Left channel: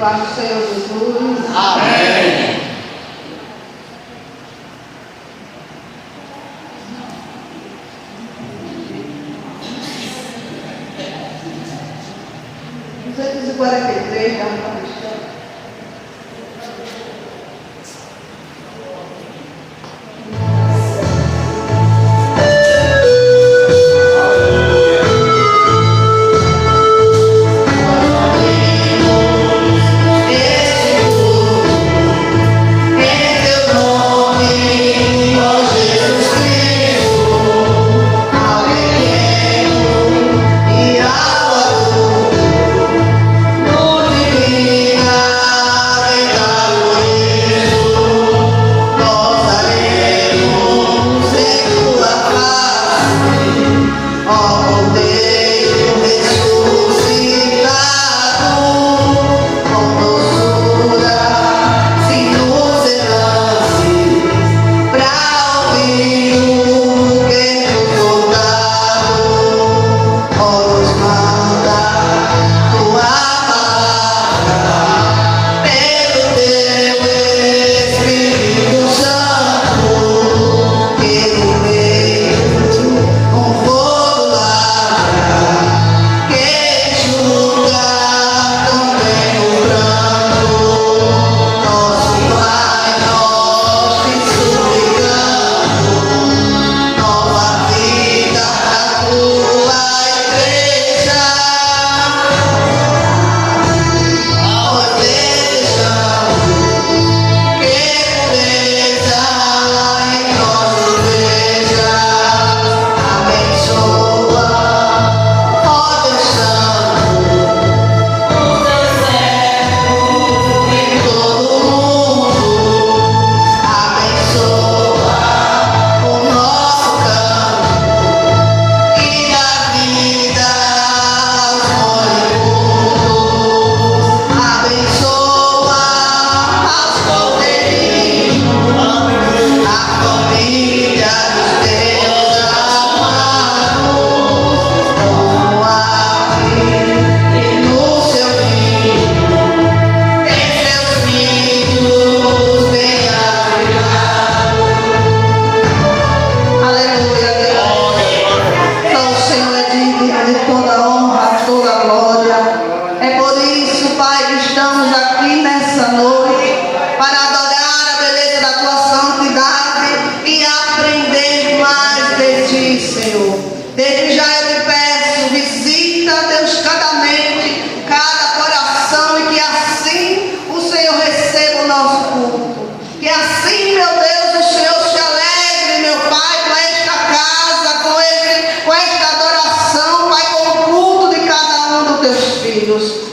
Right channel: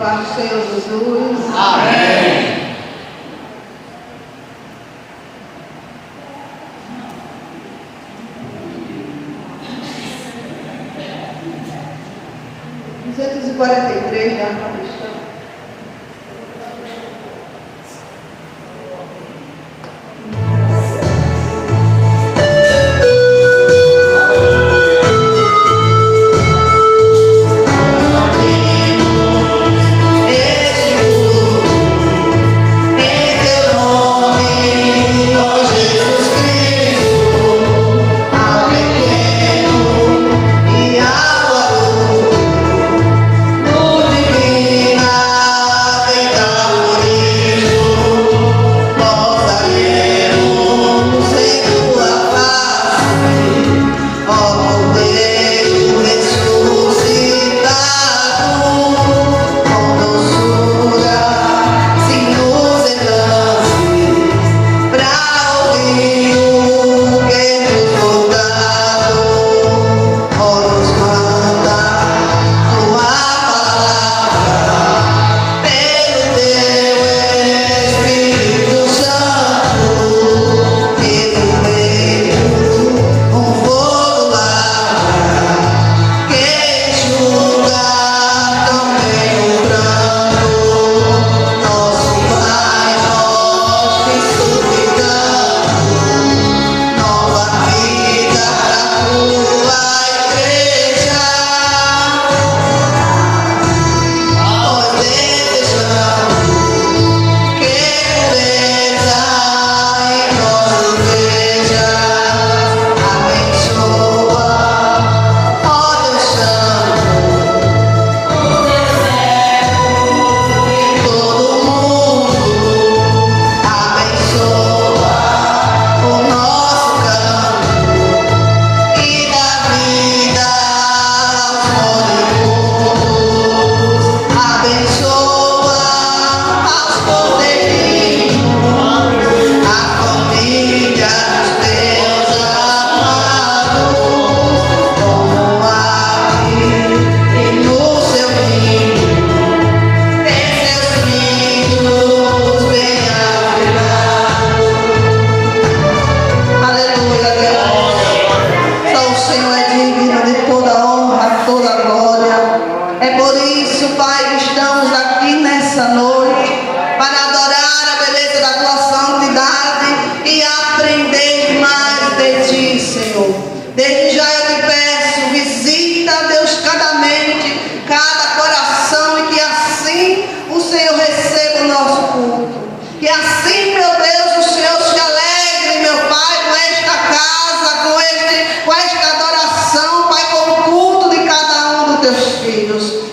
paz do Senhor Jesus. Amém. Duzentos e 43 da Alma Cristã.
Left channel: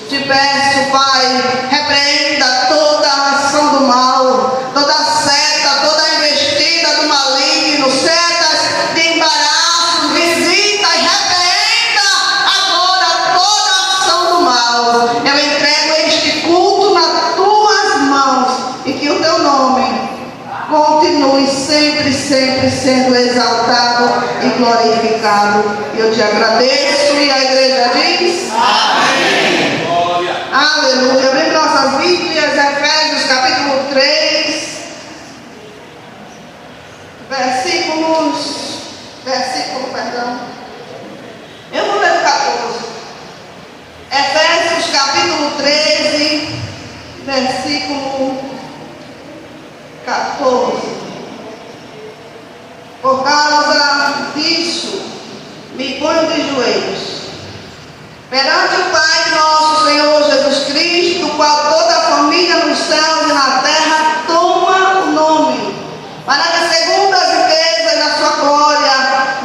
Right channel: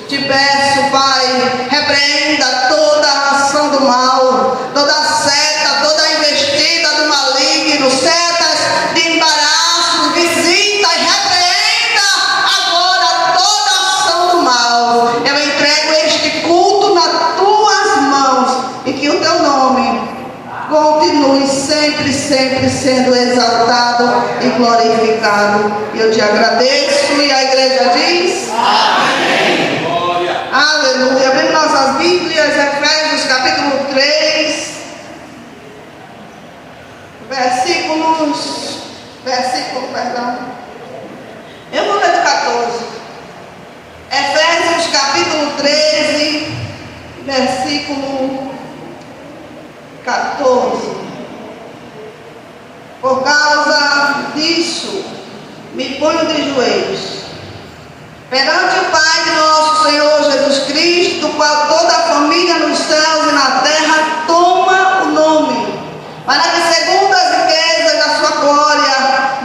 Te peço, Pai, repreenda toda a ação do mal, toda seta, toda investida do maligno, setas de embaraço, visita e repreenda agora toda a ação do mal. Eu entrego este culto nas tuas mãos e que o teu nome continue sempre, sempre sendo exaltado e glorificado. Eu te agradeço e a igreja diz: amém. Glória. Aleluia. Abre nossas Bíblias, Efésios capítulo 3, eu vou ler do 14. Efésios capítulo 13, versículo 14. Por causa disso, me ponho de joelhos perante o Pai de nosso Senhor Jesus Cristo, do qual toda a família nos céus e na terra toma o nome, para que segundo as riquezas da sua glória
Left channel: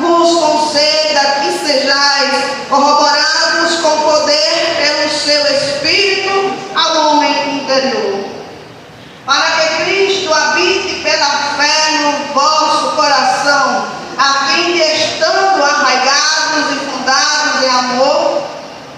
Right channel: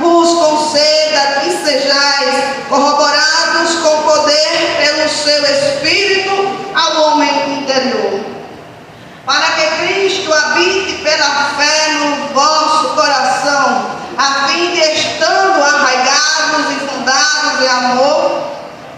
vos conceda que sejais corroborados com poder pelo seu Espírito ao homem interior, para que Cristo habite pela fé no vosso coração, a fim de, estando arraigados e fundados em amor,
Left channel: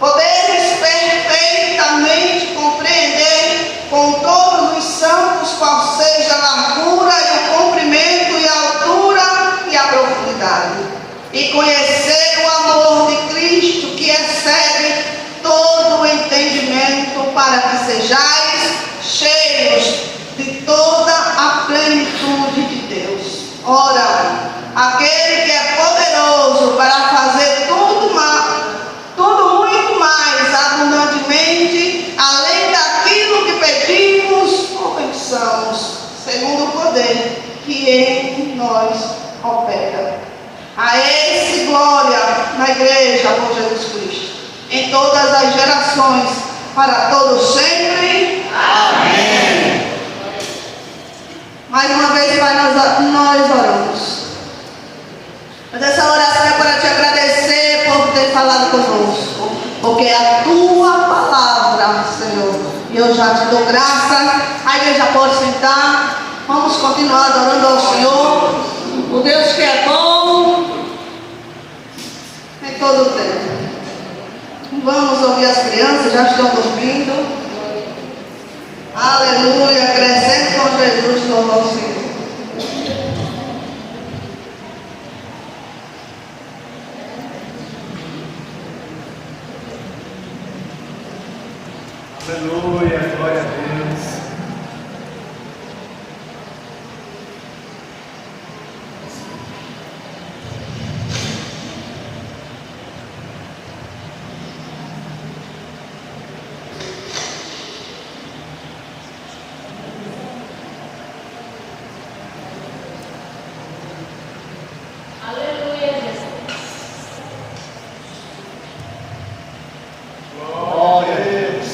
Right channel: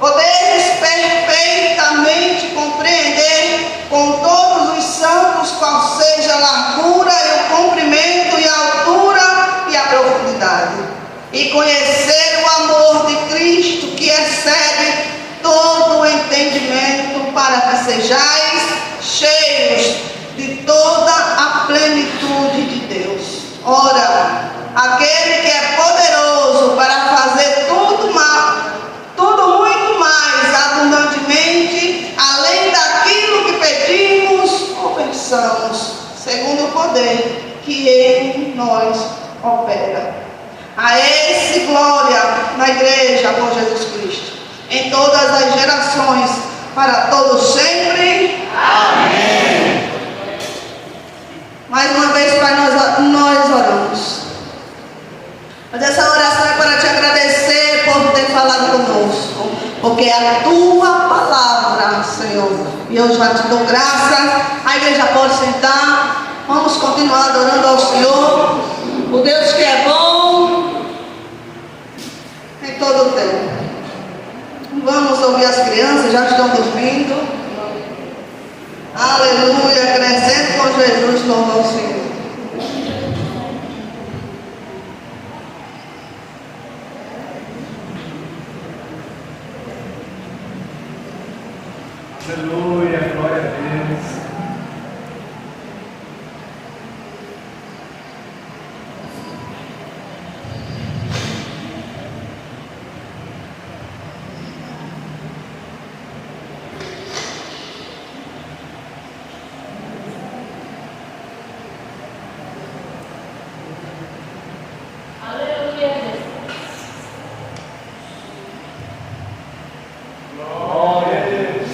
podeis perfeitamente compreender com todos os santos qual seja a largura e o comprimento e a altura e a profundidade, e conhecer o amor de Cristo que excede todo o entendimento, para que sejais cheios de toda a plenitude de Deus. Ora, aquele que é poderoso para fazer tudo muito mais abundantemente, além daquilo que pedimos ou pensamos, segundo o poder que em nós opera. A esse glória na igreja por Jesus Cristo, em todas as gerações, para todos sempre. Amém. Mais uma vez, Pai, nós oramos. Mas essa oração é para te agradecer por ter falado conosco, porque é a tua palavra, Senhor. E eu já te dou graça. A igreja pode sentar. Vamos continuar adorando ao Senhor, o Deus que é bom em todo o tempo. Vamos ouvir as crianças, já estão dormindo. Aleluia, crescendo com Jesus no nosso Senhor. Aleluia, glória a Deus. Glória a Deus.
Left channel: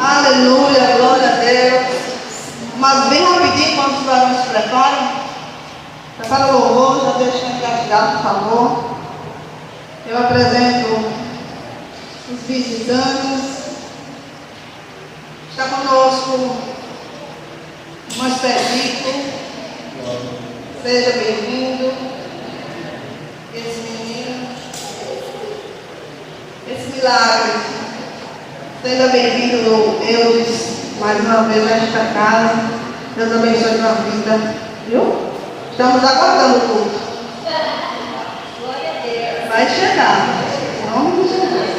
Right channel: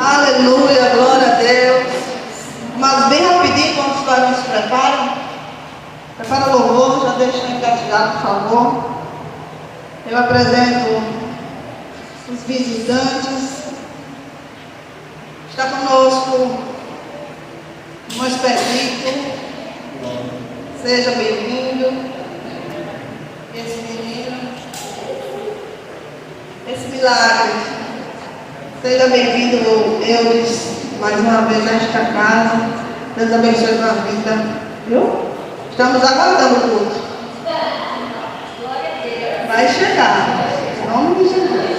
Aleluia, glória a Deus. Mas bem rapidinho, quando os varões se preparam, prepara o louvor, já deixa engatilhado, por favor. Eu apresento os visitantes. Está conosco um expedito. Seja bem-vindo. Esse menino, esse milagre. Seja bem-vindo, Eudes, mais uma vez nesta casa. Deus abençoe a tua vida. Viu? Estamos aguardando o culto. Vai chegar. Em nome de Jesus.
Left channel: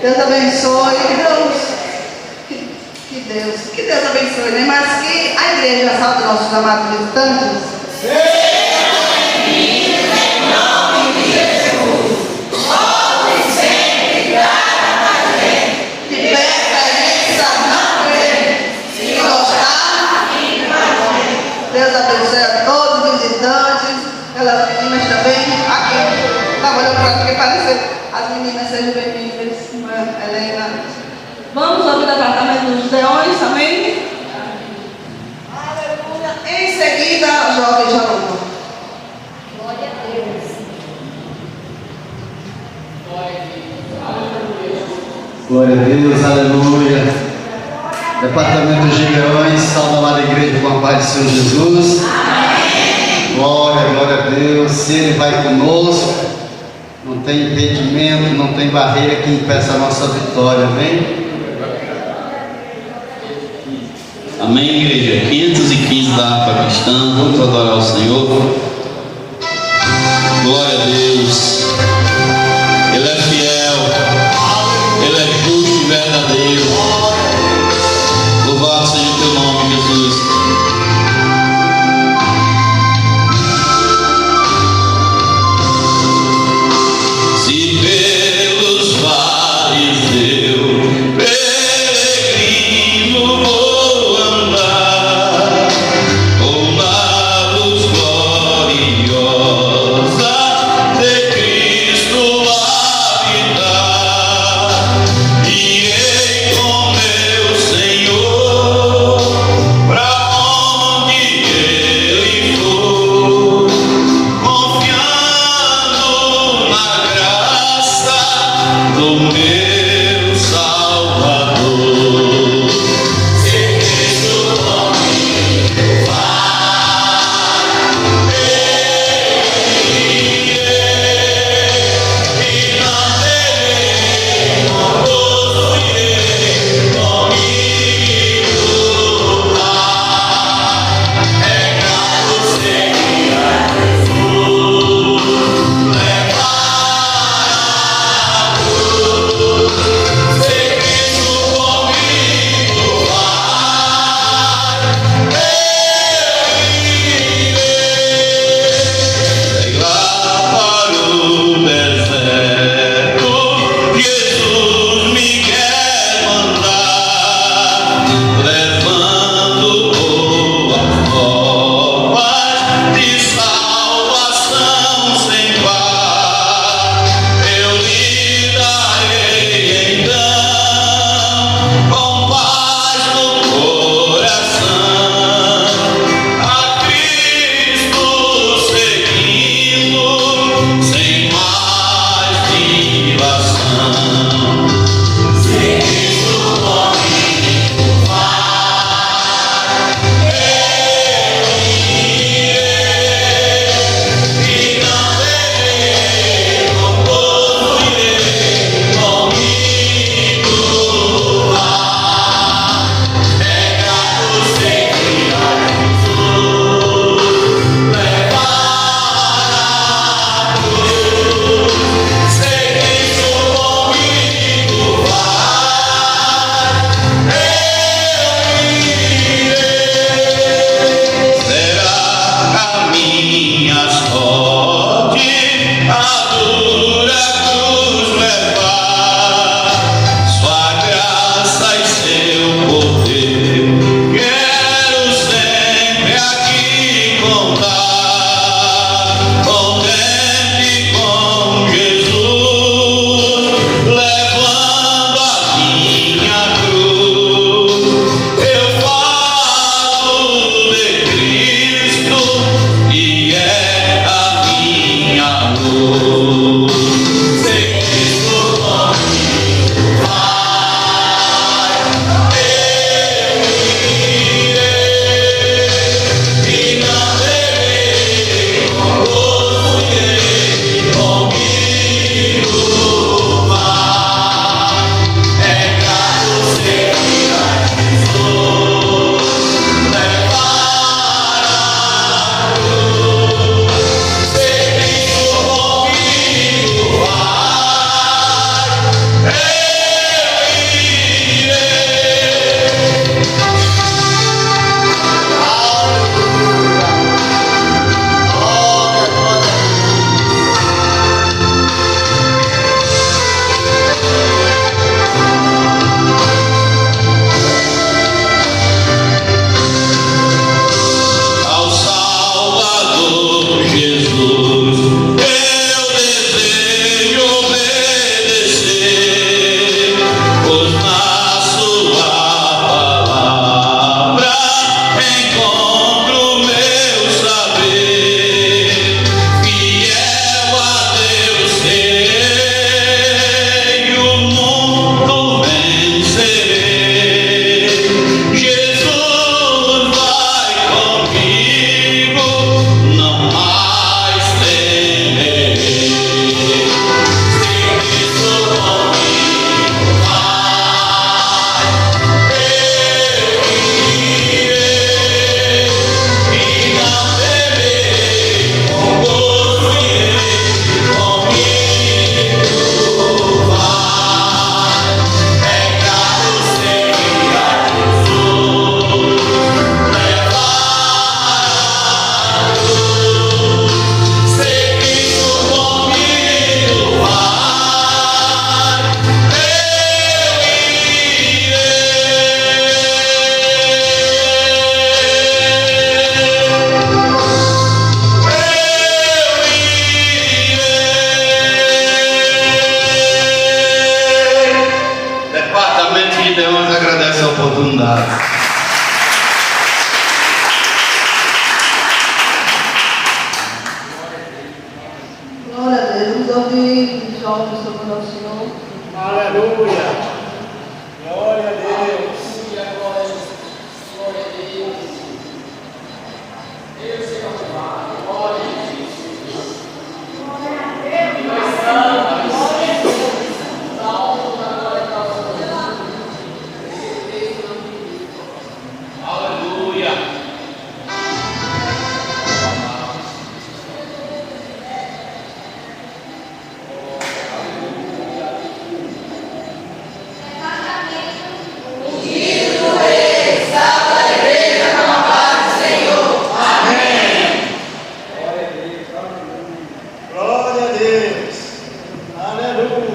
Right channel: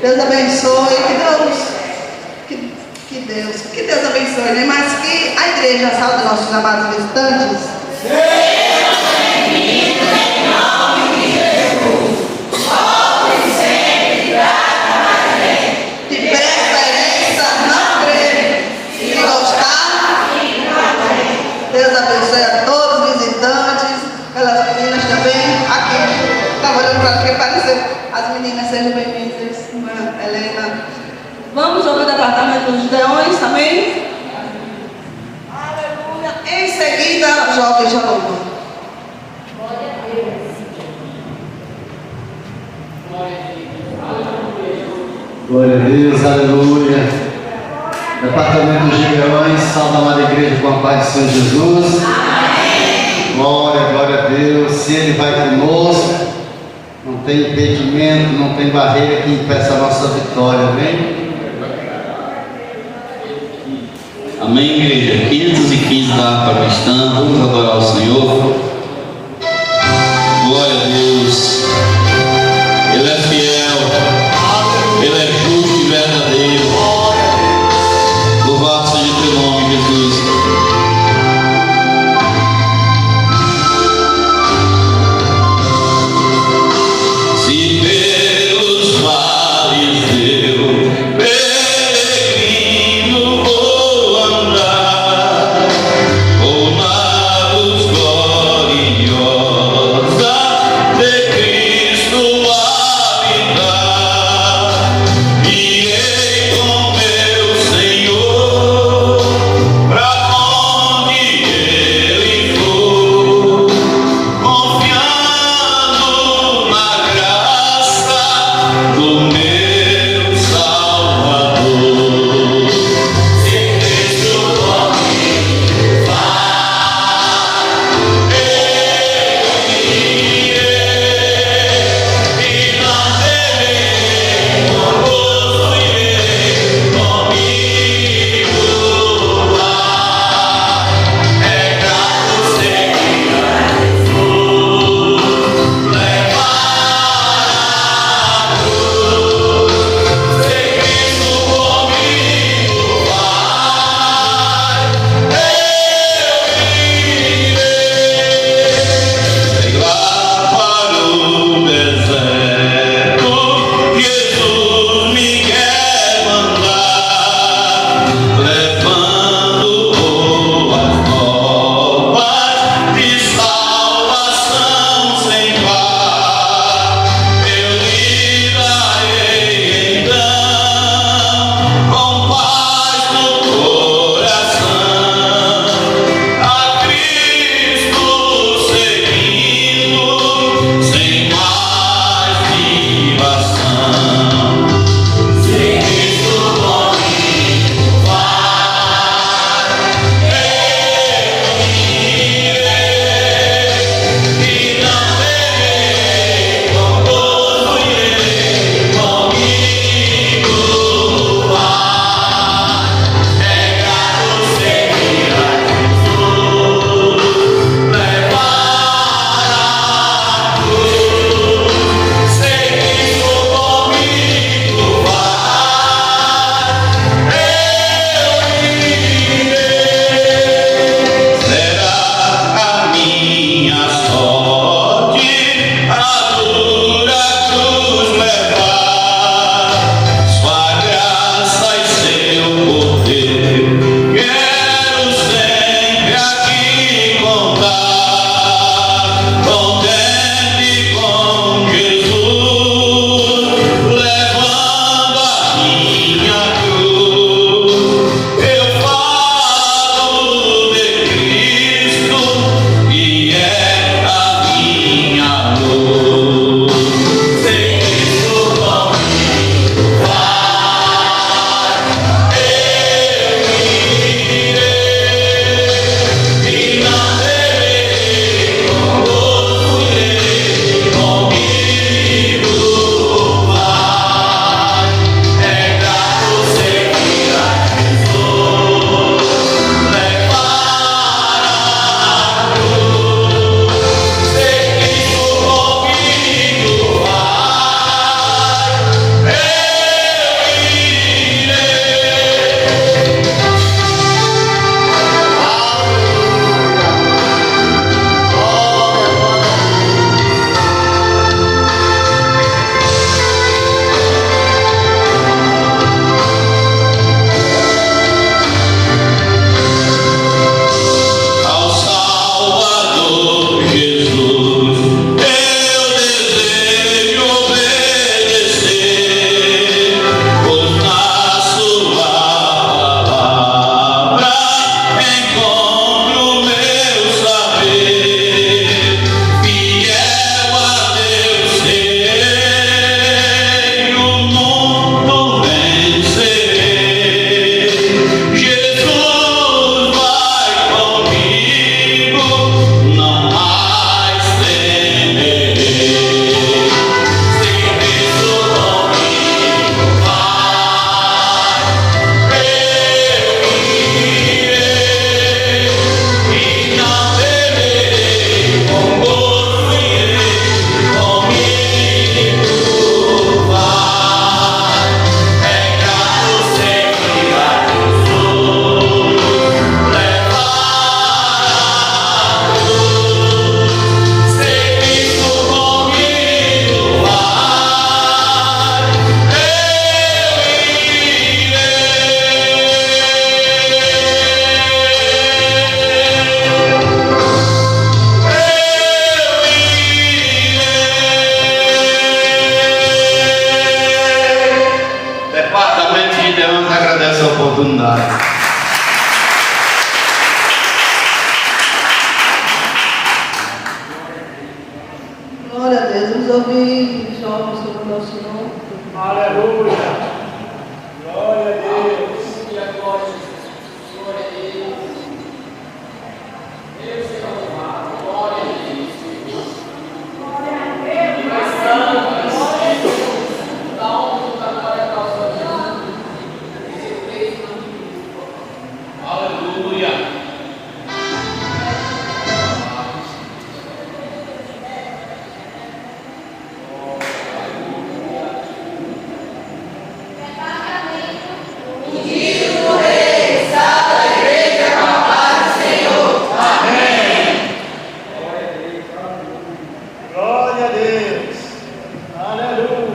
Deus abençoe. Que Deus abençoe, né? Mas que a igreja sabe dos nossos amados visitantes. Deus abençoe a todos os visitantes, pelas meninas também, aqui, trabalhando para que parecer. As meninas sejam bem-vindas, irmã Helena. Vamos ao departamento dos leões também. Aleluia. Em seguida, jovem João. Glória a Deus. Glória a Deus, aleluia. Departamento dos Leões, salve a amada igreja com a paz do Senhor Jesus. Amém. Glória, glória a Deus. Se Ele vai conosco, não tem impedimento, não tem barreira que impeça a nossa vitória, amém? Amém, igreja. 515 da harpa cristã, vamos adorar o Senhor. Glória a Deus. Ele é fiel, Ele é justo e verdadeiro. Louvado seja o teu nome, Jesus. Se pelos mares eu peregrino vou andar, ou na luz gloriosa essa oportunidade. Glória a Deus. Vamos ouvir os jovens sobre o Senhor. Aleluia. Glória a Deus. Glória a Deus. Aleluia.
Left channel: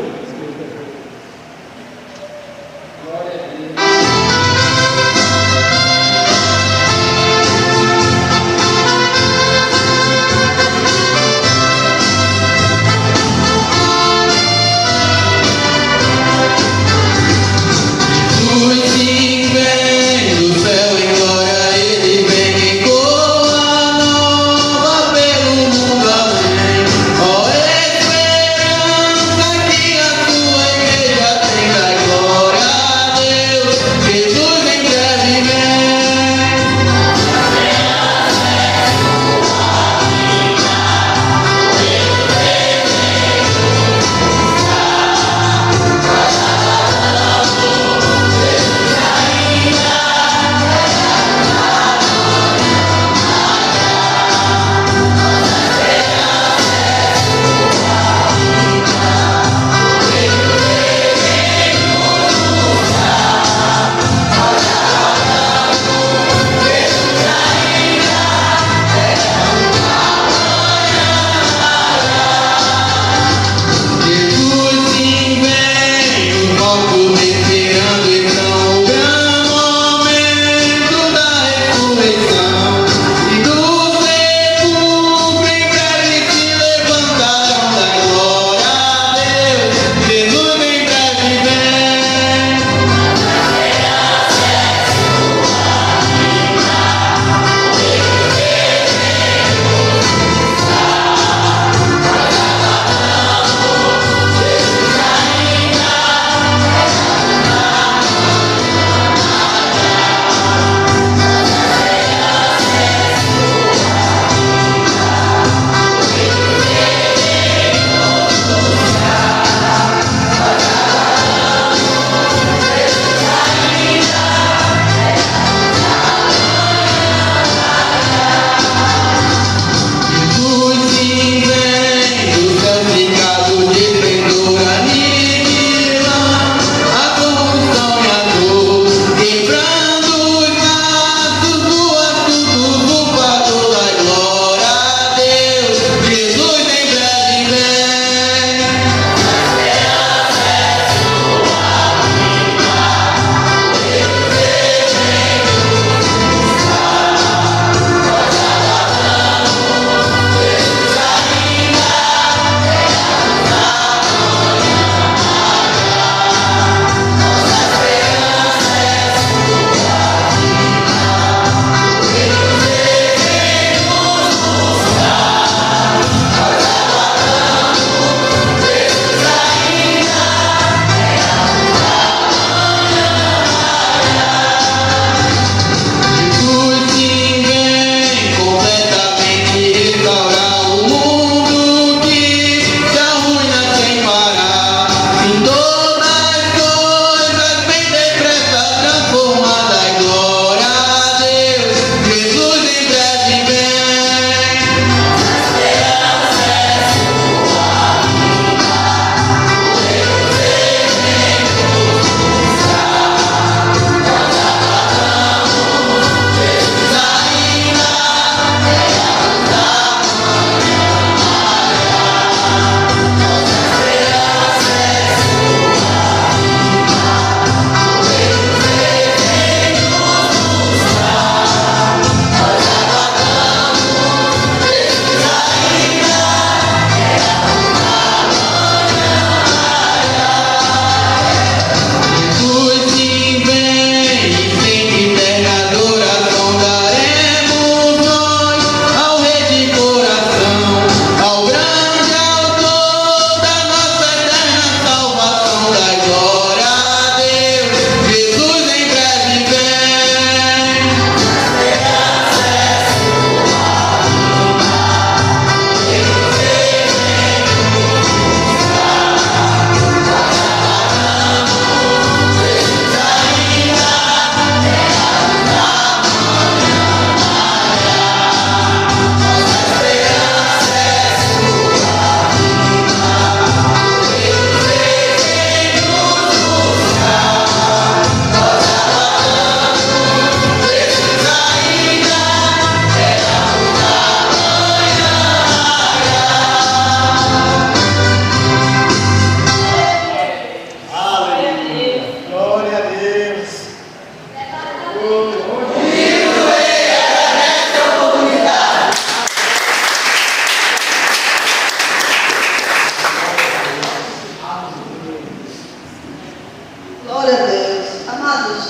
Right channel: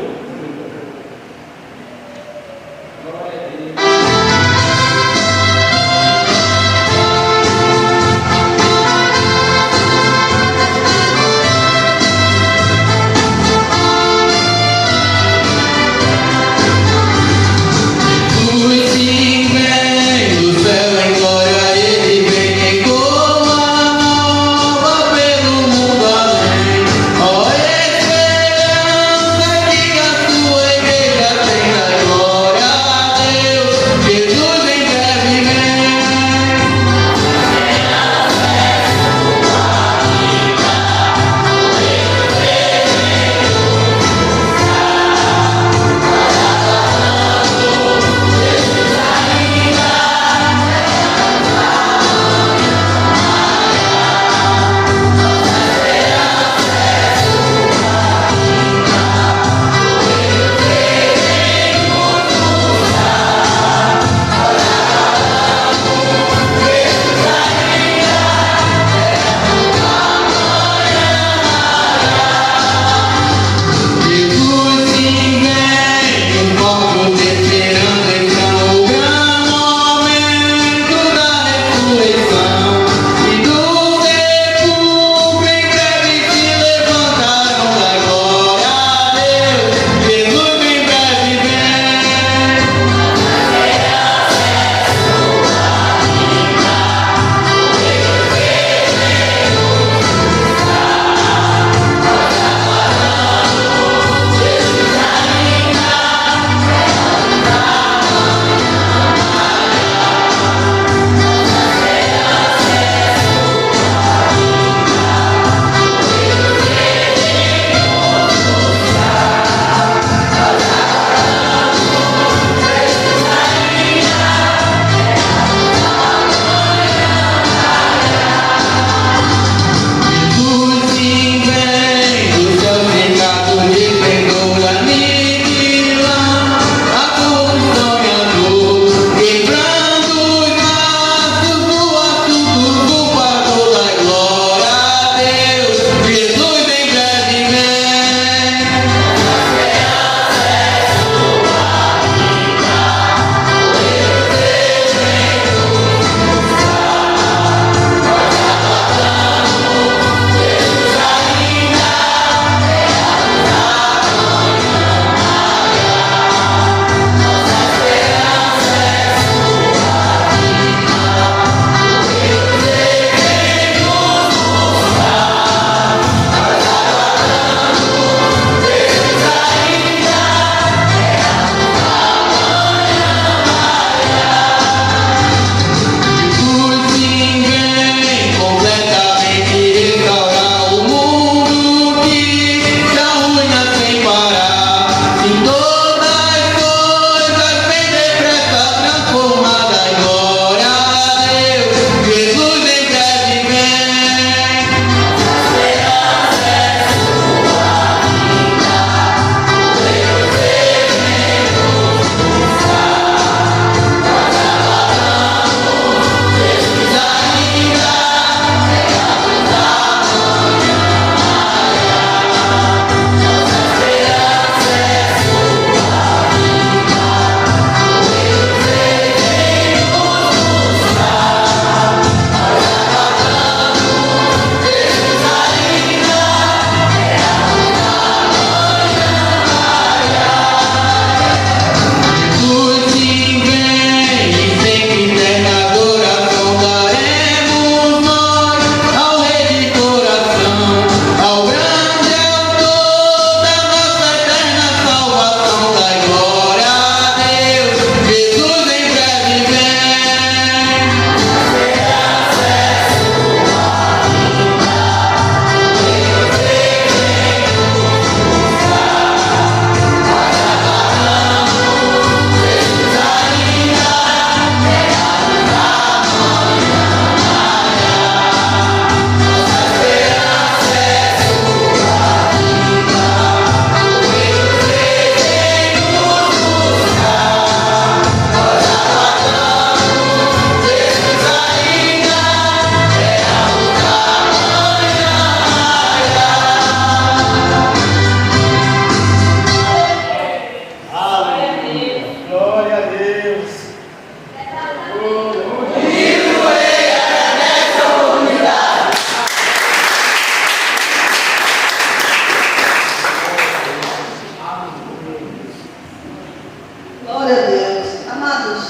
Glória a Deus. Amados,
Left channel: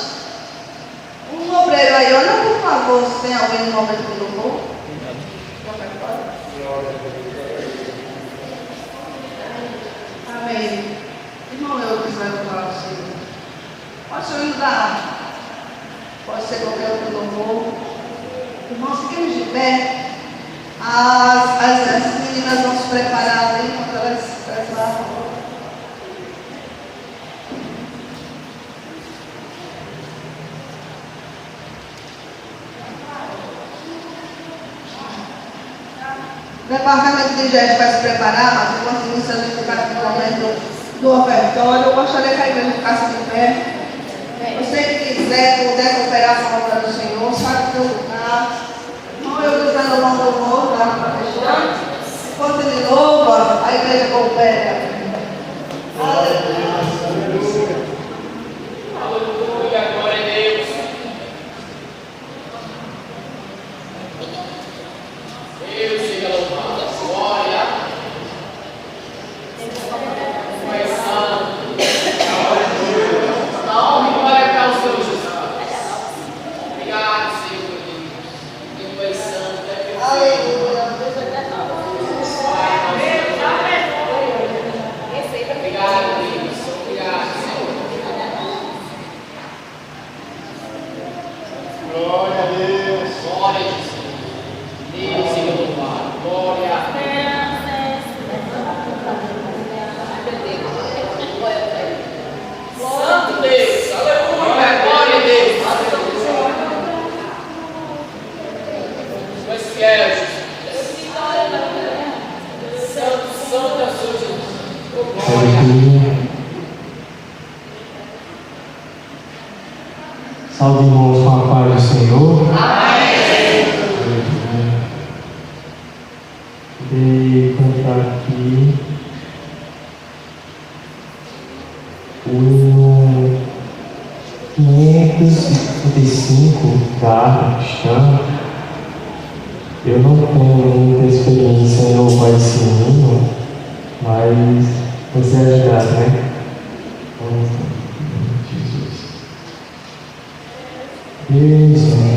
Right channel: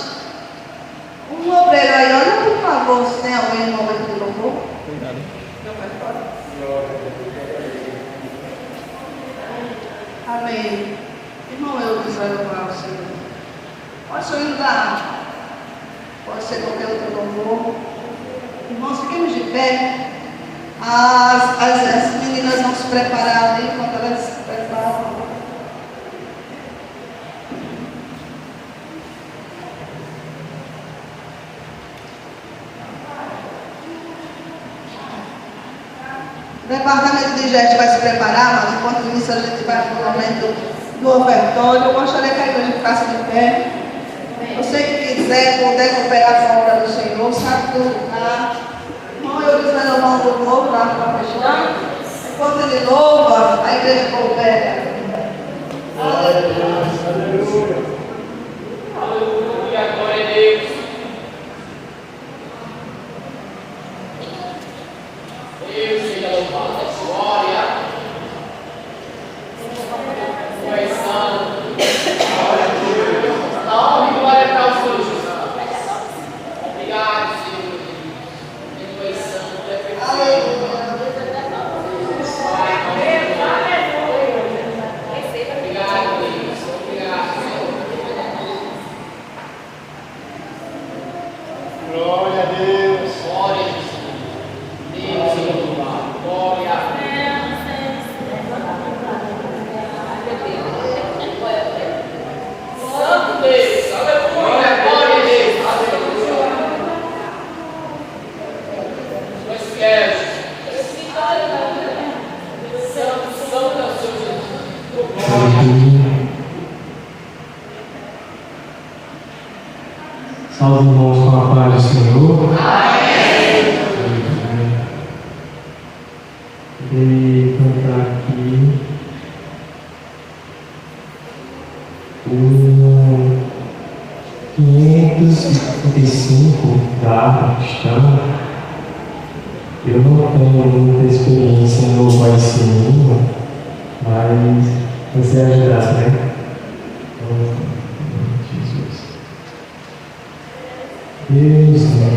um obreiro aí, olha por favor, se tem alguém no momento do louvor. Amém. Irmão, eu quiser louvar o Senhor. Pode ser entrar. Pode ser qualquer outro louvor. Irmãos, fiquemos de pé. As meninas vão se preparar ali enquanto elas se preparam. O departamento de gestos vai se preparar, mas enquanto isso a gente vai para o momento do ofertório. Eu gostaria que a igreja ficasse de pé. Você que quiser, puder cooperar com a obra do Senhor, sabe do lugar. Irmão, eu dizendo o nome do povo lá para fechar. Enquanto ele louva, a igreja coopera. Aleluia. Aleluia, glória a Deus. Deus seja louvado. Glória. Tu és santo. Salve e glória para o Senhor Jesus. Obrigado, Senhor. Tu és santo, tu és perfeito. Aleluia. Obrigado, Deus. Obrigado, Senhor. Glória a Deus. Glória, Jesus. Deus seja louvado. Glória. Santo Deus. Aleluia. Glória a Deus. Tu és fiel, Jesus. Santo, santo é o Senhor Jesus. Glória. Salve, irmãos, com a paz do Senhor. Amém. Vou cantar aqui o 555 da Harpa Cristã. Eu não tenho muita experiência em louvar esse hino, mas você ajudar, né? Jesus. Deus me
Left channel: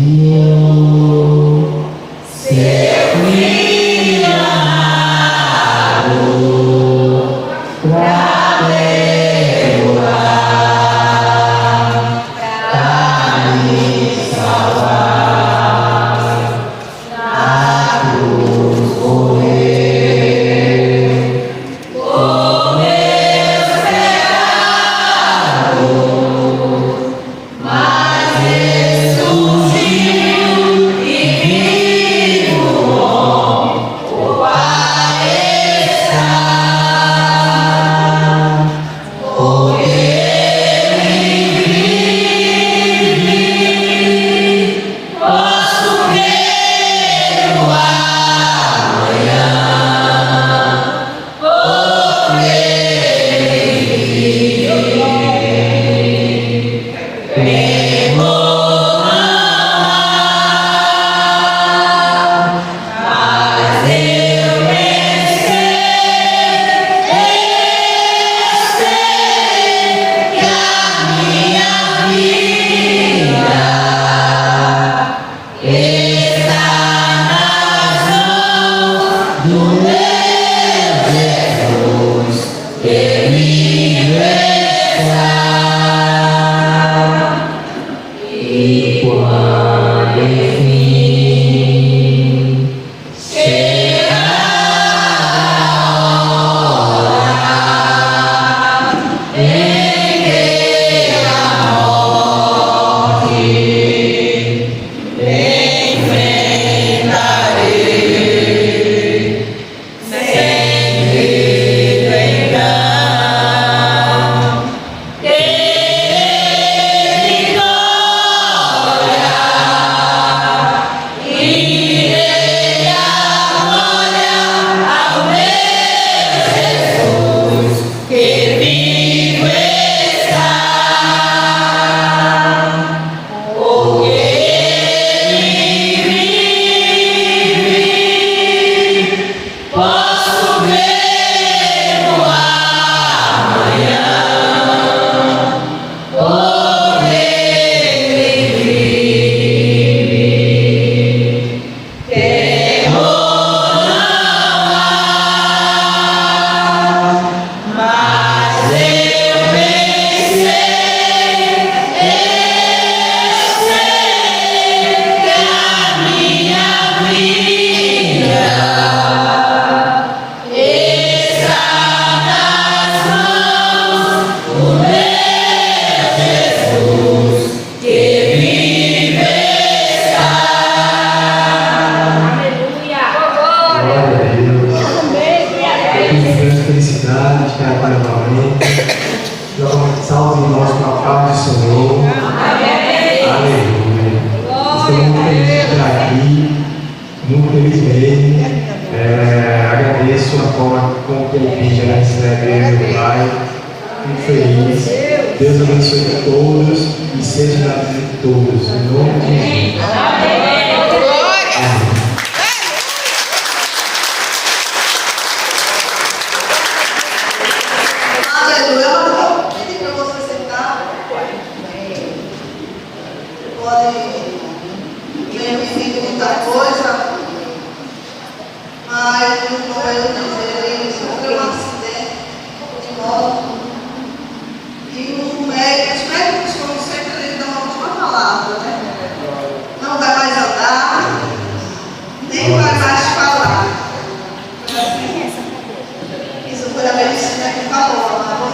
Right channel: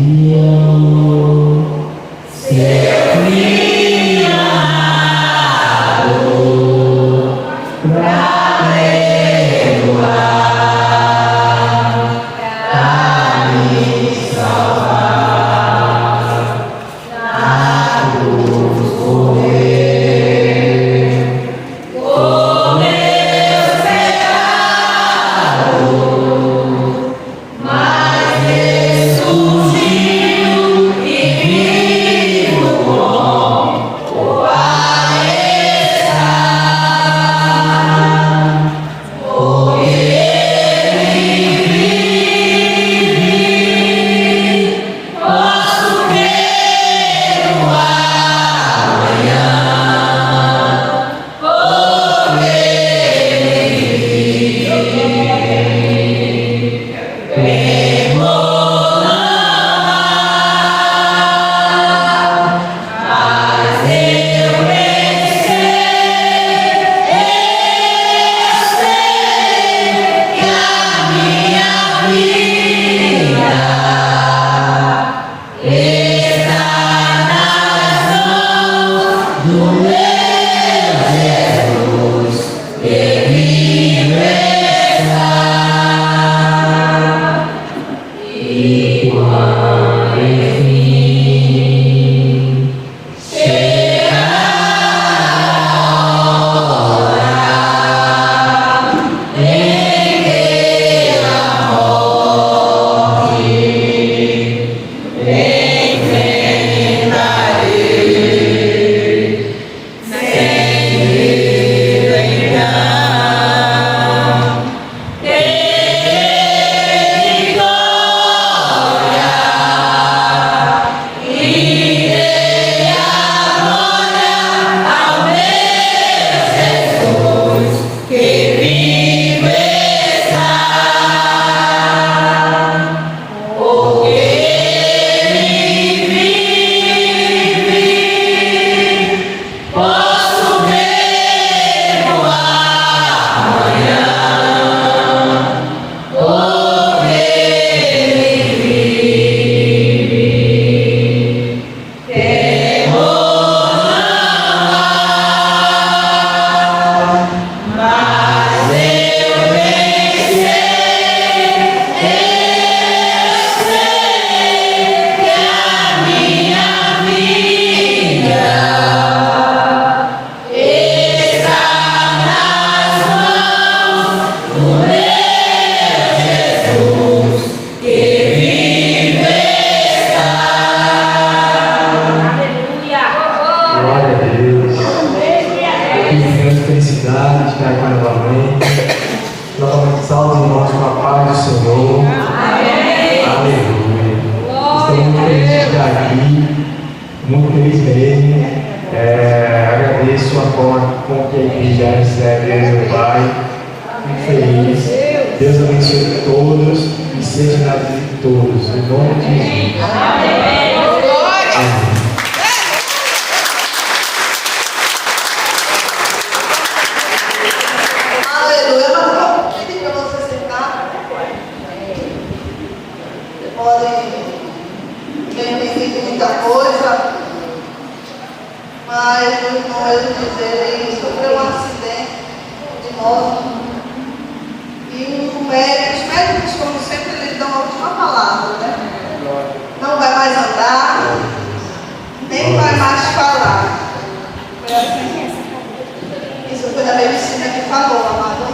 enviou seu filho amado pra perdoar, pra me salvar, na cruz morreu, por meus pecados, mas ressurgiu e vivo bom o Pai está, porque Ele vive, posso ver o amanhã, porque Ele vive, quem vou amar, mas eu bem sei que a minha vida está nas mãos do meu Jesus, que vivo está. E quando enfim chegar a hora em que a morte enfrentarei, sem vida em nada. todos, em nome de Jesus. Aleluia. Eu não vou pedir para você sentar. Podem pedir muita coisa, mas como eu dizer, ele sofreu um acidente de moto e os médicos, como sempre, eles dão a última palavra, né? Não vai mais andar, nem vai mais falar. Foi assim. Isso foi a medicina que falou, amado.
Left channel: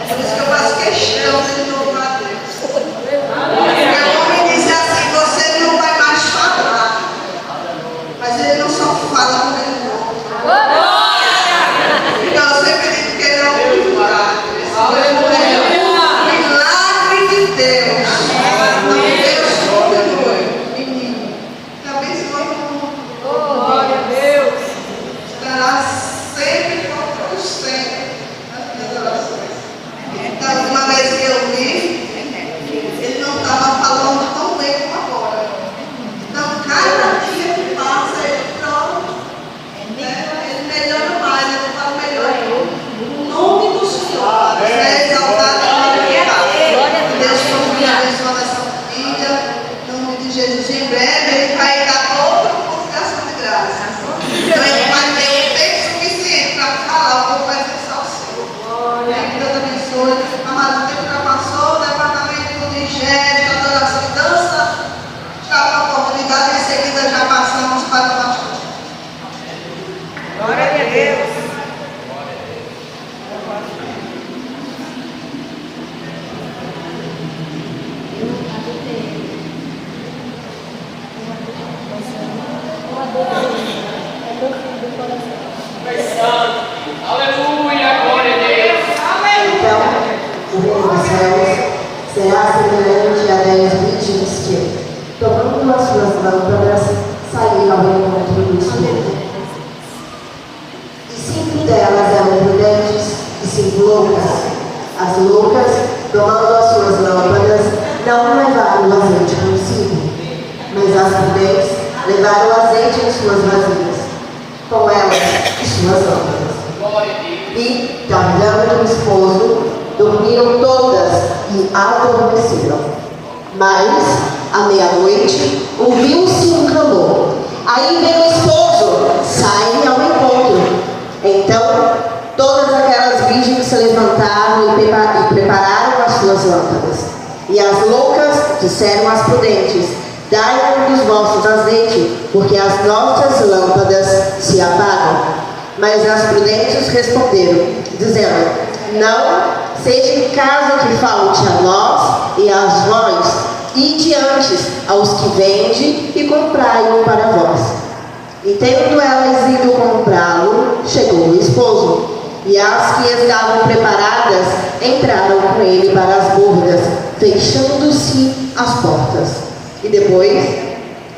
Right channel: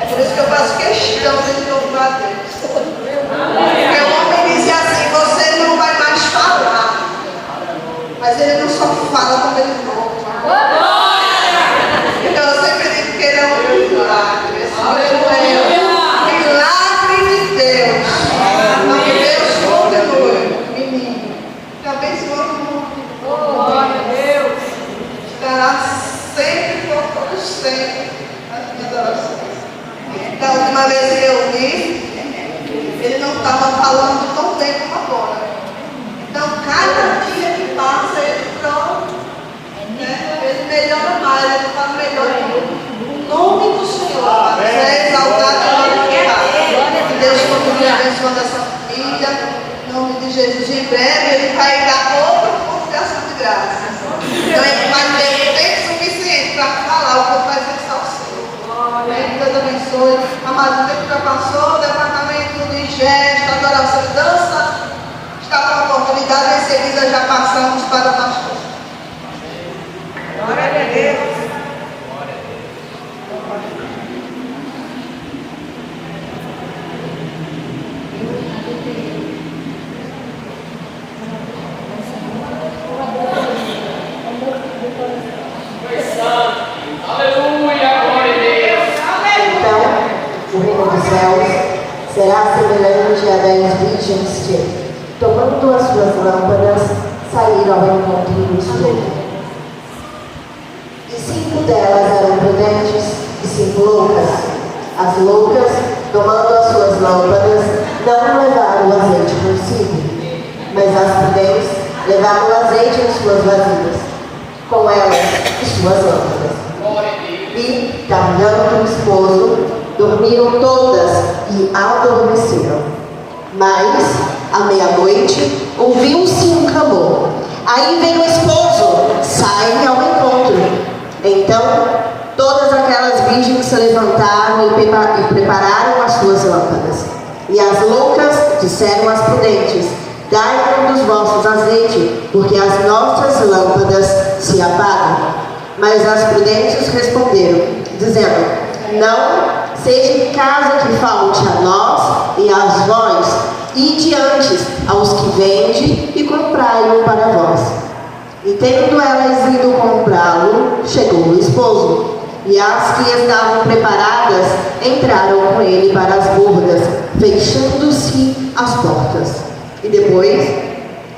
É por isso que eu faço questão de louvar a Deus. Porque o homem diz assim: você não vai mais falar. Mas ele não só fala quando ele volta. Então eu sempre digo que ele é um milagre. Esse Deus é um milagre de Deus. Não que Deus continue, menino. Talvez se glória a Deus. Estará sempre com todos sempre. Da última vez que eu vi, ele não estava falando tão bem como agora. Então, cada dia que passa, ele pronto, né? Ele melhora mais, ele fala melhor. O nome do Senhor é exaltado e glorificado. Que Deus continue abençoando essa filha, em nome de Jesus. Em breve, ele vai dar outra convocação de graça. Então, ele vai ter tempo suficiente para falar o que vai ser salsicha. Que Deus abençoe. Amado, o tempo já passou, o departamento de gesto, adoração e dança está com a oportunidade, em seguida já passamos para o pastor. Glória a Deus. O reino dos céus será semelhante a 10 virgens que, tomando as suas lâmpadas, saíram ao encontro do Senhor. E 5 delas eram prudentes e 5 loucas. As loucas, tomando as suas lâmpadas, não levaram o azeite consigo, mas as prudentes levaram o azeite em suas vasilhas, com elas e suas lâmpadas. E, tardando o esposo, dormiram todas e adormeceram. Mas, à meia-noite, ouviu-se um clamor. Aí vem o esposo, saem ao encontro. Então, todas aquelas virgens se levantaram e prepararam as suas lâmpadas. E as loucas disseram às prudentes: dai-nos dos vossos azeite, porque as nossas lâmpadas se apagam. Mas as prudentes responderam, dizendo: não seja caso que falte a nós e a vós, e diante aos que vendem e comprai-o para vós. E tendo elas ido comprá-lo, chegou o esposo, e as que estavam preparadas entraram com ele para as bordas, fechando-se as portas. E depois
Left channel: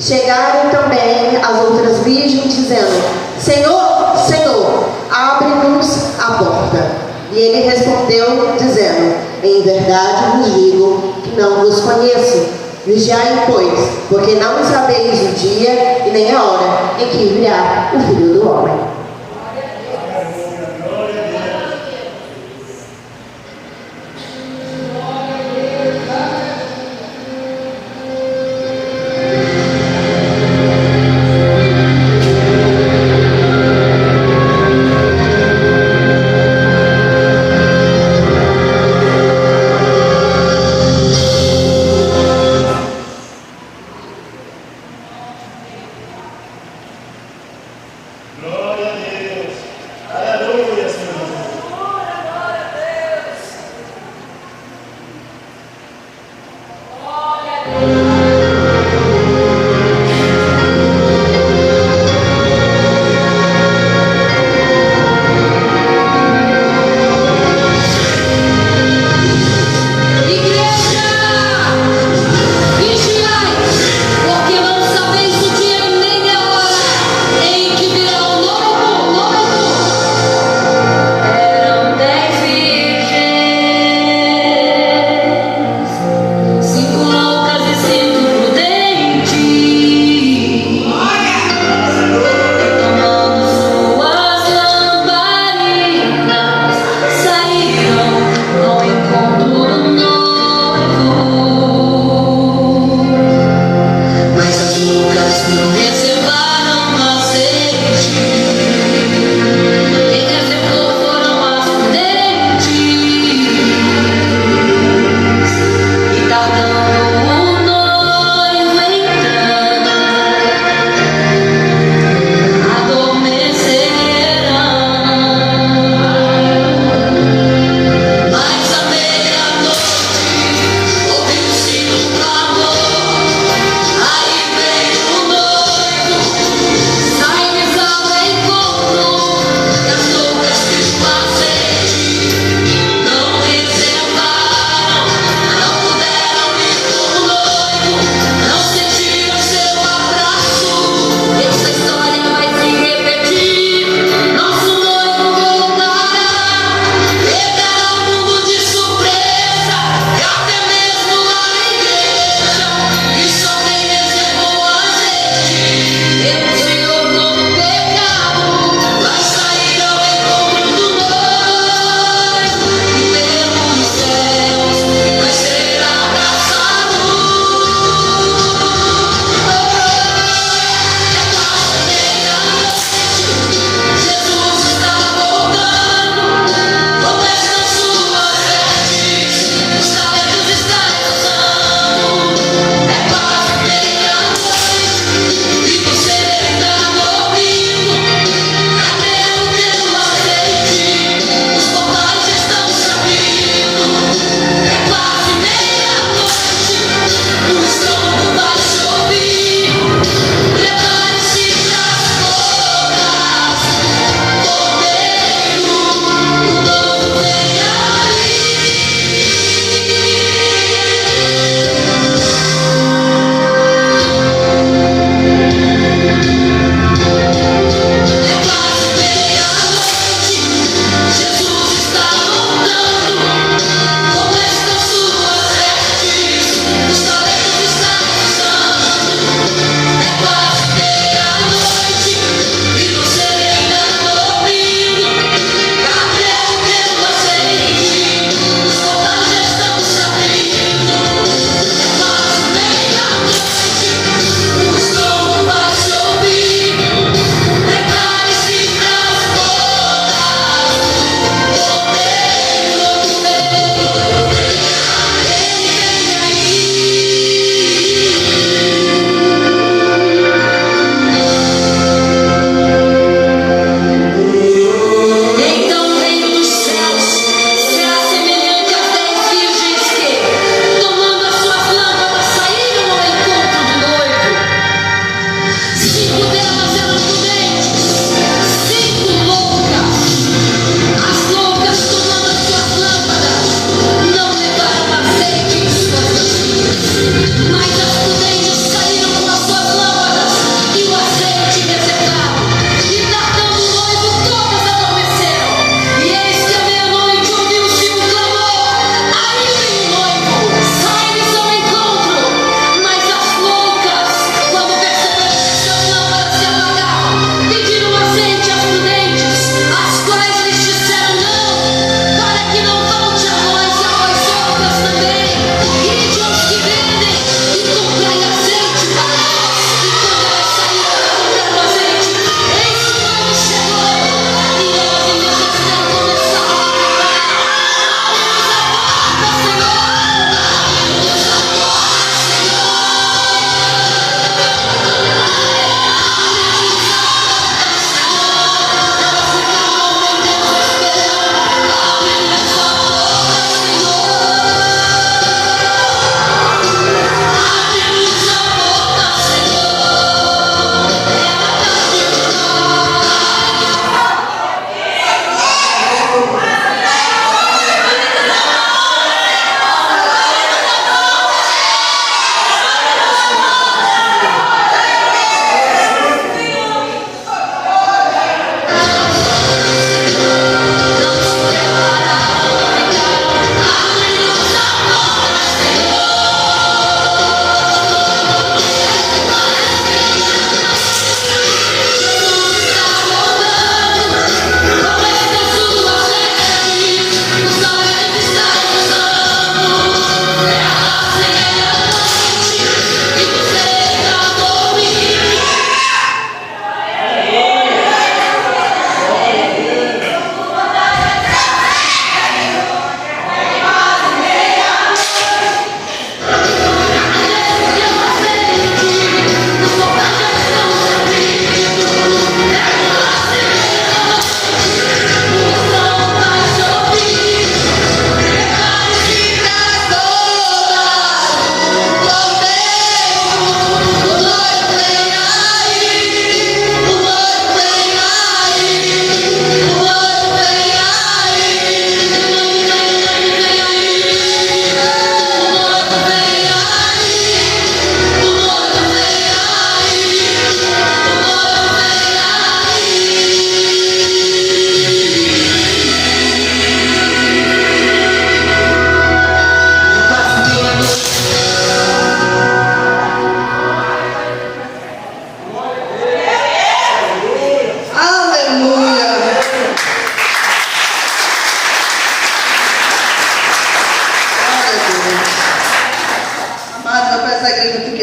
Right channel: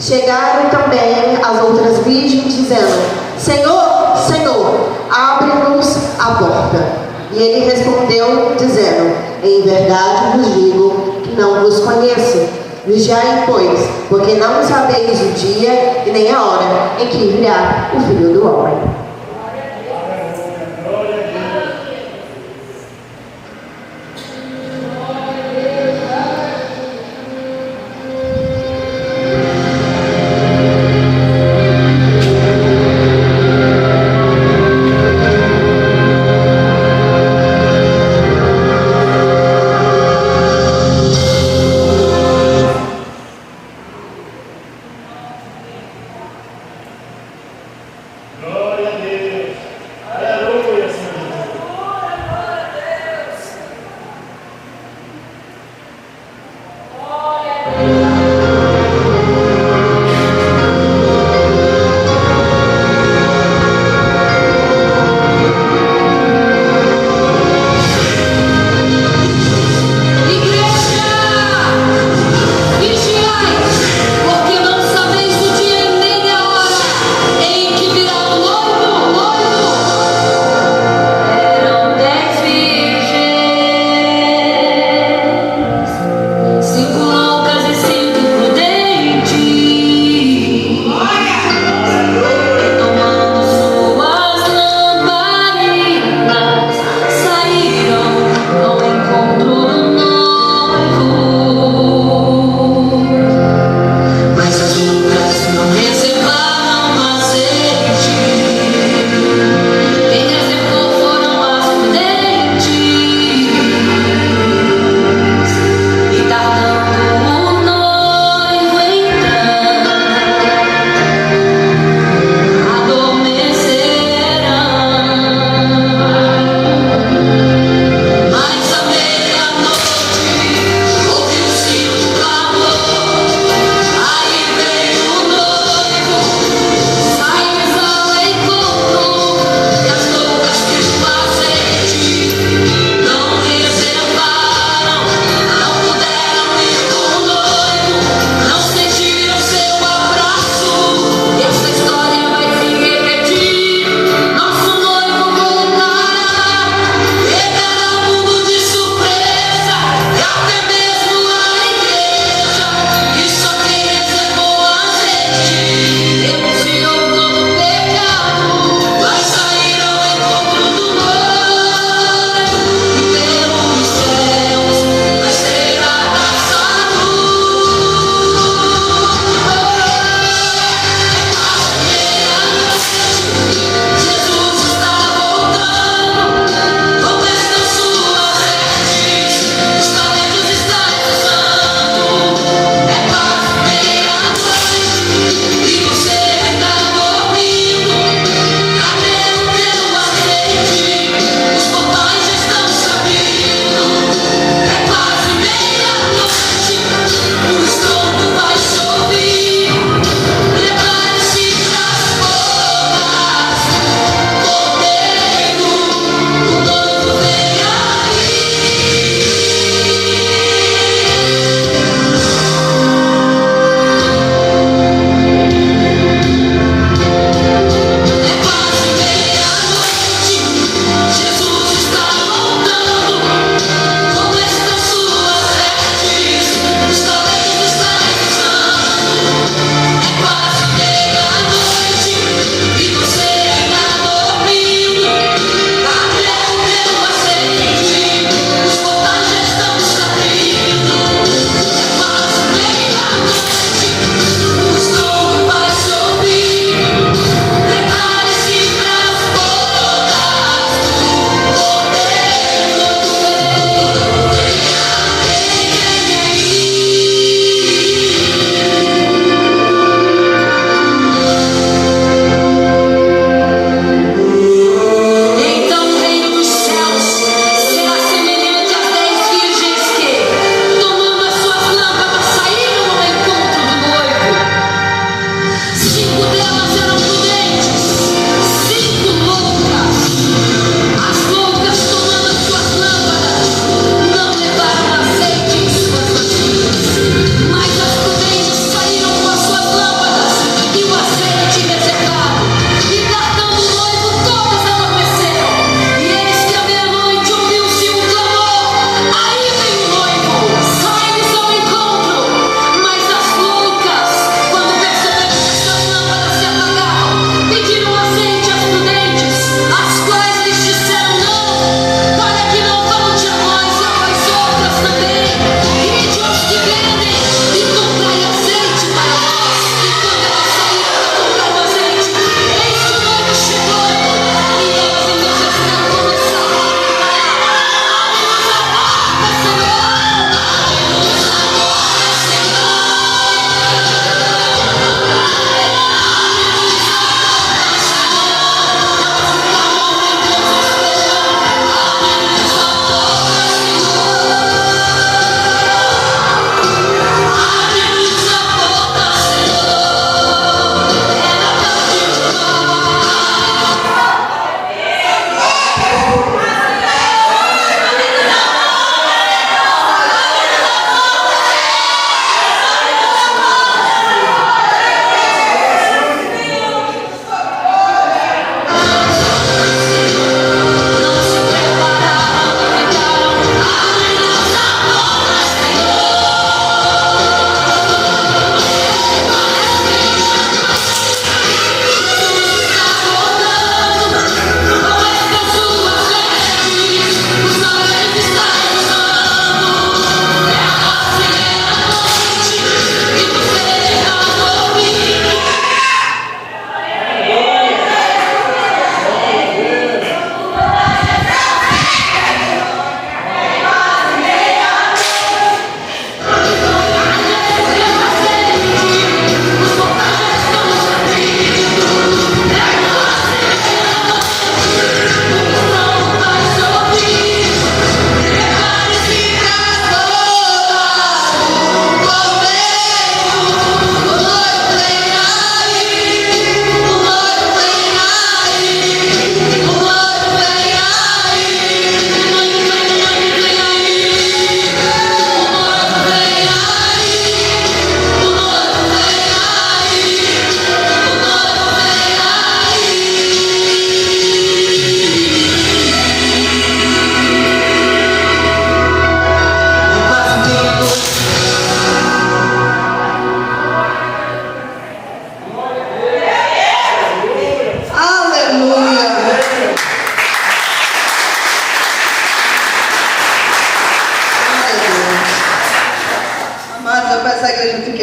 chegaram também as outras virgens, dizendo: Senhor, Senhor, abre-nos a porta. E ele respondeu, dizendo: em verdade vos digo que não vos conheço. Vigiai, pois, porque não sabeis o dia e nem a hora em que virá o Filho do Homem. Glória a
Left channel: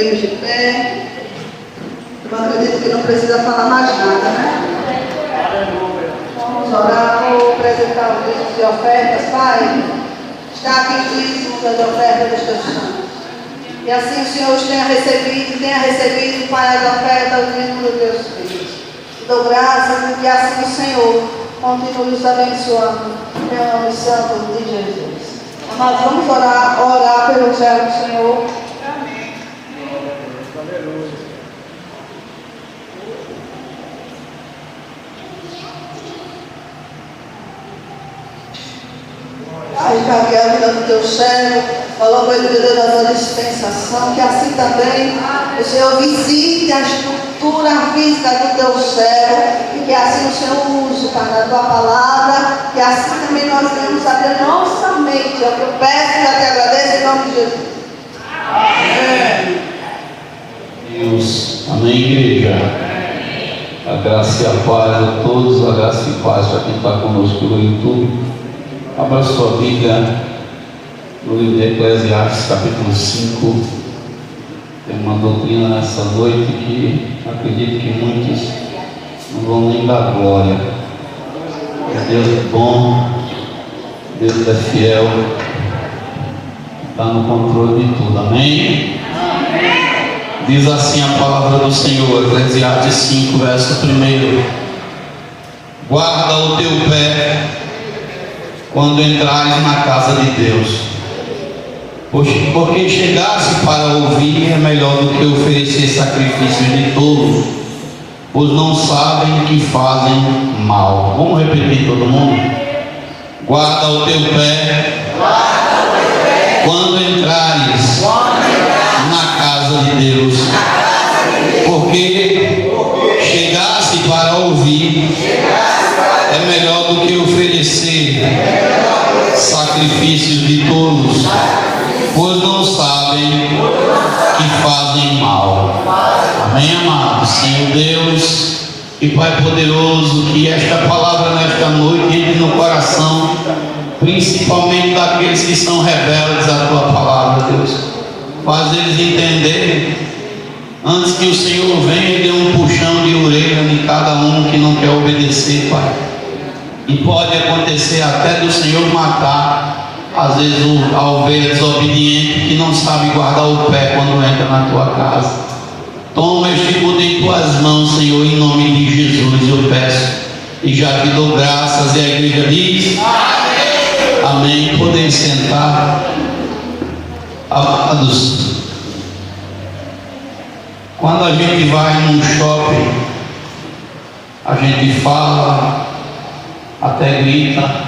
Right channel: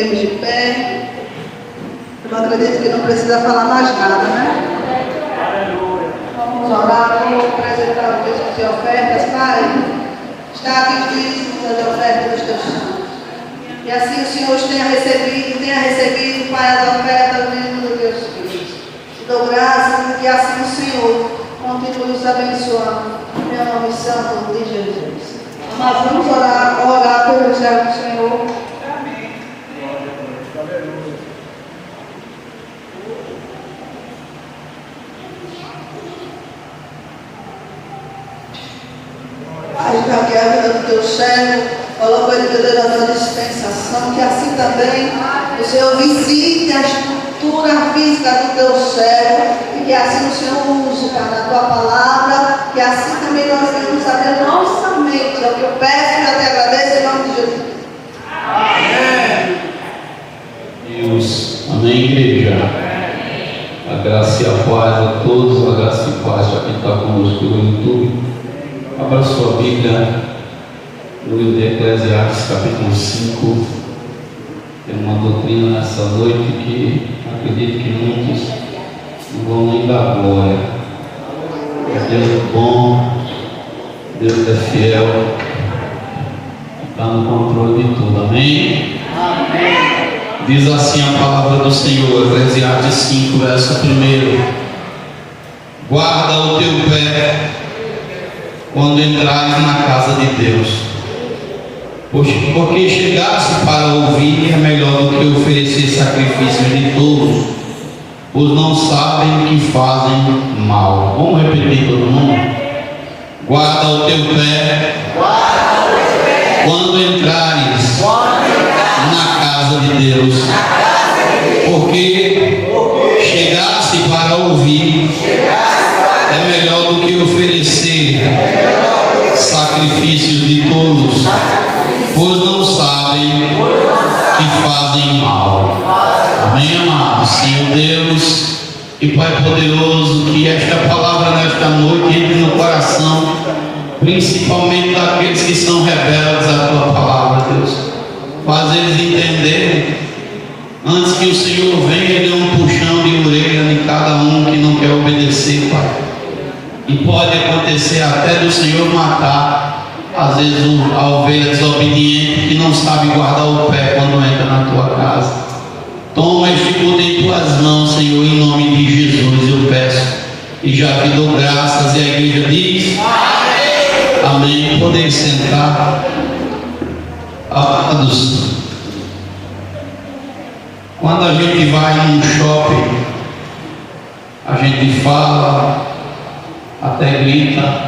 fiquemos de pé. Eu acredito que não precisa falar mais nada, né? Aleluia. Vamos orar por apresentar os dízimos e ofertas, Pai. Está aqui os dízimos e ofertas dos teus santos. E assim o Senhor os tenha recebido, Pai, as ofertas dos dízimos dos teus filhos. Te dou graças e que assim o Senhor continue nos abençoando. Em nome santo de Jesus. Nós vamos orar pelo céu do Senhor. Pai, está a vida do teu céu, coloca ele da dispensação, que assim também o Senhor visite a estrutura física do teu céu, e que assim o Senhor use para a tua palavra, que assim também nós venhamos abrir nossa mente. É o que eu peço e eu te agradeço em nome de Jesus. Amém. Deus. Amém, igreja. A graça e a paz a todos, a graça e a paz a quem está conosco no YouTube. Abra sua Bíblia no livro de Eclesiastes, capítulo 5. Tem uma doutrina nessa noite que acredito que muitos não vão nem dar glória. Deus é bom, Deus é fiel, está no controle de tudo. Amém? Diz assim a palavra do Senhor, Eclesiastes 5, verso 1. Guarda o teu pé quando entrares na casa de Deus, porque chegasse para ouvir é melhor do que oferecer sacrifícios de tolos, pois não sabem que fazem mal. Vamos repetir todo mundo? Guarda o teu pé quando entrares na casa de Deus, porque chegasse para ouvir é melhor do que oferecer sacrifícios de tolos, pois não sabem que fazem mal. Amém, amados? Senhor Deus e Pai poderoso, que esta palavra nesta noite entre no coração, principalmente daqueles que são rebeldes à tua palavra, Deus. Faz eles entenderem, antes que o Senhor venha e dê um puxão de orelha em cada um que não quer obedecer, Pai. E pode acontecer até do Senhor matar, às vezes, a ovelha desobediente que não sabe guardar o pé quando entra na tua casa. Toma este poder em tuas mãos, Senhor, em nome de Jesus, eu peço. E já te dou graças, e a igreja diz: amém. Podemos sentar. Amados, quando a gente vai num shopping, a gente fala, até grita.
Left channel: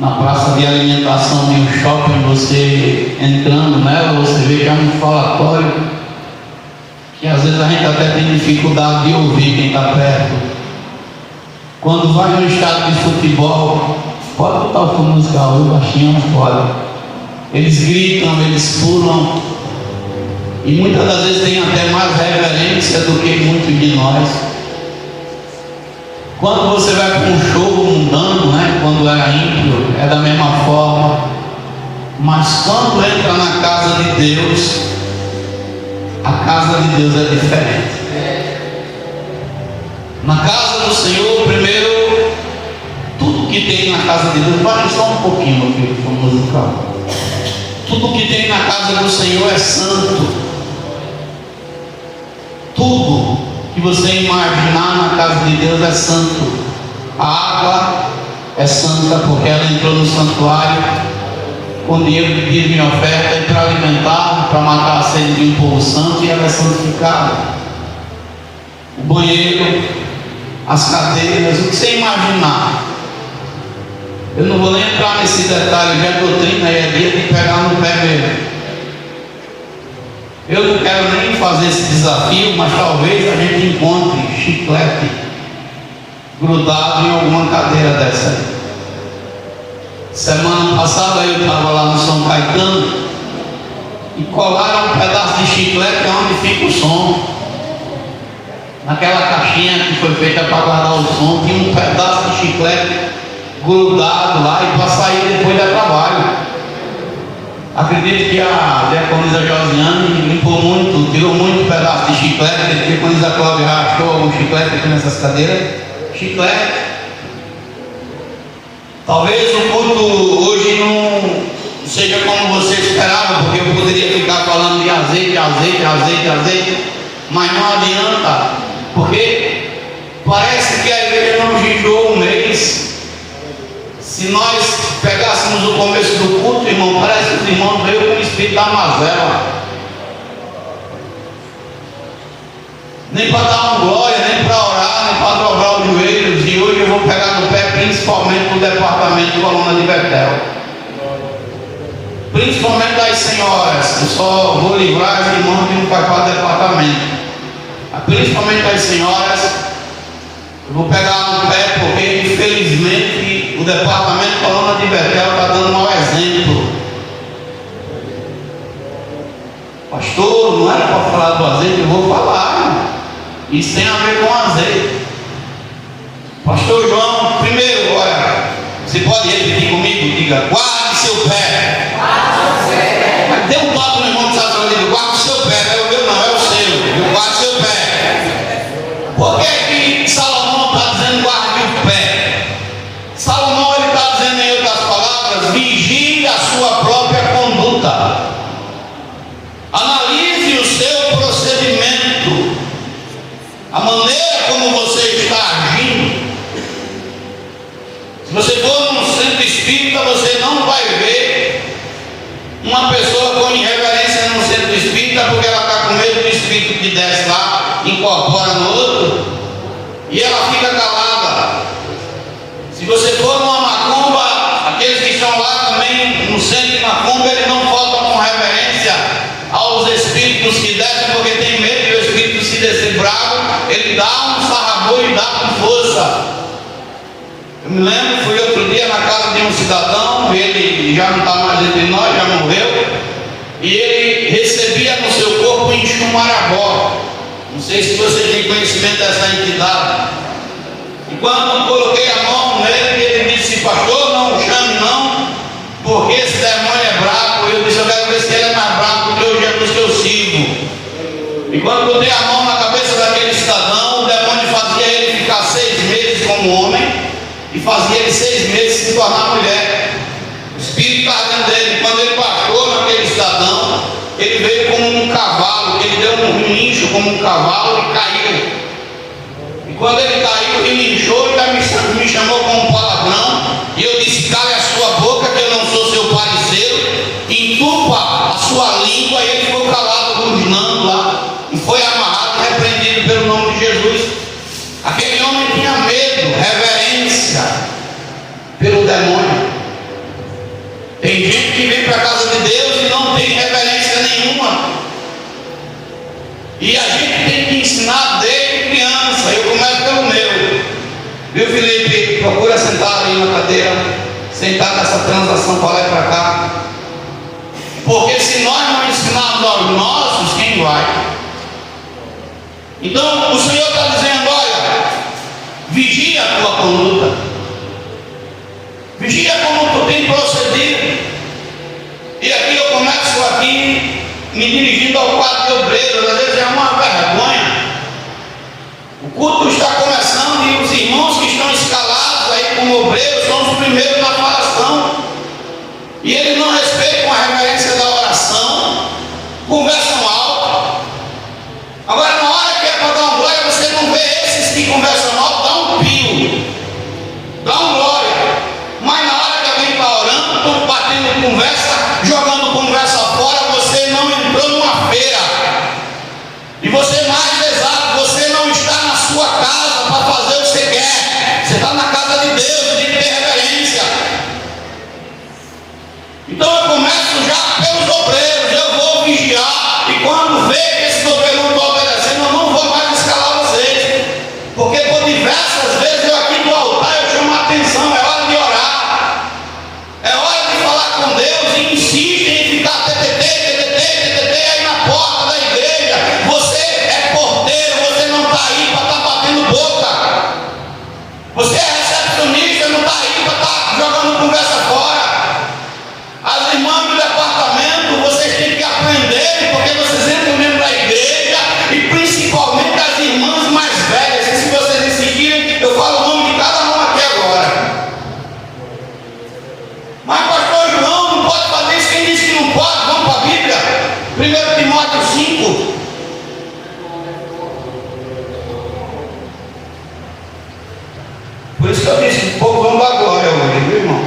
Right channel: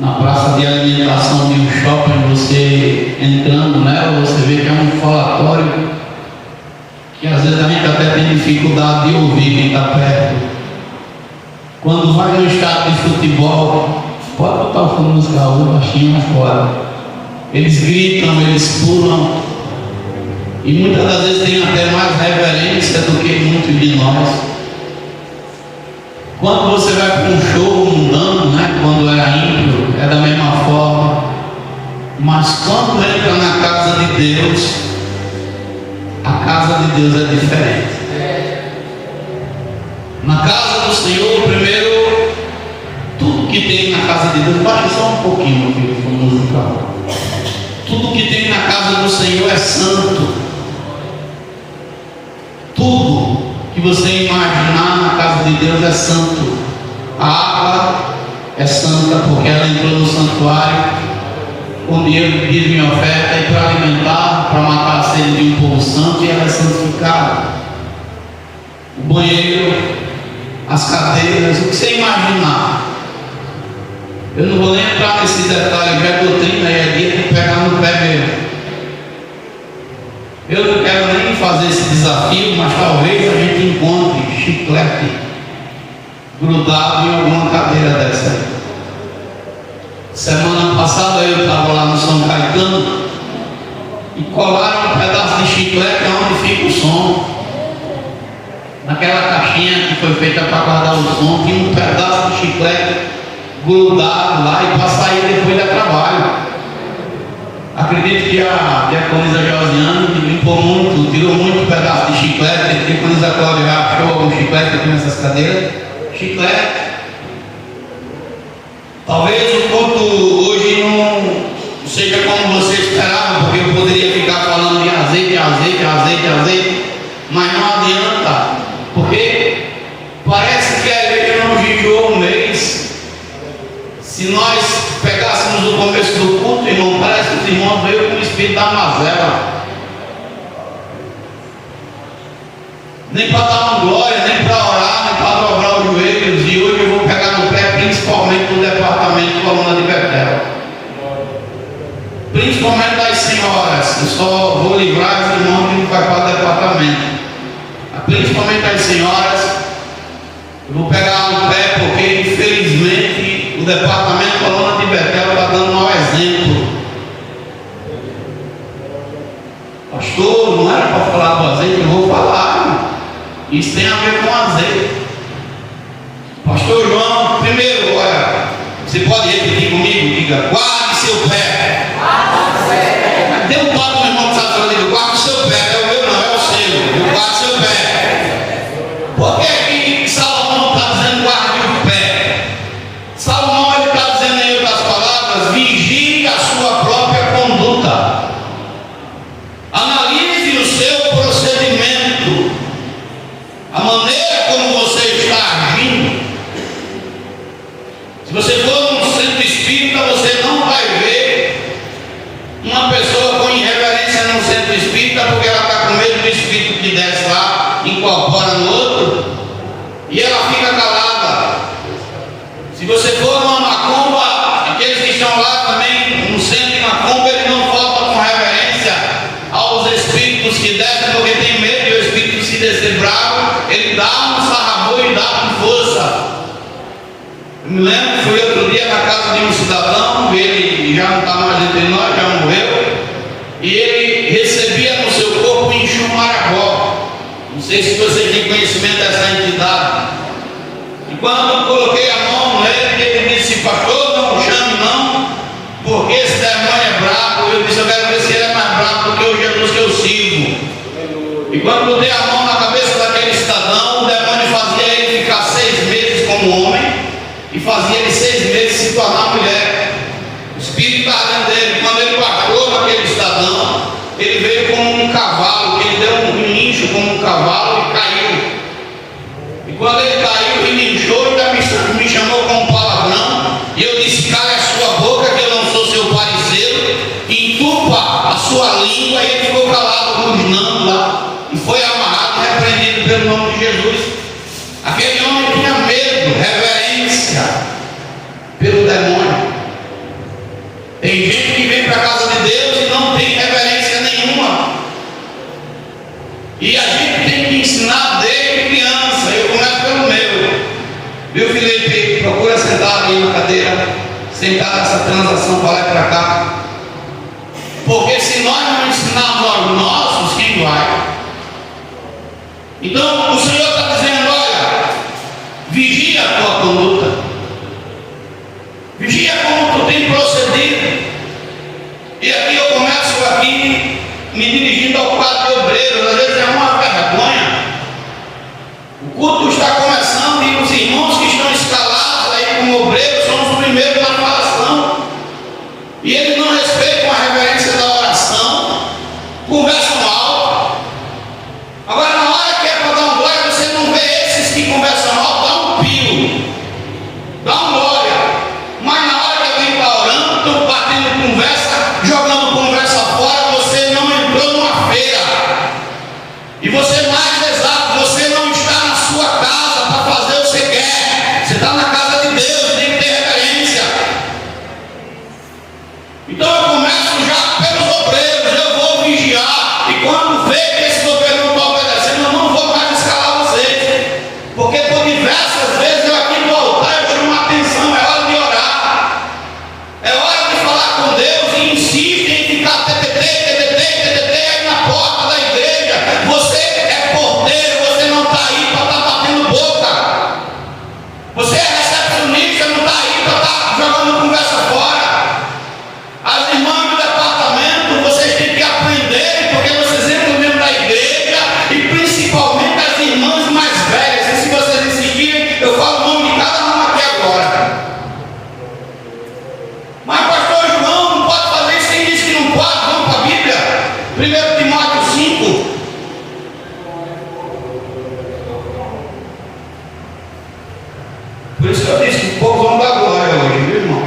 Na praça de alimentação de um shopping, você entrando nela, você vê que é um falatório que às vezes a gente até tem dificuldade de ouvir quem está perto. Quando vai no estádio de futebol, pode botar o música baixinho, mas pode. Eles gritam, eles pulam, e muitas das vezes tem até mais reverência do que muitos de nós. Quando você vai para um show mundano, né, quando era ímpio, é da mesma forma. Mas quando entra na casa de Deus, a casa de Deus é diferente. Na casa do Senhor, primeiro, tudo que tem na casa de Deus, baixa só um pouquinho, meu filho, como musical. Tudo que tem na casa do Senhor é santo. Tudo que você imaginar na casa de Deus é santo. A água é santa porque ela entrou no santuário com dinheiro de dízimo e oferta e para alimentar, para matar a sede de um povo santo, e ela é santificada. O banheiro, as cadeiras, o que você imaginar. Eu não vou nem entrar nesse detalhe, já é doutrina, é dia de pegar no pé mesmo. Eu não quero nem fazer esse desafio, mas talvez a gente encontre chiclete grudado em alguma cadeira dessa. Semana passada eu estava lá no São Caetano e colaram um pedaço de chiclete onde fica o som. Naquela caixinha que foi feita para guardar o som, tinha um pedaço de chiclete grudado lá, e para sair depois da trabalho. Acredito que a diaconisa Josiane limpou muito, tirou muito pedaço de chiclete. A diaconisa Cláudia rachou algum chiclete aqui nessas cadeiras. Chiclete. Talvez o culto hoje não seja como você esperava, porque eu poderia ficar falando de azeite, mas não adianta, porque parece que a igreja não vigiou um mês. Se nós pegássemos o começo do culto, irmão, parece que os irmãos veio com o espírito da mazela. Nem para dar uma glória, nem para orar, nem para dobrar os joelhos. E hoje eu vou pegar no pé, principalmente no departamento de Coluna de Betel. Principalmente das senhoras. Eu só vou livrar os irmãos que não vai para o departamento. Principalmente das senhoras. Eu vou pegar no pé porque infelizmente o departamento de Coluna de Betel está dando um mau exemplo. Pastor, não era para falar do azeite, eu vou falar. Isso tem a ver com azeite. Pastor João, primeiro, olha, você pode repetir comigo? Diga, guarde seu pé. Dê um toque no irmão que está falando, guarde seu pé. Não é o meu, não, é o seu. Guarde seu pé. Por que que Salomão está dizendo guarde o pé? Salomão ele está dizendo em outras palavras, vigie a sua própria conduta. Analise o seu procedimento, a maneira como você está agindo. Se você for num centro espírita, você não vai ver uma pessoa com irreverência no centro espírita, porque ela está com medo do espírito que desce lá, incorpora no outro, e ela fica calada. Se você for numa macumba, aqueles que estão lá também no centro de macumba, eles não faltam com reverência aos espíritos que descem, porque tem medo de o espírito se descer bravo, ele dá um sarrabulho e dá com força. Eu me lembro, fui outro dia na casa de um cidadão, ele já não está mais entre nós, já morreu, e ele recebia no seu corpo um enxumarabó. Não sei se você tem conhecimento dessa entidade. E quando eu coloquei a mão nele, ele disse, pastor, não chame não, porque esse demônio é bravo. Eu disse, eu quero ver se ele é mais bravo do que o Jesus que eu sigo. E quando eu dei a mão na cabeça daquele cidadão, o demônio fazia ele ficar 6 meses como homem e fazia ele 6 meses se tornar mulher. O espírito estava dentro dele. Quando ele baixou naquele cidadão, ele veio como um cavalo, que ele deu um relincho como um cavalo e caiu. E quando ele caiu, relinchou e me chamou com um palavrão. E eu disse, cale a sua boca, que eu não sou seu parceiro, entupa a sua língua. E ele ficou calado, ruginando lá, e foi amarrado e repreendido pelo nome de Jesus. Aquele homem tinha medo, reverência pelo demônio. Tem gente que vem para a casa de Deus e não tem reverência nenhuma. E a gente tem que ensinar desde criança. Eu começo pelo meu. Viu, Felipe? Procura sentar ali na cadeira, sentar nessa transação para lá e para cá. Porque se nós não ensinarmos aos nossos, quem vai? Então o Senhor está dizendo, olha, vigia a tua conduta, vigia como tu tem procedido. E aqui eu começo aqui me dirigindo ao quadro de obreiros. Às vezes é uma vergonha. O culto está começando e os irmãos que estão escalados aí como obreiros são os primeiros na oração, e eles não respeitam a reverência da oração, conversam alto. Agora na hora que é para dar um glória, você não vê esses que conversam alto, dá um pio, dá um glória. Mas na hora que alguém está orando, estão batendo conversa, jogando conversa fora. Você não entrou numa feira. E você mais exato, você não está na sua casa para fazer o que você quer. Você está na casa de Deus, tem que ter reverência. Então eu começo já pelos obreiros. Eu vou vigiar, e quando vê que esse obreiro não está obedecendo, eu não vou mais escalar vocês. Porque por diversas vezes eu aqui no altar eu chamo a atenção. É hora de orar, é hora de falar com Deus, e insistem em ficar aí na porta da igreja. Você é porteiro, você não está aí para estar batendo boca. Você é recepcionista, não está aí para estar jogando conversa fora. As irmãs do departamento 1 Timóteo 5. Por isso que eu disse, o povo vamos dar glória hoje, viu, irmão?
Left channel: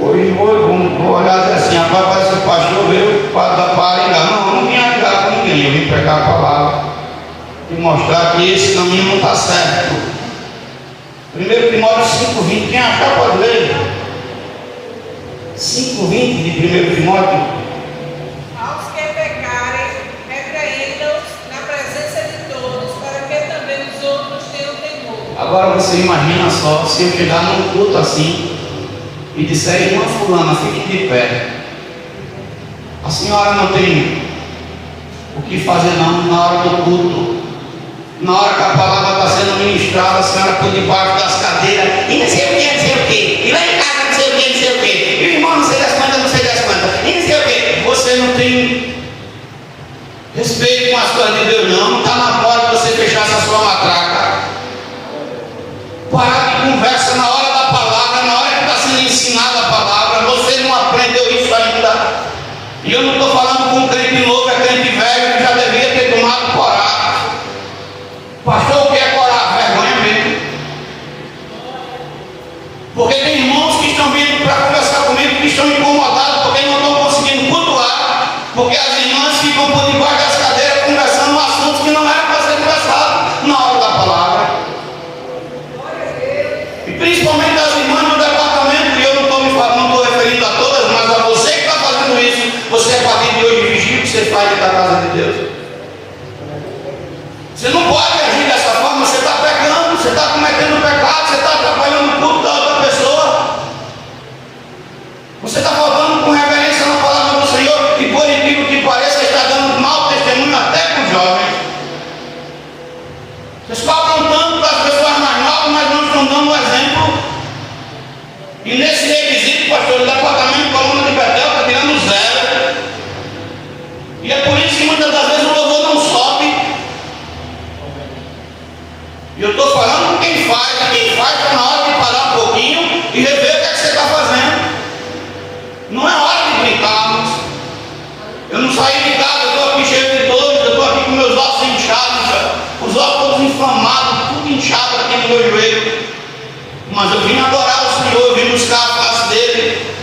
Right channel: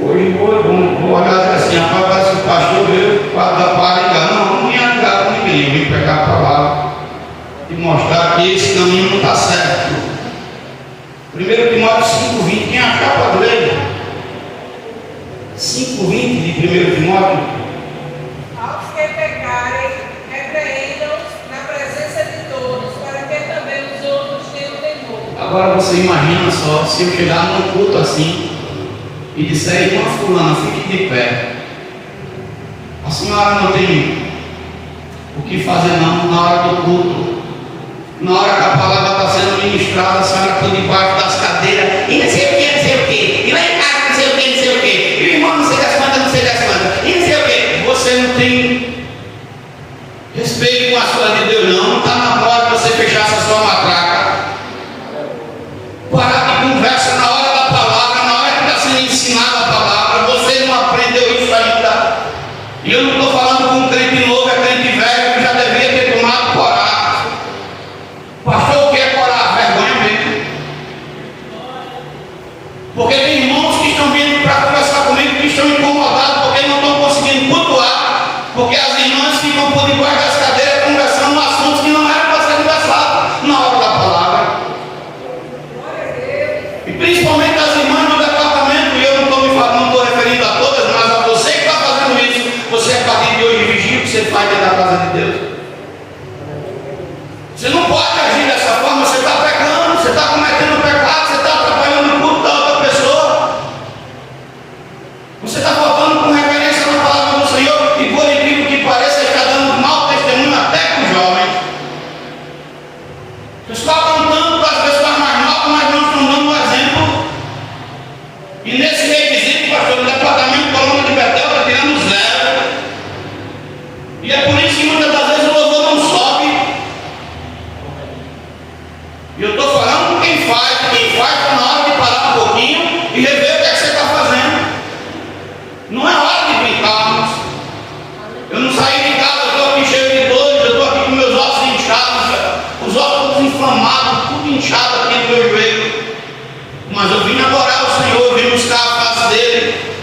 Hoje vou olhar assim, rapaz, parece que o pastor veio para ligar. Não vim ligar com ninguém, eu vim pegar a palavra e mostrar que esse caminho não está certo. 1 Timóteo 5,20, quem achar pode ler? 5,20 de 1 Timóteo. Aos que pecarem, repreendam-os na presença de todos, para que também os outros tenham temor. Agora você imagina só, se eu chegar num culto assim e disser, irmã fulana, fique de pé. A senhora não tem o que fazer não na hora do culto. Na hora que a palavra está sendo ministrada, a senhora por debaixo das cadeiras, e não sei o que, não sei o que, e lá em casa não sei o que, não sei o que, e o irmão não sei das quantas, não sei das quantas, e não sei o que. Você não tem respeito com as coisas de Deus, não está na hora de você fechar essa sua matraca. Parar de conversa na hora da palavra, na hora que está sendo ensinada a palavra, você não aprendeu isso ainda. E eu não estou falando com um crente novo, é crente velho que já devia ter tomado coragem. Pastor, o que é coragem? Vergonha mesmo. Porque tem irmãos que estão vindo para conversar comigo, que estão incomodados porque não estão conseguindo cultuar, porque as irmãs ficam por debaixo das cadeiras conversando assuntos que não eram para ser conversados na hora da palavra. E principalmente as irmãs no departamento, e eu não estou referindo a todas, mas a você que está fazendo isso. Você é partido de hoje de vigília, que você faz da casa de Deus. Você não pode agir dessa forma, você está pecando, você está cometendo pecado, você está atrapalhando o culto da outra pessoa. Você está faltando com reverência na palavra do Senhor, e por incrível que pareça, está dando mau testemunho até com os jovens. Você está apontando para as pessoas mais novas, mas não estão dando um exemplo. E nesse requisito, pastor, o departamento Coluna de Betel está tirando zero. E é por isso que muitas das vezes o louvor não sobe. E eu estou falando com quem faz está na hora de parar um pouquinho e rever o que é que você está fazendo. Não é hora de gritarmos. Eu não saí de casa, eu estou aqui cheio de dores, eu estou aqui com meus ossos inchados, os ossos todos inflamados, tudo inchado aqui no meu joelho. Mas eu vim adorar o Senhor, eu vim buscar a face dele.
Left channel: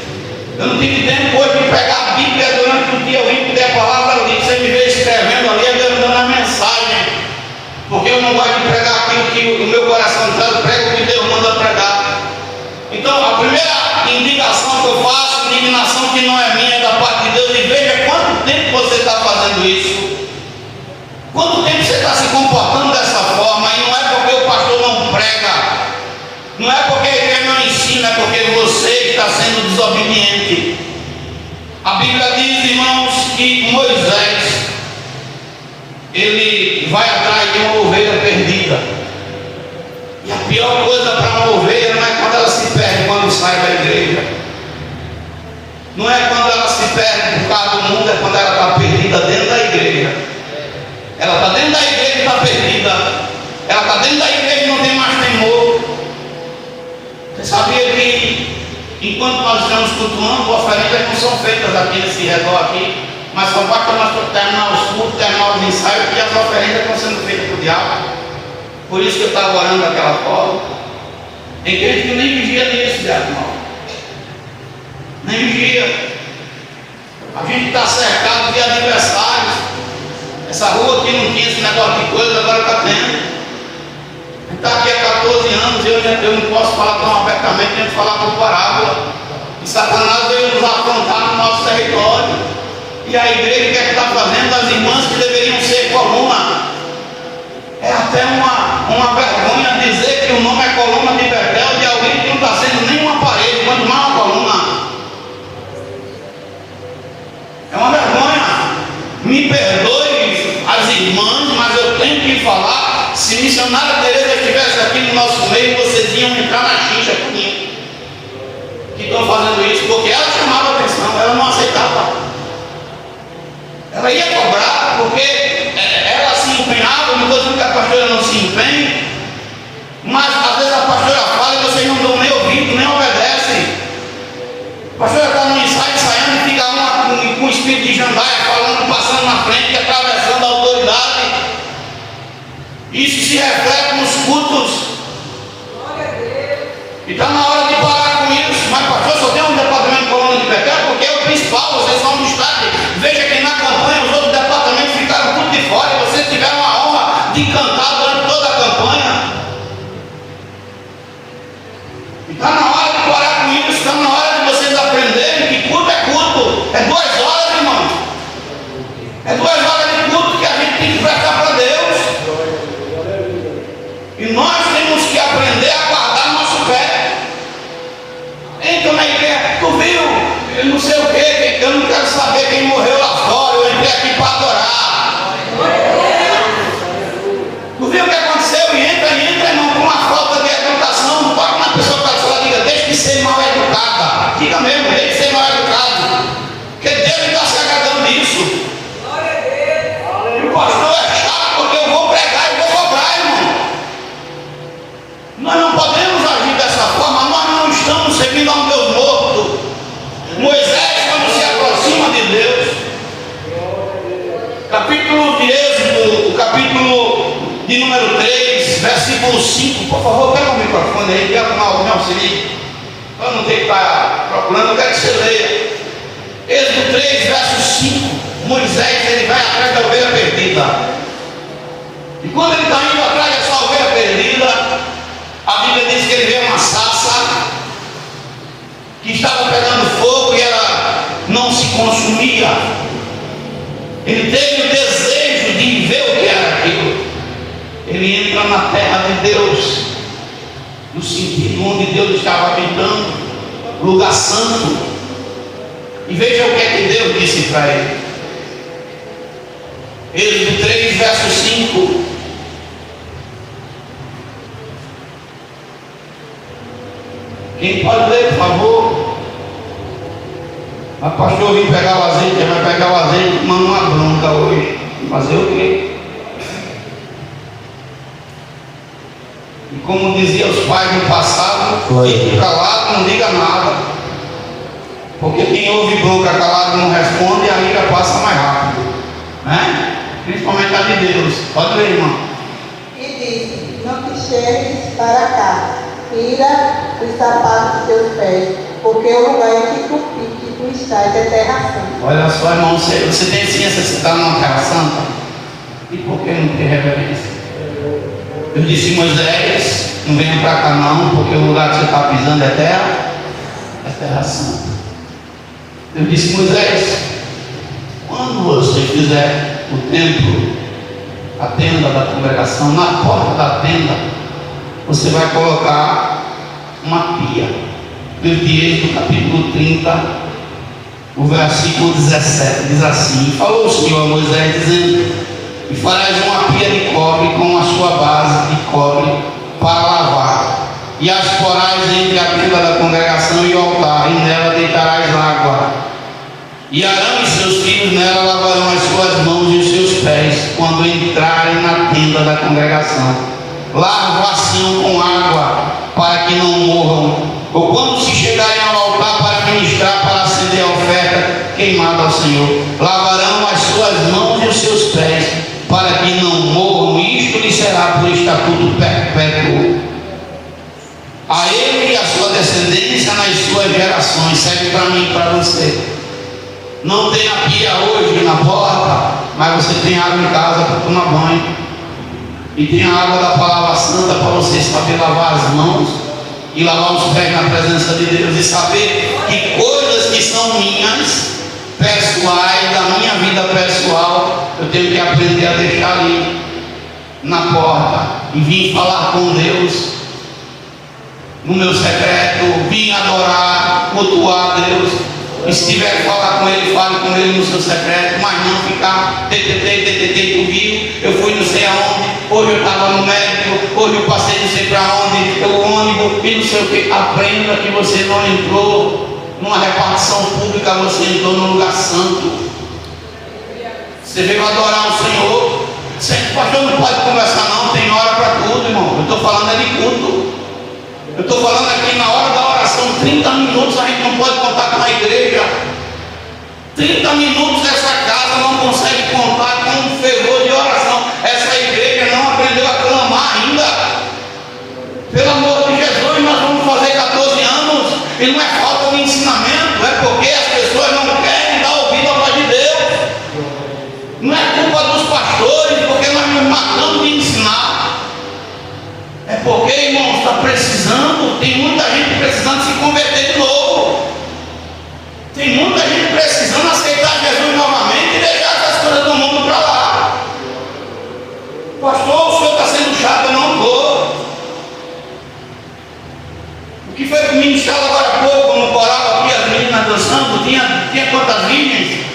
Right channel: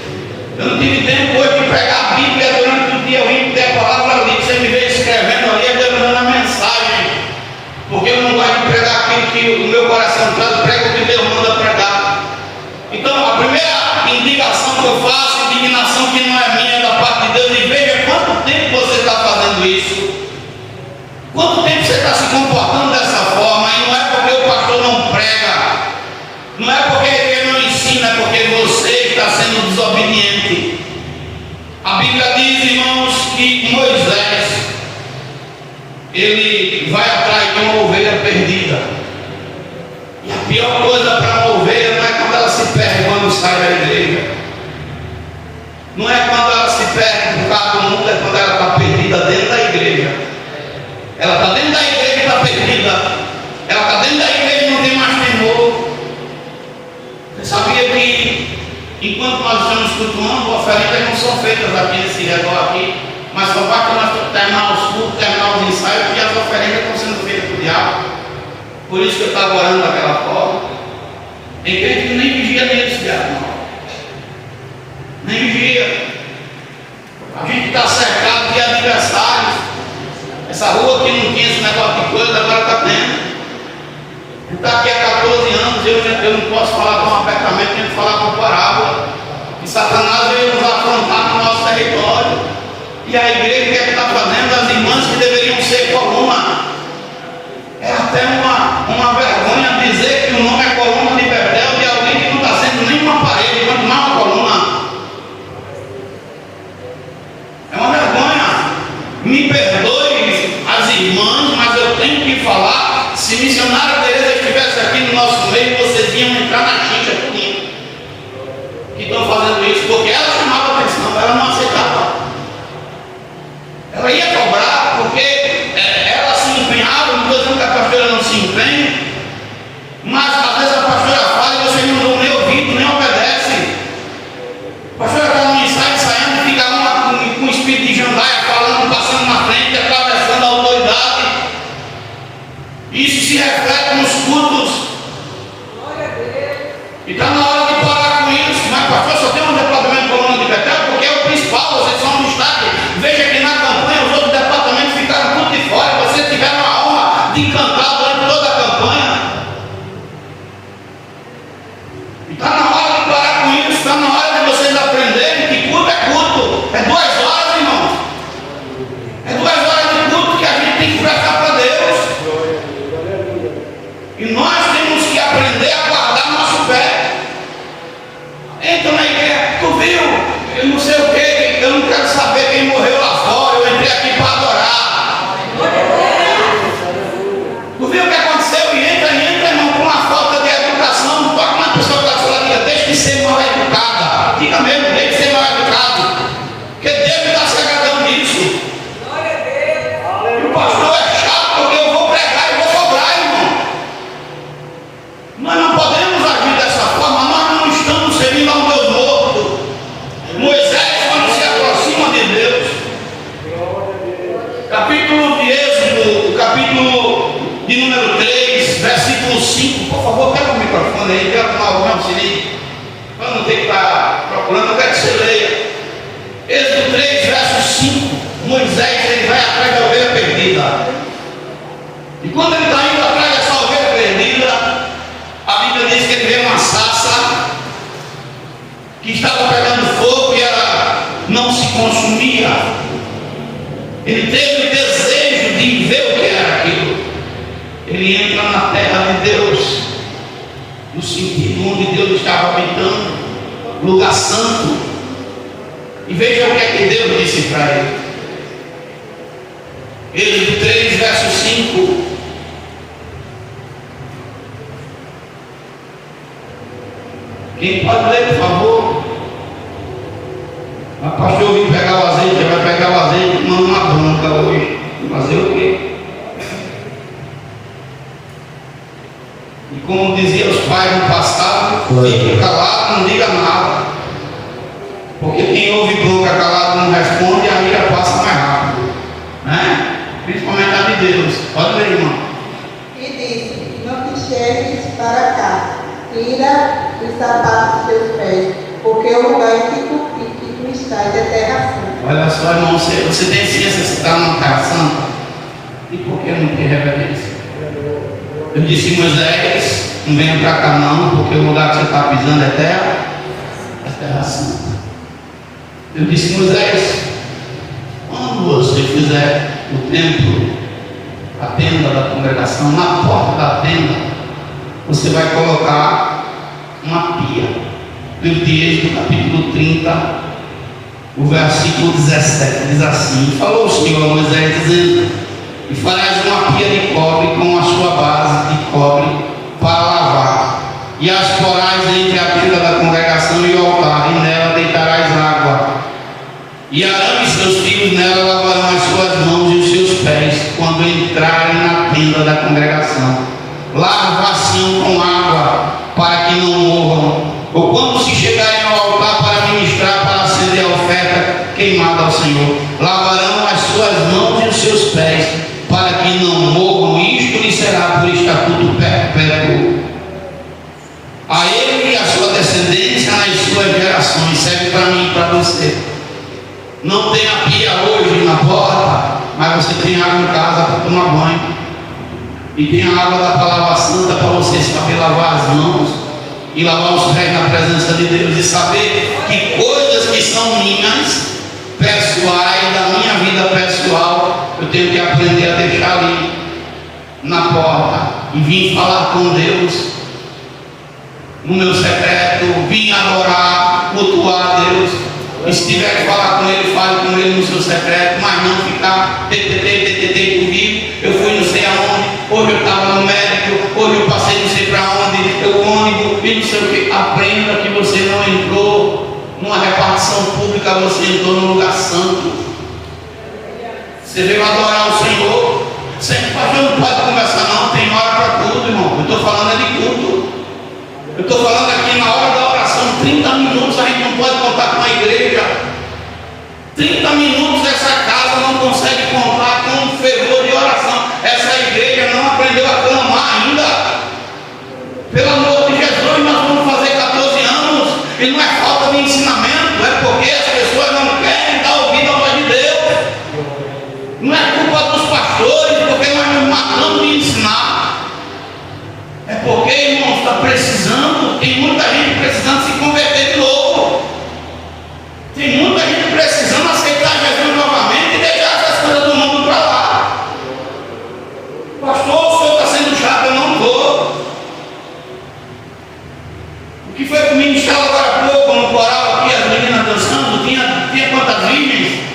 Eu não tive tempo hoje de pegar a Bíblia durante o dia, eu vim pedir a palavra ali, você me veio escrevendo ali, eu dando a mensagem. Porque eu não gosto de pregar aquilo que o meu coração quer, eu prego o que Deus manda pregar. Então, a primeira indignação que eu faço, indignação que não é minha, é da parte de Deus, e veja quanto tempo você está fazendo isso. Quanto tempo você está se comportando dessa forma, e não é porque o pastor não prega, não é porque ele não ensina, é porque você está sendo desobediente. A Bíblia diz, irmãos, que Moisés, ele vai atrás de uma ovelha perdida. E a pior coisa para uma ovelha não é quando ela se perde quando sai da igreja. Não é quando ela se perde por causa do mundo, é quando ela está perdida dentro da igreja. Ela está dentro da igreja e está perdida. Ela está dentro da igreja e não tem mais temor. Você sabia que enquanto nós estamos cultuando, oferendas não são feitas aqui nesse redor aqui, mas só basta nós terminar os cultos, terminar os ensaios, que as oferendas estão sendo feitas para o diabo. Por isso que eu estava orando daquela forma. Tem gente que nem vigia nisso, irmão. Nem vigia. A gente está cercado de adversários. Essa rua aqui não tinha esse negócio de coisa, agora está tendo. Está aqui há 14 anos, eu não posso falar tão abertamente, nem falar por parábola. E Satanás veio nos afrontar no nosso território. E a igreja, o que é que está fazendo? As irmãs que deveriam ser coluna. É até uma vergonha dizer que o nome é Coluna de Betel de alguém que não está sendo nem uma parede, quanto mais uma coluna. É uma vergonha. Me perdoe as irmãs, mas eu tenho que falar. Se missionário Teresa estivesse aqui no nosso meio, vocês iam entrar na xincha comigo. Que estão fazendo isso, porque ela chamava a atenção, ela não aceitava. Ela ia cobrar, porque ela se empenhava, não estou dizendo que a pastora não se empenhe, mas às vezes a pastora fala e vocês não dão nem ouvido, nem obedecem. A pastora está no ensaio, ensaiando e fica com espírito de jandaia falando, passando na frente, atravessando a autoridade. Isso se reflete nos cultos. E está na hora de parar com isso. Mas pastor, só tem um departamento de coluna de pecado, porque é o principal, vocês são um destaque. Veja que na campanha os outros departamentos ficaram tudo de fora, e vocês tiveram a honra de cantar durante toda a campanha. E está na hora de parar com isso, está na hora de vocês aprenderem que culto é culto. É 2 horas, irmão. É 2 horas de culto que a gente tem que prestar para Deus. E nós temos que aprender a guardar nosso pé. Entra na igreja, tu viu? Eu não sei o que, eu não quero saber quem morreu lá fora, eu entrei aqui para adorar. Tu viu o que aconteceu? E entra, irmão, com uma falta de educação. Não toca na pessoa que está diga, deixa de ser mal educada. Diga mesmo, deixa de ser mal educado. Porque Deus está se agradando disso. E o pastor é chato porque eu vou pregar e vou cobrar, irmão. Nós não podemos agir dessa forma, nós não estamos servindo a um Deus morto. Moisés, quando se aproxima de Deus, capítulo de Êxodo, o capítulo de número 3, versículo 5, por favor, pega o microfone aí, pega o auxílio, para não ter que estar procurando, eu quero que você leia. Êxodo 3, verso 5, Moisés ele vai atrás da ovelha perdida. E quando ele está indo atrás dessa ovelha perdida, a Bíblia diz que ele vê uma sarça que estava pegando fogo e ela não se consumia. Ele teve o desejo de ver o que era aquilo. Ele entra na terra de Deus, no sentido onde Deus estava habitando, lugar santo. E veja o que é que Deus disse para ele. Êxodo 3, verso 5. Quem pode ler, por favor? A pastor vim pegar o azeite, vai pegar o azeite com uma branca hoje. Fazer o quê? E como diziam os pais no passado, fique calado, não diga nada. Porque quem ouve bronca calado não responde, a ira passa mais rápido. Né? Principalmente a de Deus. Pode ler, irmão. E disse: não te chegues para cá. Tira os sapatos dos teus pés, porque o lugar em que tu estás é terra santa. Olha só, irmão, você tem ciência se está numa terra santa? E por que não tem reverência? Eu disse, Moisés, não venha para cá não, porque o lugar que você está pisando é terra santa. Eu disse, Moisés, quando você fizer o templo, a tenda da congregação, na porta da tenda, você vai colocar uma pia. Eu disse no capítulo 30, o versículo 17, diz assim: falou o Senhor a Moisés, dizendo: e farás uma pia de cobre com a sua base de cobre para lavar, e as porás entre a tenda da congregação e o altar, e nela deitarás água. E Arão e seus filhos nela lavarão as suas mãos e os seus pés, quando entrarem na tenda da congregação. Lava-se-ão com água, para que não morram, ou quando se chegarem ao altar para ministrar, para acender a oferta queimada ao Senhor, lavarão as suas mãos e os seus pés, para que não morram. Isto lhe será por estatuto perpétuo a ele e a sua descendência nas suas gerações. Serve para mim e para você. Não tem a pia hoje na porta, mas você tem água em casa para tomar banho. E tem a água da palavra santa para você saber lavar as mãos e lavar os pés na presença de Deus, e saber que coisas que são minhas, pessoais, da minha vida pessoal, eu tenho que aprender a deixar ali na porta e vir falar com Deus no meu secreto, vir adorar, cultuar a Deus. E se tiver que falar com Ele, fale com Ele no seu secreto, mas não ficar tu viu, eu fui não sei aonde, hoje eu estava no médico, hoje eu passei não sei para onde, eu ônibus e não sei o que. Aprenda que você não entrou numa repartição pública, você entrou num lugar santo. Você veio adorar o Senhor. Sempre pastor não pode conversar não, tem hora para tudo, irmão. Eu estou falando é de culto. Eu estou falando aqui na hora da oração, 30 minutos a gente não pode contar com a igreja. 30 minutos essa casa não consegue contar com um fervor de oração. Essa igreja não aprendeu a clamar ainda. Pelo amor de Jesus, nós vamos fazer 14 anos e não é falta de ensinamento, é porque as pessoas não querem dar ouvido à voz de Deus. Não é culpa dos pastores, porque nós nos matamos de ensinar. É porque, irmãos, está precisando, tem muita gente precisando se converter de novo. Tem muita gente precisando aceitar Jesus novamente e deixar essas coisas do mundo para lá. Pastor, o senhor está sendo chato, eu não estou. O que foi que me ministrava agora há pouco, quando coral aqui, as meninas dançando, tinha quantas virgens?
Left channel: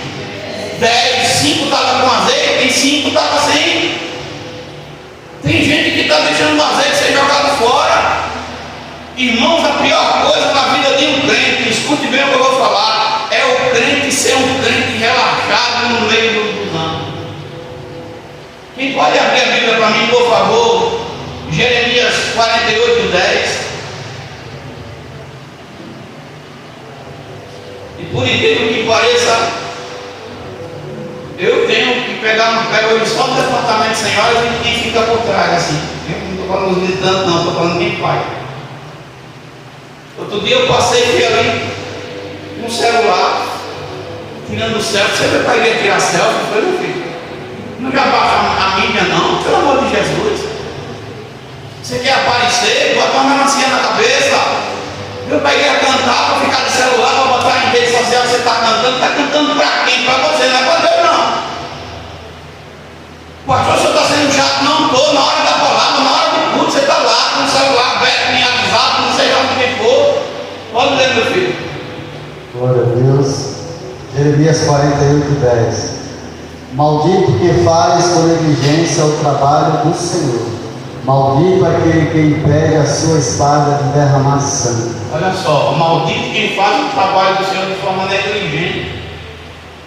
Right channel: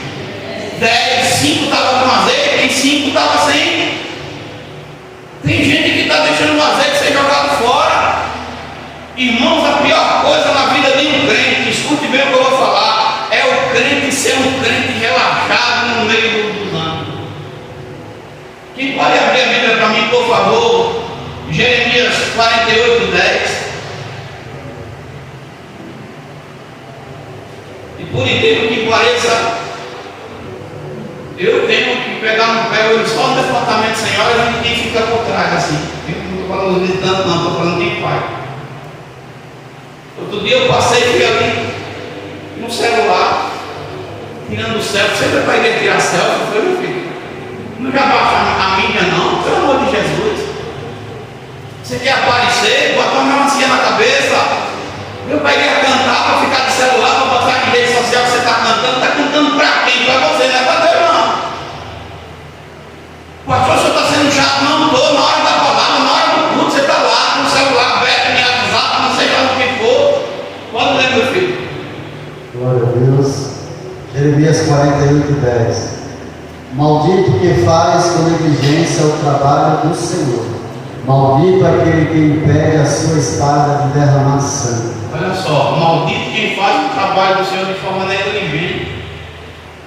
10, 5 estavam com azeite e 5 estavam sem. Tem gente que está deixando o azeite ser jogado fora. Irmãos, a pior coisa na vida de um crente, escute bem o que eu vou falar, é o crente ser um crente relaxado no meio dos anos. Quem pode abrir a Bíblia para mim, por favor? Jeremias 48, 10. E por incrível que pareça, eu tenho que pegar só no departamento sem hora e quem fica por trás, assim. Eu não estou falando de tanto, não, estou falando quem faz. Outro dia eu passei e fui ali no celular, tirando selfie. Você vai para a igreja tirar selfie? Foi, meu filho? Não já baixa a mídia, não, pelo amor de Jesus. Você quer aparecer? Bota uma melancia na cabeça. Eu para ir cantar, para ficar de celular, para botar em rede social que você está cantando para quem? Para você, não é para Deus, não. Pastor, o senhor está sendo chato? Não estou. Na hora da palavra, na hora do culto, você está lá com o celular aberto, em WhatsApp, não sei lá o que for. Pode ler, meu filho. Glória a Deus. Jeremias 48, 10. Maldito que faz com negligência o trabalho do Senhor. Maldito aquele que impede a sua espada de derramar sangue. Olha só, maldito quem faz o trabalho do Senhor de forma negligente.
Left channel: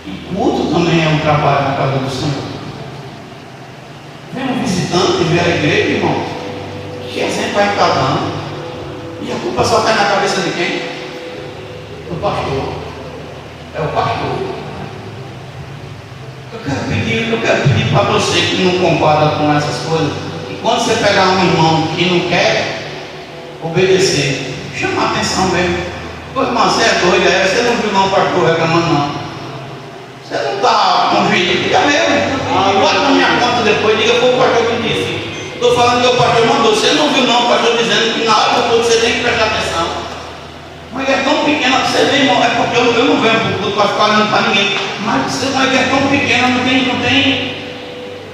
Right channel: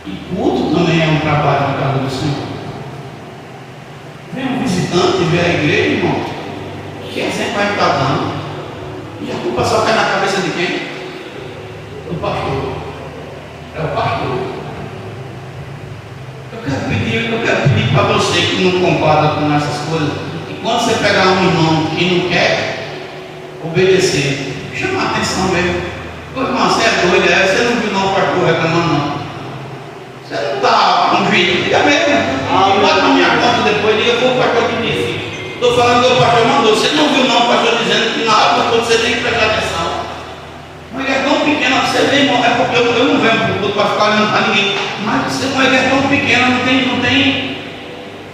E culto também é um trabalho na casa do Senhor. Vem um visitante, vem à igreja, irmão. Que exemplo vai estar dando? E a culpa só cai na cabeça de quem? Do pastor. É o pastor. Eu quero pedir para você que não concorda com essas coisas. Quando você pegar um irmão que não quer obedecer, chama a atenção mesmo. Ô irmão, você é doido, você não viu não o pastor reclamando não. Você não está com vídeo, diga mesmo. Bota na minha conta depois, diga para o pastor que disse. Estou falando que o pastor mandou. Você não viu não o pastor dizendo que na hora do culto você tem que prestar atenção. Uma igreja tão pequena, você vê, irmão, é porque eu não venho para o culto para ficar olhando para ninguém. Mas você é uma igreja tão pequena, não tem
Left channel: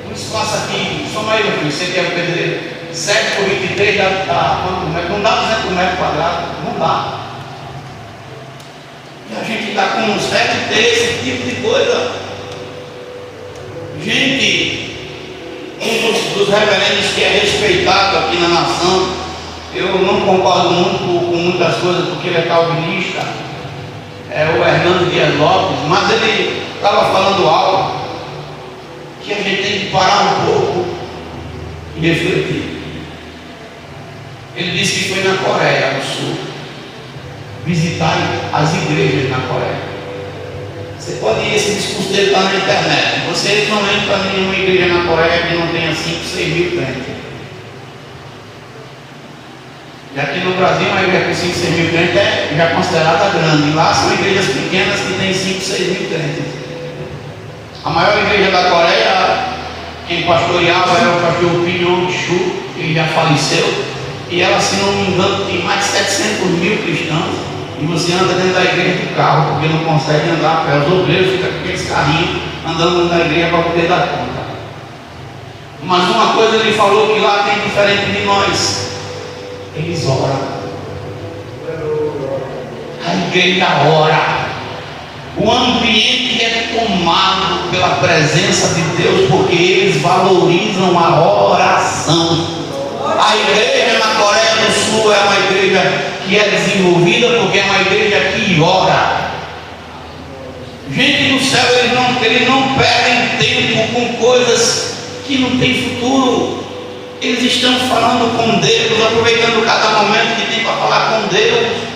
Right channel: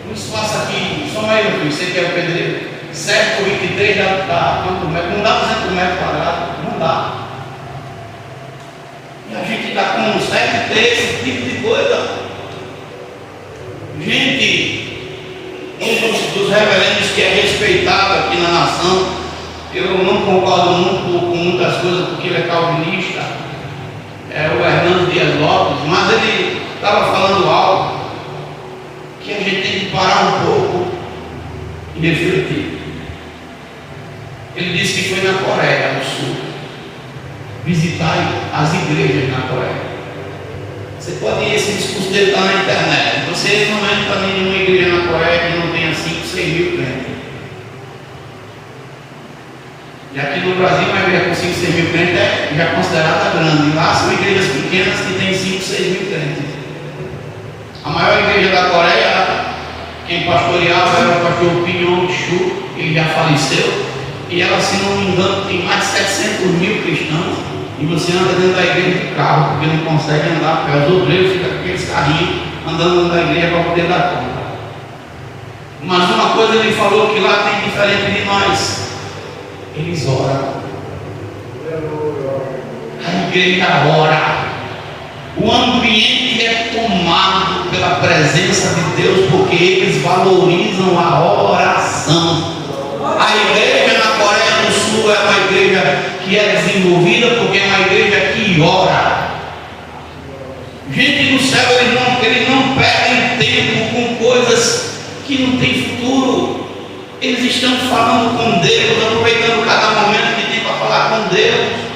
um espaço aqui, só mais aqui, você quer perder 7 por 23, já está, não dá 200 metros quadrados, não dá. E a gente está com um 7 esse tipo de coisa. Gente, um dos reverendos que é respeitado aqui na nação, eu não concordo muito com muitas coisas, porque ele é calvinista, é o Hernando Dias Lopes, mas ele estava falando algo que a gente tem que parar um pouco e refletir. Ele disse que foi na Coreia do Sul visitar as igrejas na Coreia. Você pode ir, esse discurso dele está na internet. Você não entra em nenhuma igreja na Coreia que não tenha 5, 6 mil crentes. E aqui no Brasil, uma igreja com 5, 6 mil crentes é já considerada grande. Lá são igrejas pequenas que têm 5, 6 mil crentes. A maior igreja da Coreia, quem pastoreava era o pastor Kim Yong-Chu, ele já faleceu, e ela, se não me engano, tem mais de 700 mil cristãos, e você anda dentro da igreja de carro, porque não consegue andar a pé. Os obreiros ficam com aqueles carrinhos andando dentro da igreja para poder dar conta. Mas uma coisa ele falou que lá tem diferente de nós: eles oram. A igreja ora. O ambiente é tomado pela presença de Deus, porque eles valorizam a oração. A igreja na Coreia do Sul é uma igreja que é desenvolvida porque é uma igreja que ora. Gente do céu, eles não perdem tempo com coisas que não têm futuro. Eles estão falando com Deus, aproveitando cada momento que tem para falar com Deus.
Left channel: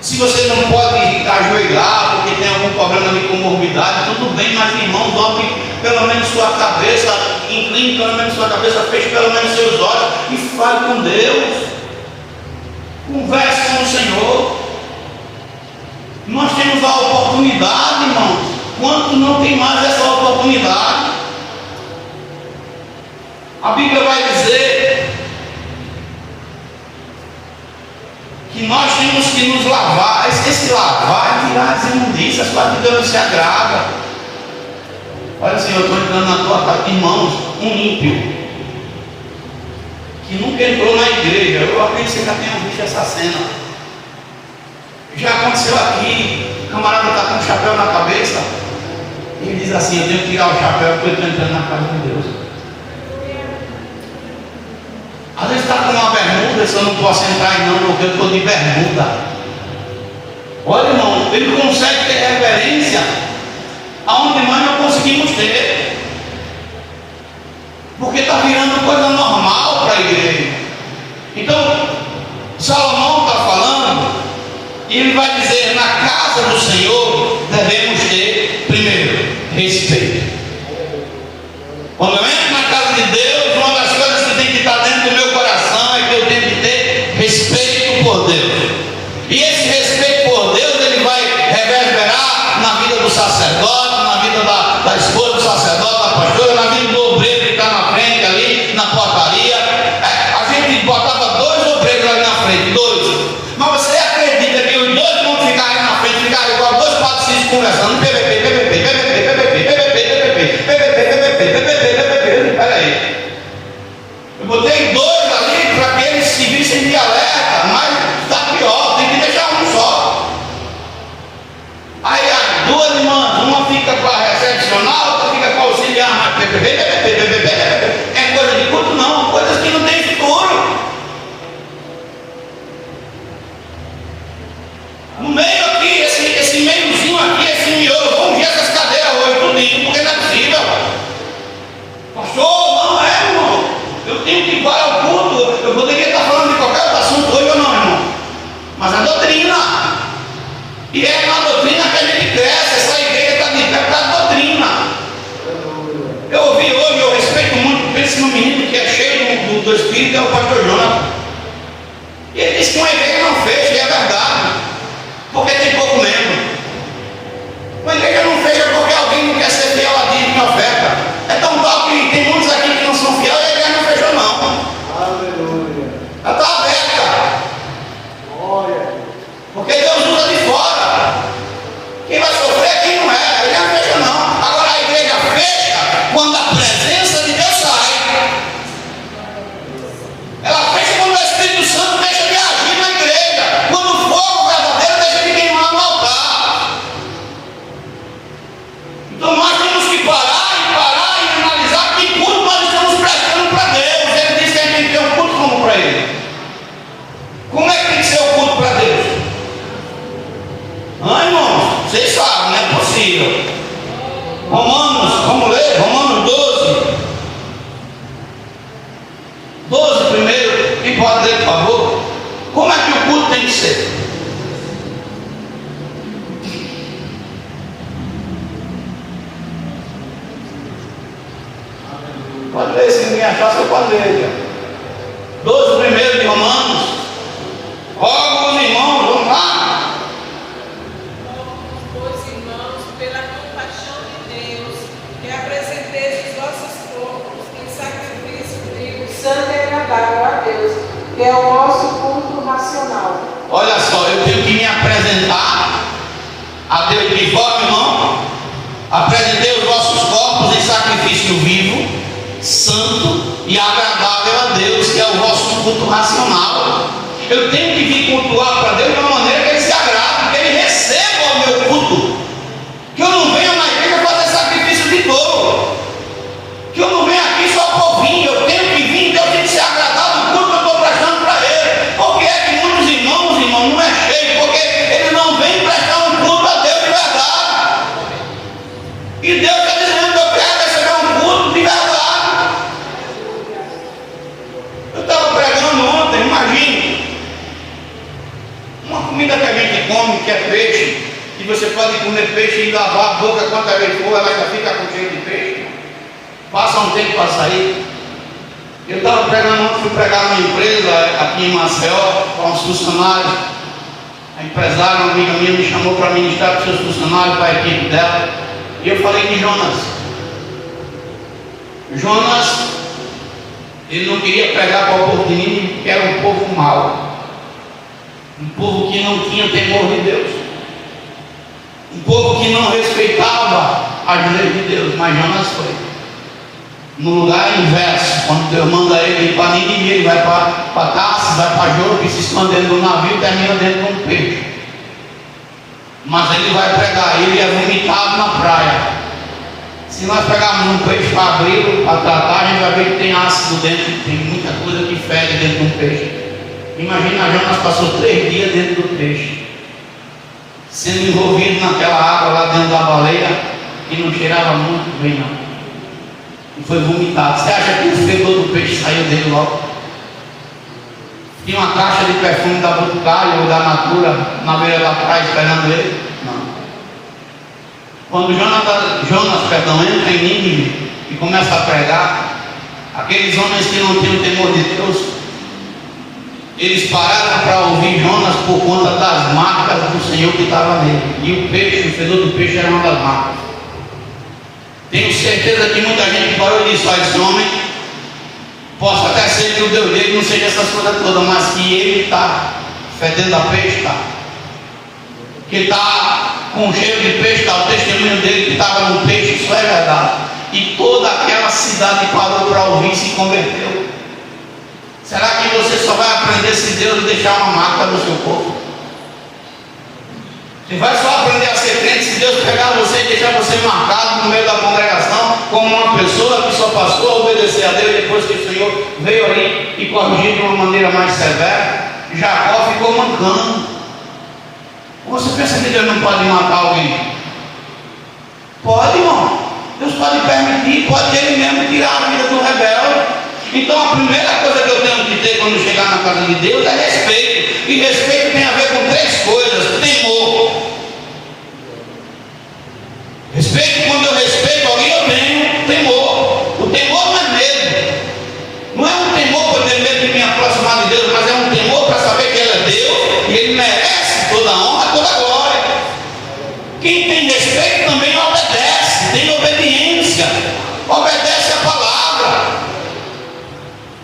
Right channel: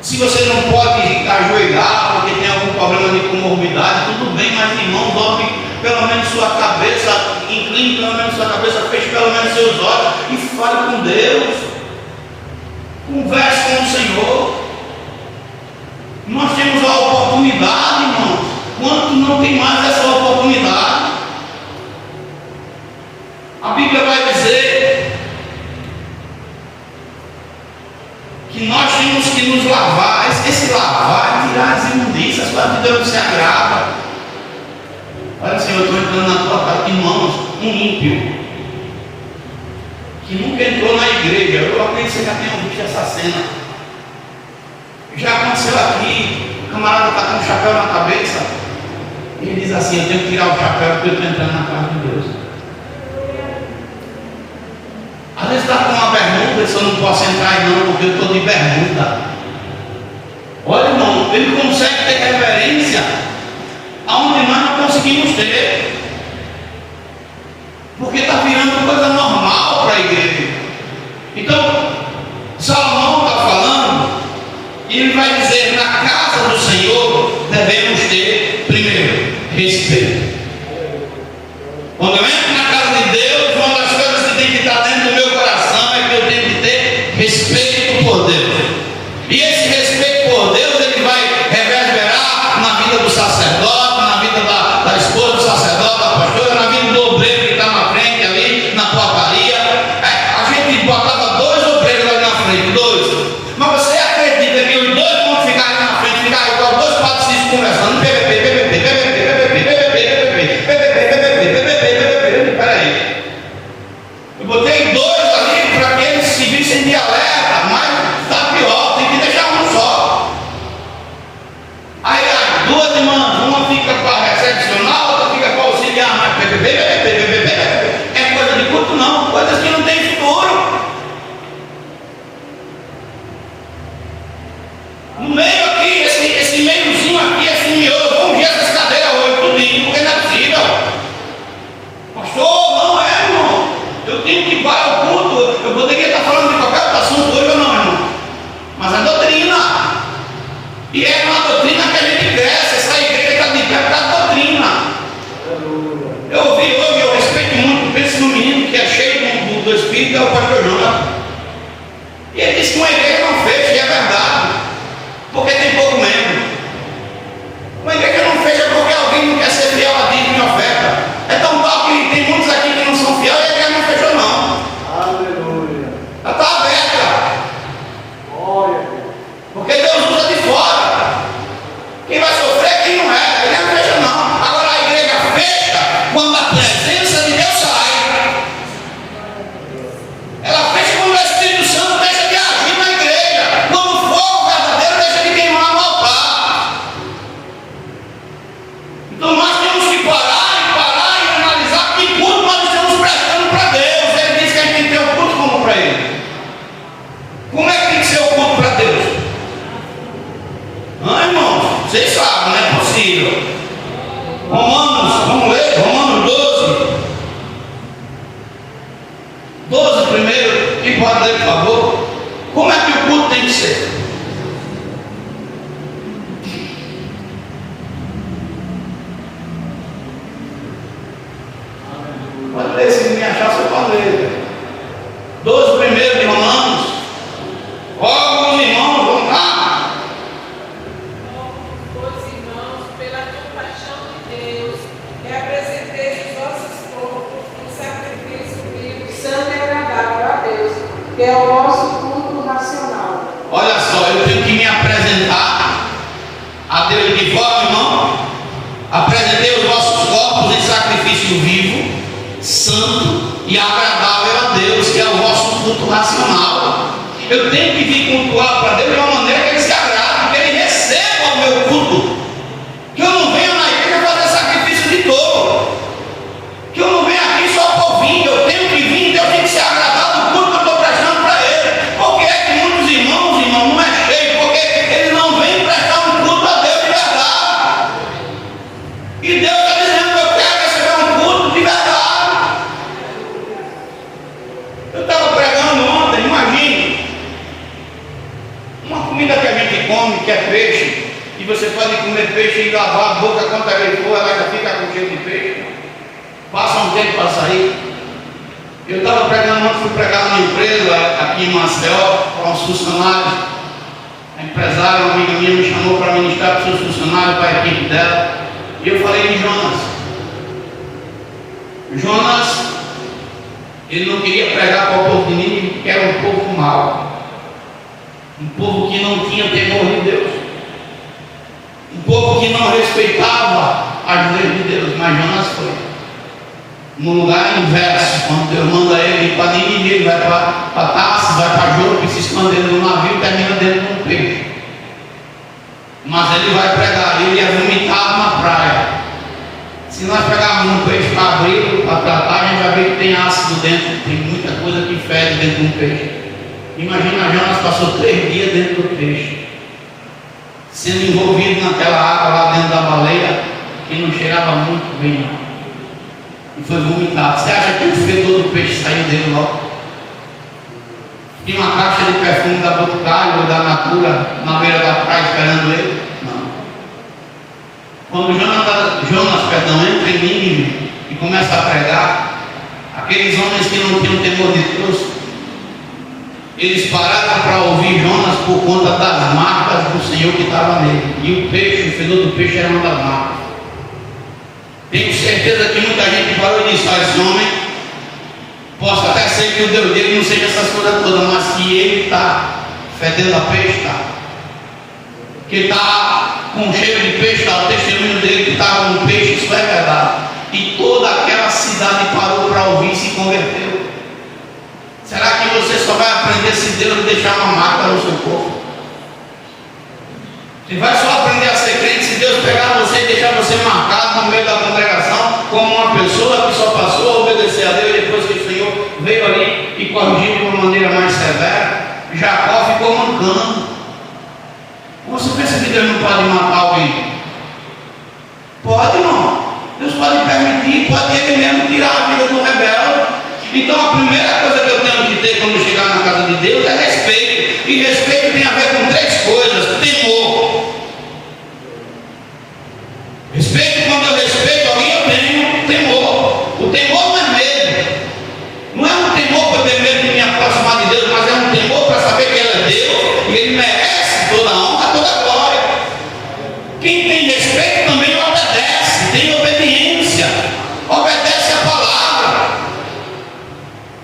Se você não pode ajoelhar porque tem algum problema sua cabeça, incline pelo menos sua cabeça, feche pelo menos seus olhos e fale com Deus. Converse com o Senhor. Nós temos a oportunidade, irmão. Quanto não tem mais essa oportunidade? A Bíblia vai dizer que nós temos que nos lavar. Esse lavar é tirar as imundícias para que Deus não se agrada. Olha, Senhor, eu estou entrando na tua casa. Irmãos, um ímpio que nunca entrou na igreja, eu acredito que você já tenha visto essa cena. Já aconteceu aqui, o camarada está com um chapéu na cabeça e ele diz assim: eu tenho que tirar o chapéu porque eu estou entrando na casa de Deus. Às vezes está com uma bermuda, eu só não posso entrar não, porque eu estou de bermuda. Olha, irmão, ele consegue ter reverência aonde nós não conseguimos ter, porque está virando coisa normal para a igreja. Então, Salomão está falando, e ele vai dizer: na casa do Senhor devemos ter, primeiro, respeito. Quando eu entro na casa de Deus, uma das coisas que tem que estar dentro do meu coração é que eu tenho que ter respeito por Deus. E esse respeito por Deus, ele vai reverberar na vida do sacerdote, na vida da esposa do sacerdote, da pastora, na vida do obreiro que está na frente ali, na portaria. A gente botava 2 obreiros ali na frente, 2. Mas você acredita que os 2 vão ficar ali na frente, ficar igual 2 patricinhos conversando, peraí. Eu botei 2 ali para que eles se vissem de alerta, mas está pior, tem que deixar um só. Aí as 2 irmãs, uma fica com a recepcional, outra fica com a auxiliar, é coisa de culto não, coisas que não tem futuro. No meio aqui, esse meiozinho aqui, esse miolo, vamos ver essas cadeiras hoje tudinho, porque não é possível. Pastor, não é, irmão. Eu tenho que parar o culto. Eu poderia estar falando de qualquer outro assunto hoje ou não, irmão. Mas a doutrina. E é uma doutrina que a gente cresce. Essa igreja está de pé por causa da doutrina. Eu ouvi hoje, eu respeito muito, penso no menino que é cheio do Espírito, é o pastor Jonas. E ele disse que uma igreja não fecha, e é verdade. Porque tem pouco membro. Uma igreja não fecha porque alguém não quer ser fiel a dízimo e oferta. É tão tal que tem muitos aqui que não são fiéis e a igreja não fechou não. Aleluia. Ela está aberta. Olha. Porque Deus usa de fora. Quem vai sofrer, quem não é. A igreja não fecha não. Agora a igreja fecha quando a presença de Deus sai. Ela fecha quando o Espírito Santo deixa de agir na igreja. Quando o fogo verdadeiro deixa de queimar no altar. Então nós temos que parar e analisar que culto nós estamos prestando para Deus. Ele diz que a gente tem que ter um culto como para Ele. Como é que tem que ser o culto para Deus? Irmãos, vocês sabem, não é possível. Romanos, vamos ler, Romanos 12. 12 primeiro, quem pode ler, por favor? Como é que o culto tem que ser? Pode ler, se me achar, você pode ler. 12 primeiro de Romanos. Rogo os irmãos, vamos lá. Pois, irmãos, pela compaixão de Deus, que apresenteis os vossos corpos em sacrifício vivo, santo e agradável a Deus, que é o nosso culto racional. Olha só, eu tenho que me apresentar a Deus de forma, irmão. Apresentei os vossos corpos em sacrifício vivo, santo e agradável a Deus, que é o vosso culto racional. Eu tenho que vir cultuar para Deus de uma maneira que Ele se agrade, que Ele receba o meu culto. Que eu não venha na igreja fazer sacrifício de touro. Que eu não venha aqui só por vir. Eu tenho que vir, Deus tem que se agradar do culto que eu estou prestando para Ele. Porque é que muitos irmãos, não é cheio, porque eles não vêm prestar um culto a Deus de verdade. E Deus está dizendo: eu quero receber um culto de verdade. Eu estava pregando ontem, imagine, uma comida que a gente come, que é peixe, e você pode comer peixe e lavar a boca quantas vezes for, ela ainda fica com cheiro de peixe. passa um tempo para sair. Eu estava pregando, fui pregar numa empresa aqui em Maceió, para uns funcionários. A empresária, uma amiga minha, me chamou para ministrar para os seus funcionários, para a equipe dela. E eu falei de Jonas. Jonas, ele não queria pregar para o povo de Nínive, porque era um povo mau. Um povo que não tinha temor de Deus. Um povo que não respeitava as leis de Deus. Mas Jonas foi. No lugar inverso, quando Deus manda ele ir para Nínive, ele vai para Tarsis, vai para Jope, se esconde dentro do navio e termina dentro de um peixe. Mas ele vai pregar, ele é vomitado na praia. Se nós pegarmos um peixe para abrir, para tratar, a gente vai ver que tem ácido dentro, tem muita coisa que fede dentro de um peixe. Imagina, Jonas passou 3 dias dentro do peixe, sendo envolvido naquela água lá dentro da baleia, que não cheirava muito bem não. E foi vomitado. Você acha que o fedor do peixe saiu dele logo? Tinha uma caixa de perfume da Botucário ou da Natura na beira da praia esperando ele? Não. Quando Jonas entra em Nínive e começa a pregar, aqueles homens que não tinham temor de Deus, eles pararam para ouvir Jonas por conta das marcas do Senhor que estava nele. E o peixe, o fedor do peixe era uma das marcas. Tenho certeza que muita gente parou e disse: esse homem, posso até ser que o Deus dele não seja essas coisas todas, mas se ele está fedendo a peixe, está. Que está com cheiro de peixe, está o testemunho dele que estava no peixe, isso é verdade. E toda aquela cidade parou para ouvir e se converteu. Será que você só vai aprender se Deus deixar uma marca no seu corpo? Você vai só aprender a ser crente se Deus pegar você e deixar você marcado no meio da congregação como uma pessoa que só passou a obedecer a Deus depois que o Senhor veio ali e corrigiu de uma maneira mais severa. Jacó ficou mancando. Você pensa que Deus não pode matar alguém? Pode, irmão. Deus pode permitir, pode Ele mesmo tirar a vida do rebelde. Então a primeira coisa que eu tenho que ter quando chegar na casa de Deus é respeito. E respeito tem a ver com 3 coisas: temor. Respeito, quando eu respeito alguém, eu tenho temor. O temor não é medo. Não é um temor para ter medo de me aproximar de Deus, mas é um temor para saber que Ele é Deus e Ele merece toda a honra, toda a glória. Quem tem respeito também obedece, tem obediência, obedece a palavra.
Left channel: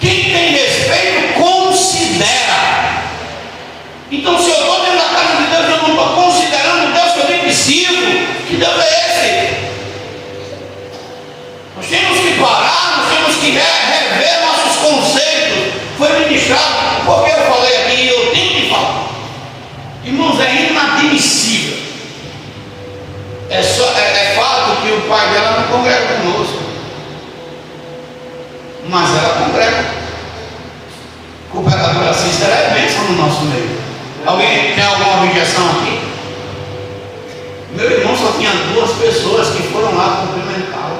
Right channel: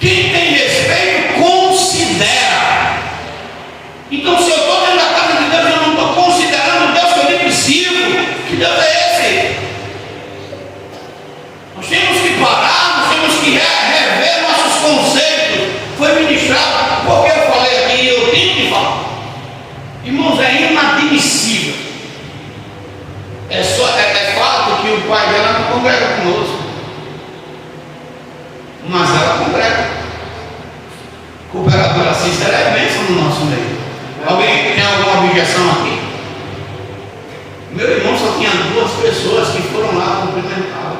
Quem tem respeito considera. Então, se eu estou dentro da casa de Deus, eu não estou considerando o Deus que eu nem preciso. Que Deus é esse? Nós temos que parar, nós temos que rever nossos conceitos. Foi ministrado, porque eu falei aqui e eu tenho que falar. Irmãos, é inadmissível. É fato que o pai dela não congrega conosco, mas ela congrega. Cooperadora Cícera é bênção no nosso meio. Alguém tem alguma objeção aqui? Meu irmão só tinha 2 pessoas que foram lá cumprimentá-lo.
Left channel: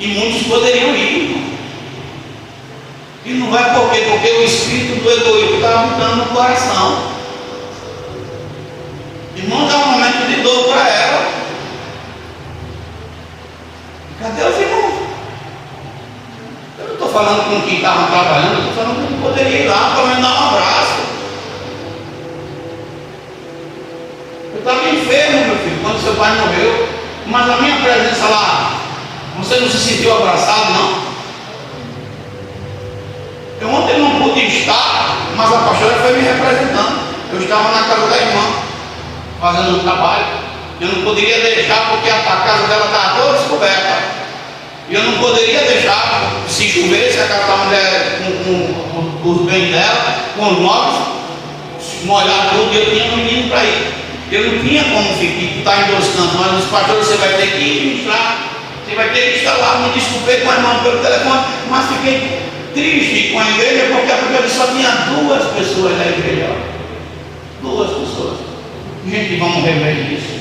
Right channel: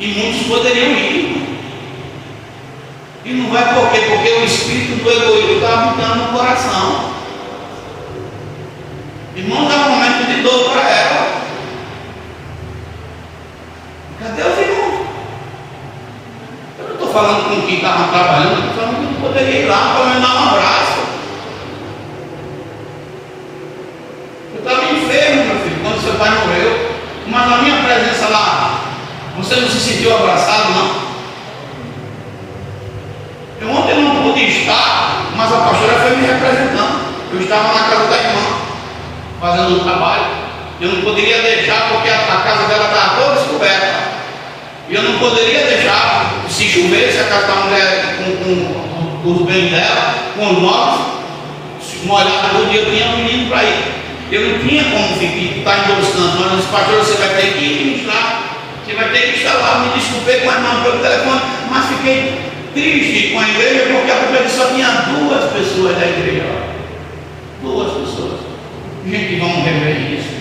E muitos poderiam ir. E não vai por quê? Porque o espírito do egoísmo está habitando no coração. Irmão, dá um momento de dor para ela. Cadê os irmãos? Eu não estou falando com quem estava trabalhando, eu estou falando com quem poderia ir lá para me dar um abraço. Eu estava enfermo, meu filho, quando seu pai morreu, mas a minha presença lá, você não se sentiu abraçado, não? Eu ontem não pude estar, mas a pastora foi me representando. Eu estava na casa da irmã, fazendo o trabalho. Eu não poderia deixar, porque a casa dela estava toda descoberta. E eu não poderia deixar, se chovesse, a casa da mulher com os bens dela, com os móveis, molhar tudo, e eu tinha um menino para ir. Eu não tinha como estar endossando, mas os pastores, você vai ter que ministrar, você vai ter que estar lá. Me desculpei com a irmã pelo telefone, mas fiquei triste com a igreja, porque a igreja só tinha 2 pessoas da igreja. 2 pessoas. Gente, vamos rever isso.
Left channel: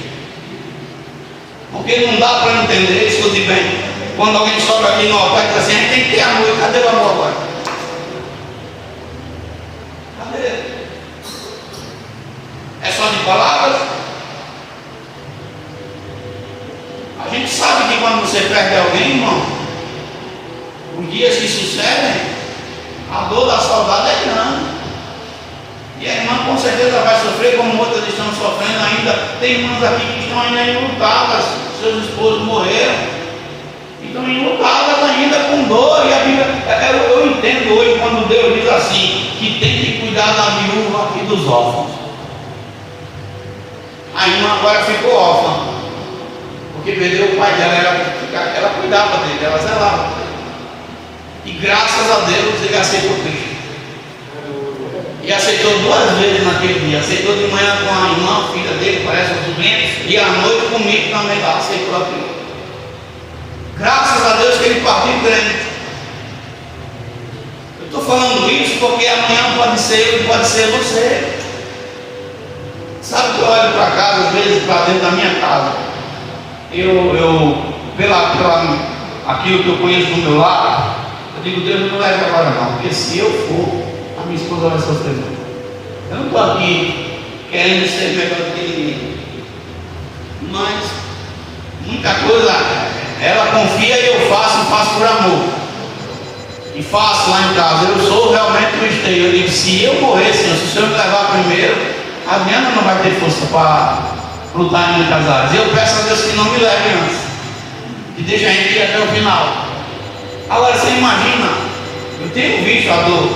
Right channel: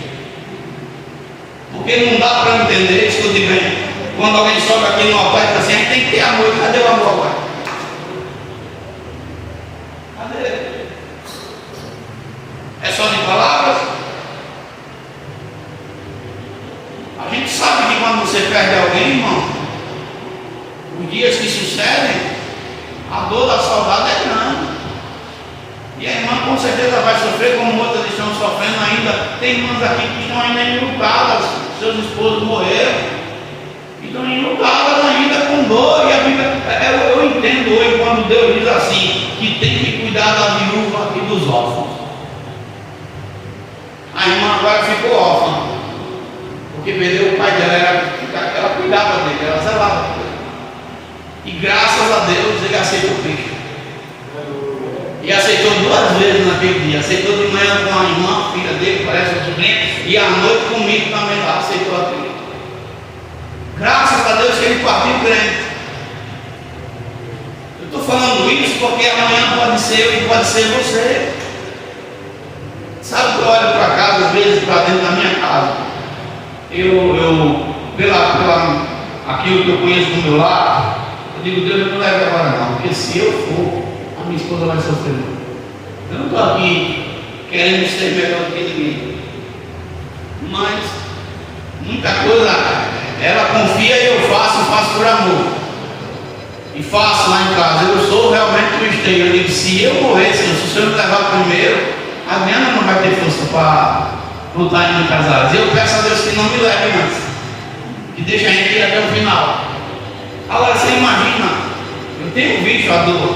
Porque não dá para entender isso que eu digo aí. Quando alguém sobe aqui no altar e diz assim, tem que ter amor. Cadê o amor agora? Cadê? É só de palavras? A gente sabe que quando você perde alguém, irmão, os dias que sucedem, a dor da saudade é grande. E a irmã com certeza vai sofrer, como outras estão sofrendo ainda. Tem irmãs aqui que estão ainda enlutadas, seus esposos morreram, e estão enlutadas ainda com dor. E a Bíblia, eu entendo hoje quando Deus diz assim, que tem que cuidar da viúva e dos órfãos. A irmã agora ficou órfã, porque perdeu o pai dela, ela cuidava dele, ela zelava por ele. E graças a Deus ele aceitou Cristo. E aceitou 2 vezes naquele dia. Aceitou de manhã com a irmã, filha dele, parece um sobrinho, e à noite comigo também lá, aceitou a Cristo. Graças a Deus que ele partiu crente. Eu estou falando isso porque amanhã pode ser eu e pode ser você. Sabe que eu olho para casa, às vezes para dentro da minha casa, pela aquilo que eu conheço do meu lar, eu digo, Deus não leve agora não, porque se eu for, a minha esposa vai sofrer. Eu não estou aqui querendo ser melhor do que ninguém, mas muita coisa ela confia e eu faço por amor. E faço lá em casa, eu sou realmente cristão. Eu digo, se eu morrer, Senhor, se o Senhor me levar primeiro, a Diana não vai ter força para lutar em muitas áreas. Eu peço a Deus que não me leve antes, que deixe a gente ir até o final. Agora você imagina, eu tenho visto a dor.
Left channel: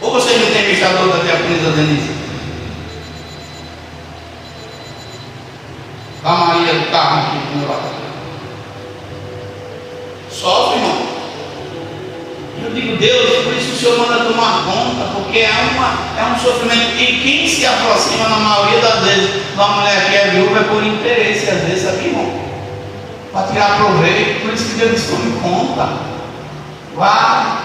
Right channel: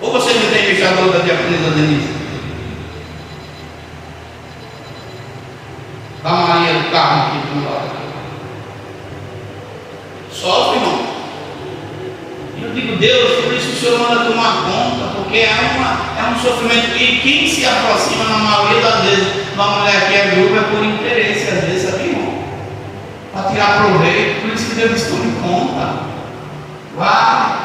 Ou você não tem visto a dor da diaconisa Denise? Da Maria do Carmo aqui do meu lado. Sofre, irmão. Eu digo, Deus, por isso o Senhor manda tomar conta, porque é um sofrimento. E quem se aproxima, na maioria das vezes, de uma mulher que é viúva, é por interesse, às vezes, sabe, irmão? Para tirar proveito. Por isso que Deus tome conta. Vai.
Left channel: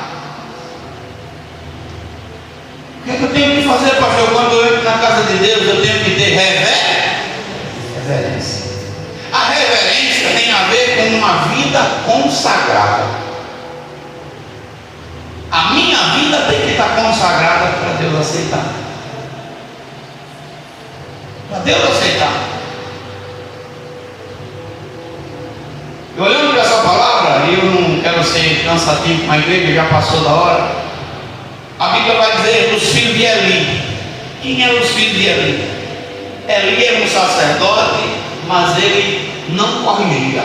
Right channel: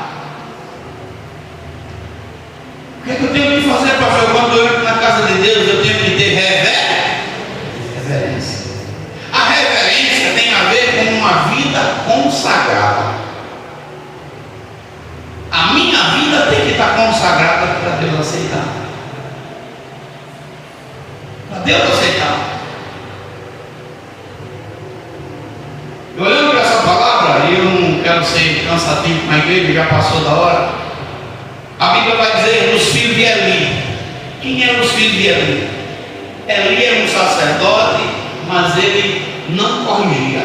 O que é que eu tenho que fazer, pastor? Quando eu entro na casa de Deus, eu tenho que ter reverência. A reverência tem a ver com uma vida consagrada. A minha vida tem que estar consagrada para Deus aceitar. Para Deus aceitar. E olhando para essa palavra, e eu não quero ser cansativo com a igreja, já passou da hora. A Bíblia vai dizer dos filhos de Eli. Quem eram os filhos de Eli? Eli era um sacerdote, mas ele não corrigia.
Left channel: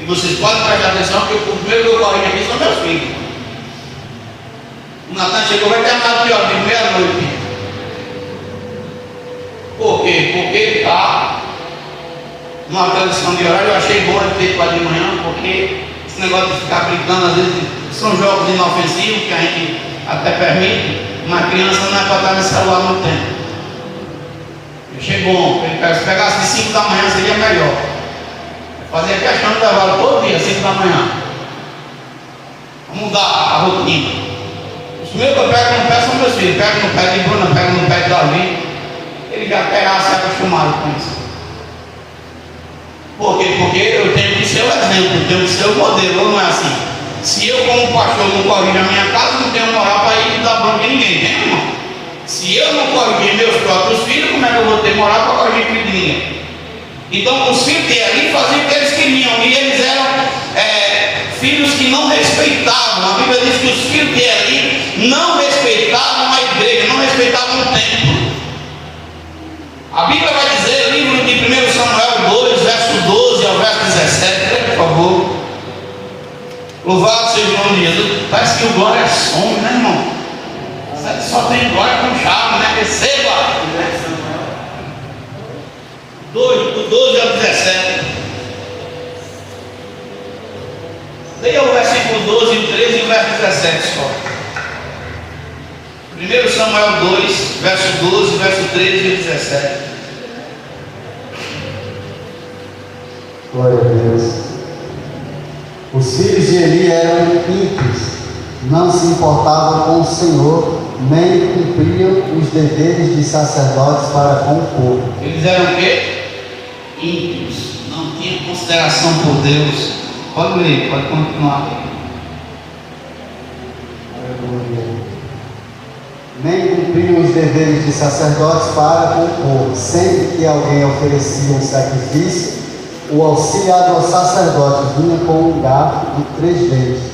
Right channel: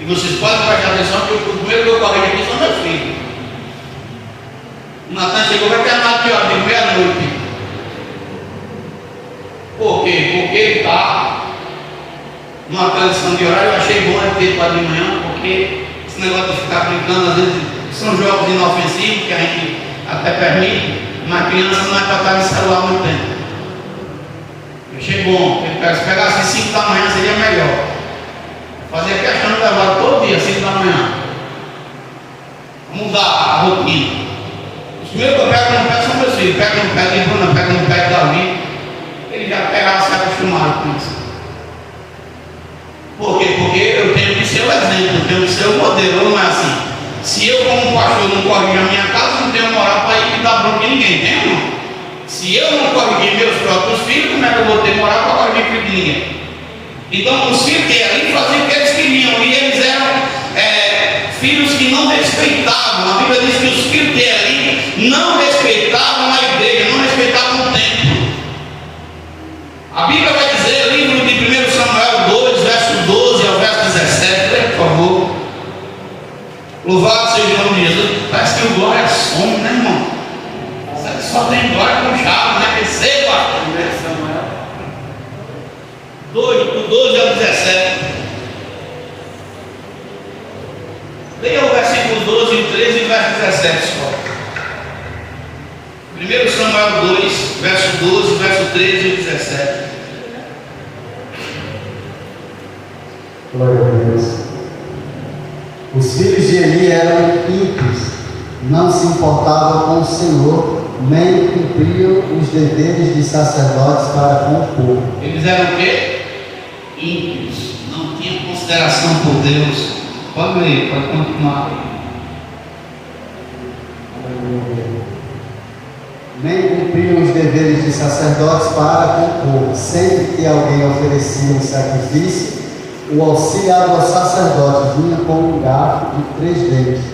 E vocês podem prestar atenção, porque o primeiro que eu corrijo aqui são meus filhos. O Natan chegou, vai terminar aqui, ó, de meia-noite. Por quê? Porque ele está numa tradição de horário. Eu achei bom ele ter quase de manhã, porque esse negócio de ficar brincando, às vezes, são jogos inofensivos que a gente até permite, mas criança não é para estar no celular muito tempo. Eu achei bom, se pegasse 5 da manhã seria melhor. Fazia questão de levar todo dia, 5 da manhã. Mudar a rotina. Os primeiros que eu pego no pé são meus filhos. Pego no pé de Bruna, pego no pé de Davi. Eles já pegaram, se acostumaram com isso. Por quê? Porque eu tenho que ser o exemplo, eu tenho que ser o modelo, não é assim. Se eu, como pastor, não corrijo a minha casa, não tenho moral para ir dar bronca em ninguém, tem, irmão? Se eu não corrigir meus próprios filhos, como é que eu vou ter moral para corrigir filho de ninguém? Então, os filhos que ali faziam o que eles queriam, e eles eram filhos que não respeitavam. A Bíblia diz que os filhos que ali não respeitavam a igreja, não respeitavam o templo. A Bíblia vai dizer, livro de 1 Samuel 2, verso 12 ao verso 17, por favor. Louvado seja o nome de Jesus. Parece que o glória é som, né, irmão? Só tem glória com charme, né? Receba! 2, do 12 ao 17. Leia o versículo 12, 13 e o verso 17 só. 1 Samuel 2, verso 12, verso 13 e 17. Glória a Deus. Os filhos de Eli eram ímpios, não se importavam com o Senhor, nem cumpriam os deveres de sacerdotes para com o povo. Eles eram o quê? Ímpios, não tinham consideração por Deus. Pode ler, pode continuar. Nem cumpriam os deveres de sacerdotes para com o povo. Sempre que alguém oferecia um sacrifício, o auxiliar do sacerdote vinha com um garfo de 3 dedos,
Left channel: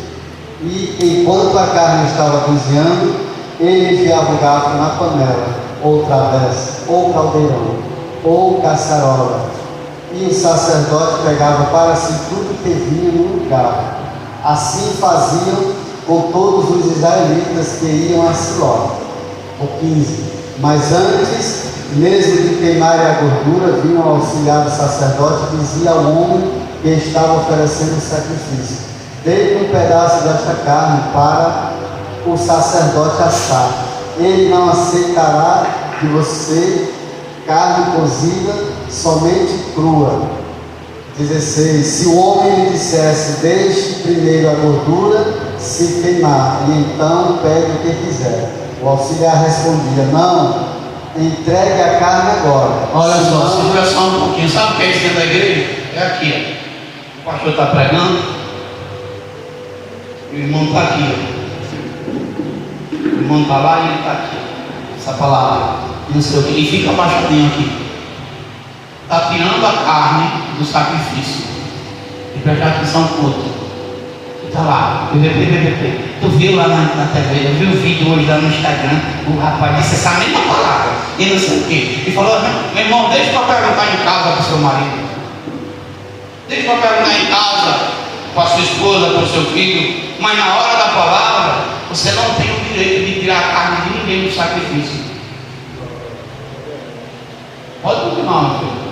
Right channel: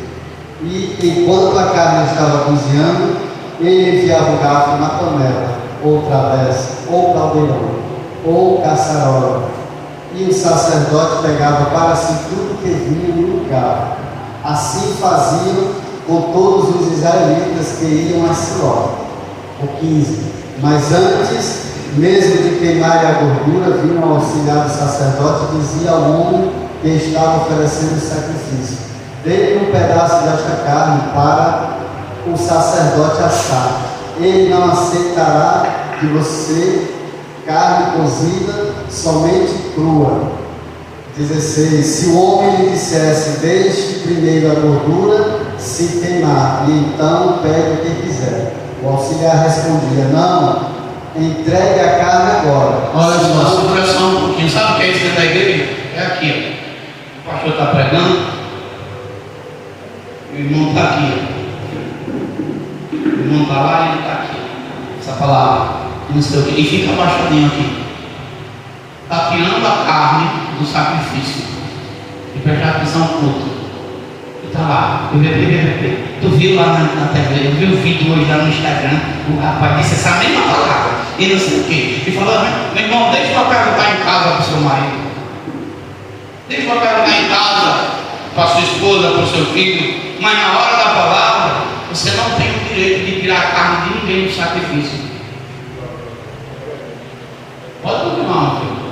e enquanto a carne estava cozinhando, ele enfiava o garfo na panela, ou travessa, ou caldeirão, ou caçarola, e o sacerdote pegava para si tudo que vinha no garfo. Assim faziam com todos os israelitas que iam a Siló. O 15. Mas antes mesmo de queimarem a gordura, vinha ao auxiliar do sacerdote e dizia ao homem que estava oferecendo o sacrifício: dê-lhe um pedaço desta carne para o sacerdote assar. Ele não aceitará de você carne cozida, somente crua. 16. Se o homem lhe dissesse: deixe primeiro a gordura se queimar, e então pegue o que quiser, o auxiliar respondia: não, entregue a carne agora. Olha só, segura só um pouquinho. Sabe o que é isso dentro da igreja? É aqui, ó. O pastor está pregando, o irmão está aqui, ó. O irmão está lá e ele está aqui. Essa palavra, não sei o que, e fica abaixadinho aqui. Está tirando a carne do sacrifício. E prestar atenção no culto. Está lá, tu viu lá na TV, eu vi o vídeo hoje lá no Instagram, o rapaz disse essa mesma palavra, e não sei o quê. Ele falou: meu irmão, deixa que eu perguntar em casa para o seu marido. Deixa que eu perguntar em casa para a sua esposa, para o seu filho. Mas na hora da palavra, você não tem o direito de tirar a carne de ninguém do sacrifício. Pode continuar, meu filho.